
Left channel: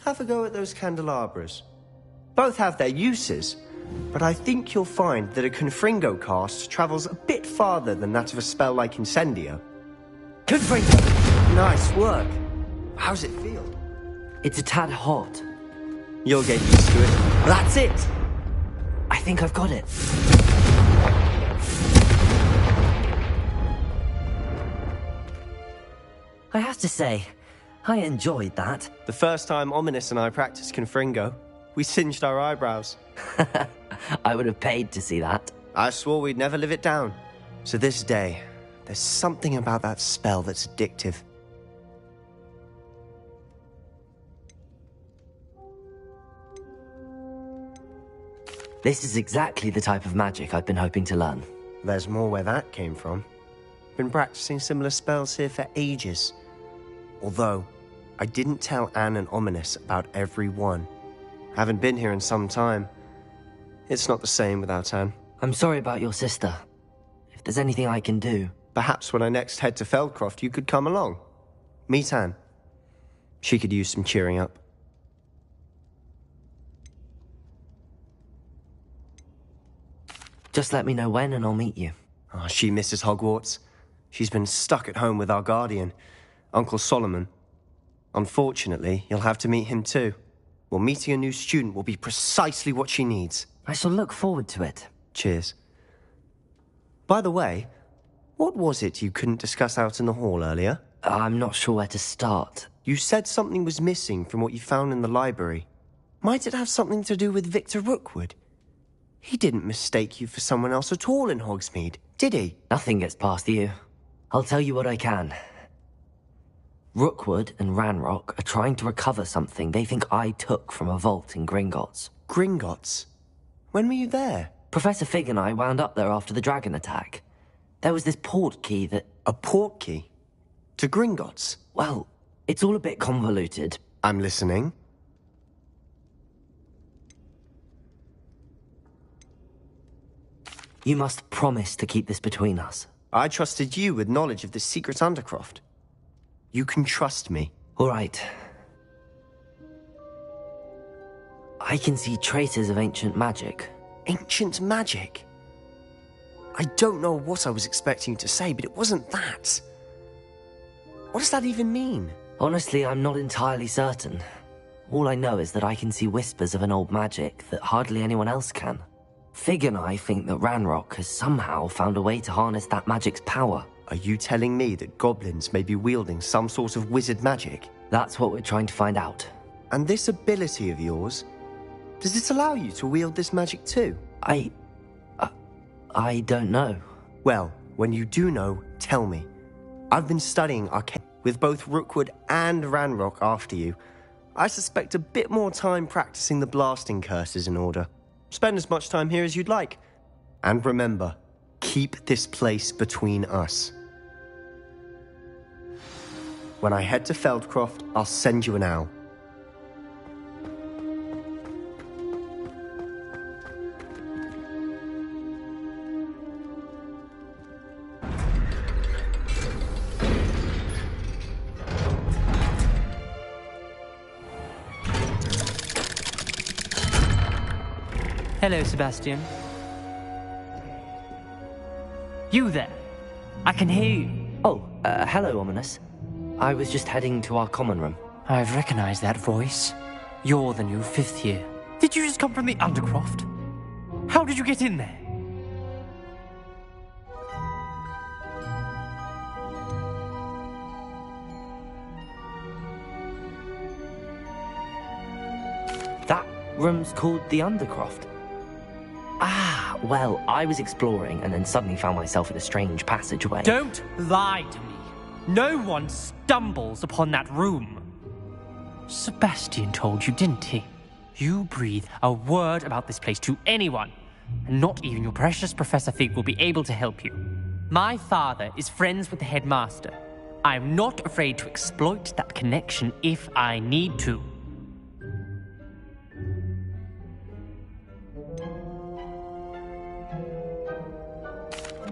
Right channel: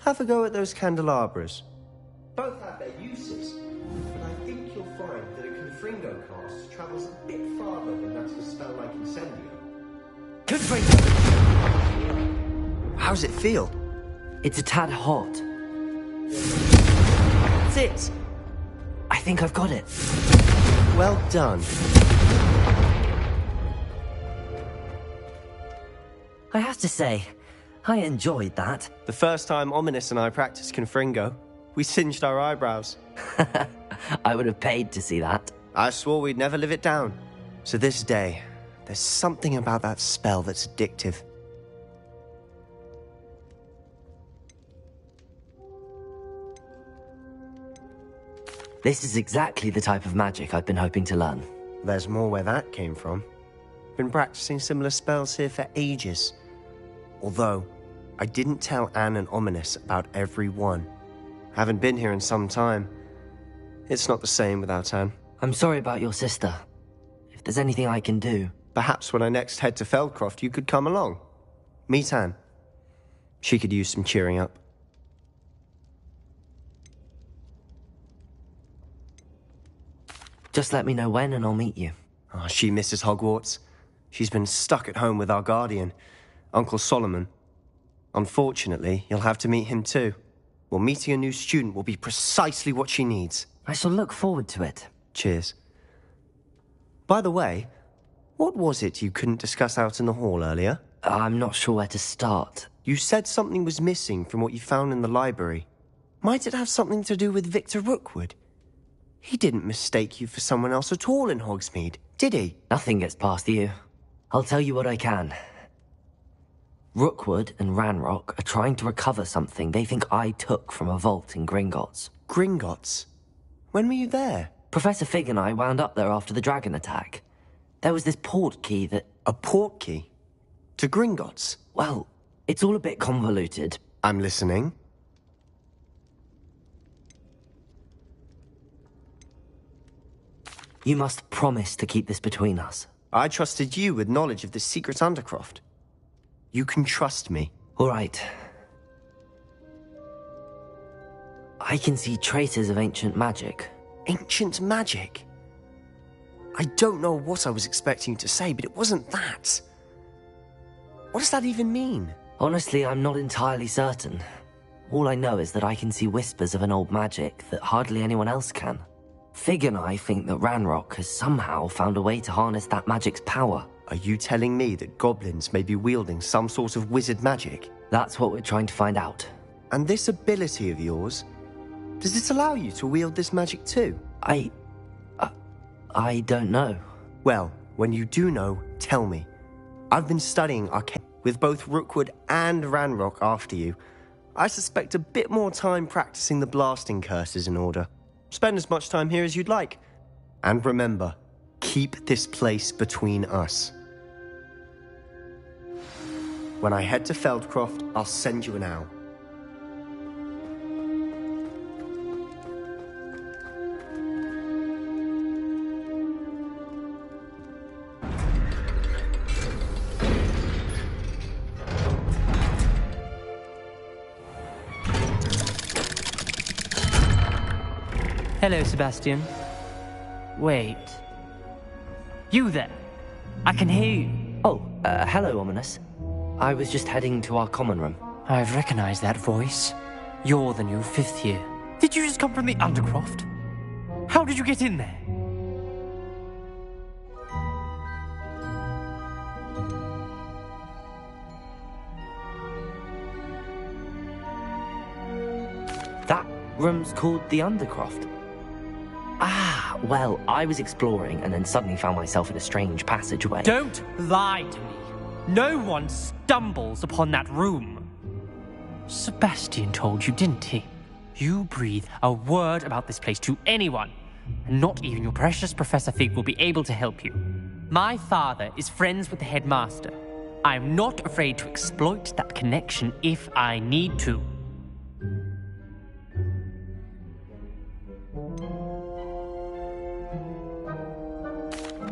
Have a go at those candelabras. Both have their uses, but I think you'll find that a Confringo cast travels a bit farther than that of a spell like Incendio. Confringo! Nice work. How's it feel? It's a tad hot. You'll get used to it. That's it! I think I've got it. Well done. I have to say, I enjoyed that. The first time Ominous and I practiced Confringo, we singed our eyebrows. I would have paid to see that. I swore we'd never live it down. So this day, there's something about that spell that's addictive. This is exactly the type of magic I've been hoping to learn. There's more where that came from. Been practicing similar spells here for ages. Although, I didn't tell Anne and Ominous about every one. Haven't been here in some time. It's not the same without Anne. I'm sorry about your sister. If there's anything I can do... Perhaps when I next head to Feldcroft, you could come along. Meet Anne. She could use some cheering up. Just let me know when and I'll meet you. Oh, she misses Hogwarts. She's been stuck at home with our guardian, Uncle Solomon. Unfortunately, you'll have to meet him too. Well, meeting a new student will be precisely what she needs. I shall look forward to it. Cheers. By the way, what was it you couldn't discuss out in the hall earlier? I'm not sure where to start. You said something was missing from what you found in the library. Might it have something to do with Victor Rookwood? He didn't mistake you for someone else at all in Hogsmeade, did he? Nothing gets past you. I'll tell you what I can. Rookwood and Ranrock are trying to recover something they think I took from a vault in Gringotts. Gringotts? When were you there? Professor Fig and I wound up there after the dragon attack. There was this port key that... A port key? To Gringotts? Well, it's all a bit convoluted. I'm listening. You must promise to keep this between us. I trusted you with knowledge of the secret Undercroft. You can trust me. All right. I can see traces of ancient magic. Ancient magic? I don't know what I was expecting you to say, but it wasn't that. What does that even mean? Honestly, I'm not entirely certain. All I know is that I can see whispers of an old magic that hardly anyone else can. Fig and I think that Ranrock has somehow found a way to harness that magic's power. Are you telling me that goblins may be wielding some sort of wizard magic? That's what we're trying to find out. And this ability of yours, does it allow you to wield this magic too? I don't know. Well, when you do know, tell me. I've been studying arcane with both Rookwood and Ranrock after you. I suspect a bit more time practicing the blasting curse is in order. Spend as much time here as you'd like. And remember, keep this place between us. When I head to Feldcroft, I'll send you an owl. Hello, Sebastian. Wait. You there? I can hear you. Oh, hello, Ominous. I was just heading to our common room. I've recognized that voice. You're the new 5th year. Did you just come from the Undercroft? How did you get in there? That room's called the Undercroft. Ah, well, I was exploring and then suddenly found myself in a strange passageway. Don't lie to me. No one stumbles upon that room. Sebastian told you, didn't he? You breathe a word about this place to anyone, and not even your precious Professor Fig will be able to help you. My father is friends with the headmaster. I'm not afraid to exploit that connection if I need to.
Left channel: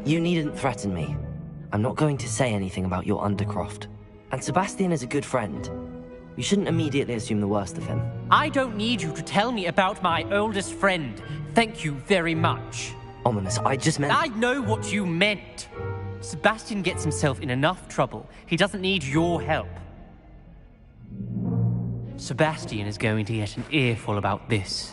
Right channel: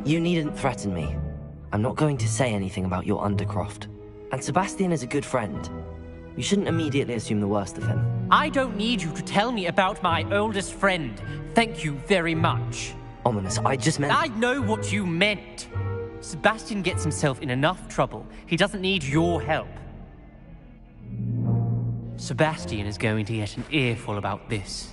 You needn't threaten me. I'm not going to say anything about your Undercroft. And Sebastian is a good friend. You shouldn't immediately assume the worst of him. I don't need you to tell me about my oldest friend. Thank you very much. Ominous, I just meant... I know what you meant. Sebastian gets himself in enough trouble. He doesn't need your help. Sebastian is going to get an earful about this.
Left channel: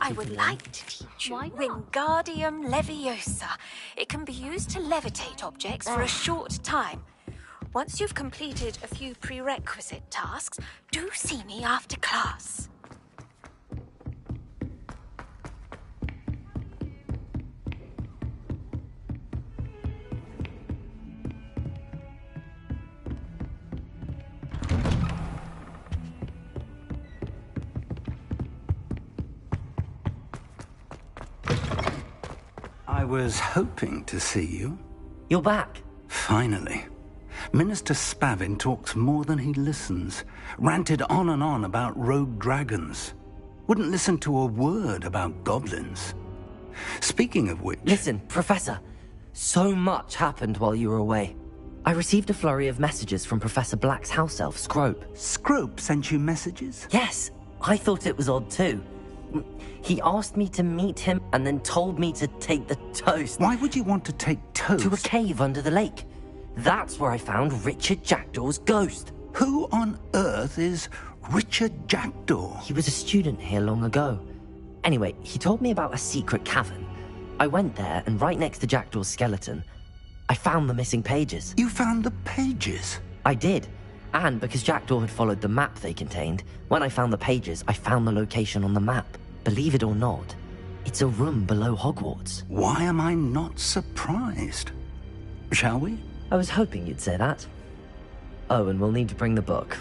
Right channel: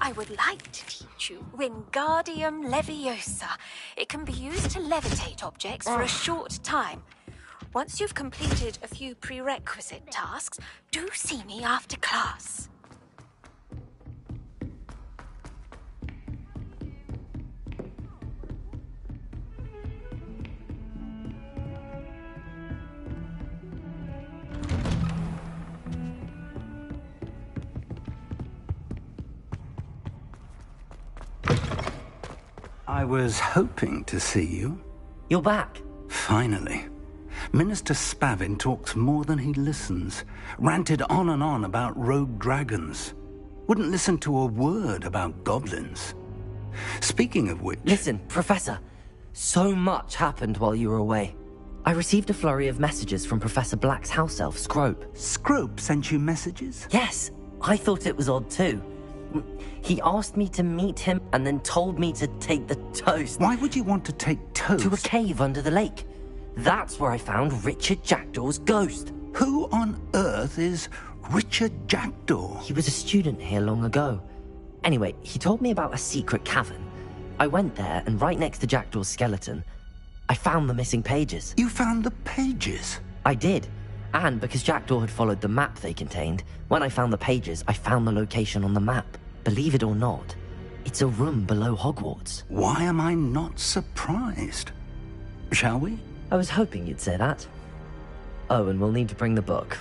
I would like to teach you Wingardium Leviosa. It can be used to levitate objects for a short time. Once you've completed a few prerequisite tasks, do see me after class. I was hoping to see you. You're back. Finally. Minister Spavin talks more than he listens. Ranted on and on about rogue dragons. Wouldn't listen to a word about goblins. Speaking of which... Listen, Professor. So much happened while you were away. I received a flurry of messages from Professor Black's house elf, Scrope. Scrope sent you messages? Yes. I thought it was odd too. He asked me to meet him and then told me to take the toast. Why would you want to take toast? To a cave under the lake. That's where I found Richard Jackdaw's ghost. Who on earth is Richard Jackdaw? He was a student here long ago. Anyway, he told me about a secret cavern. I went there, and right next to Jackdaw's skeleton, I found the missing pages. You found the pages? I did. And because Jackdaw had followed the map they contained, when I found the pages, I found the location on the map. Believe it or not, it's a room below Hogwarts. Why am I not surprised? Shall we? I was hoping you'd say that. Oh, and we'll need to bring the book.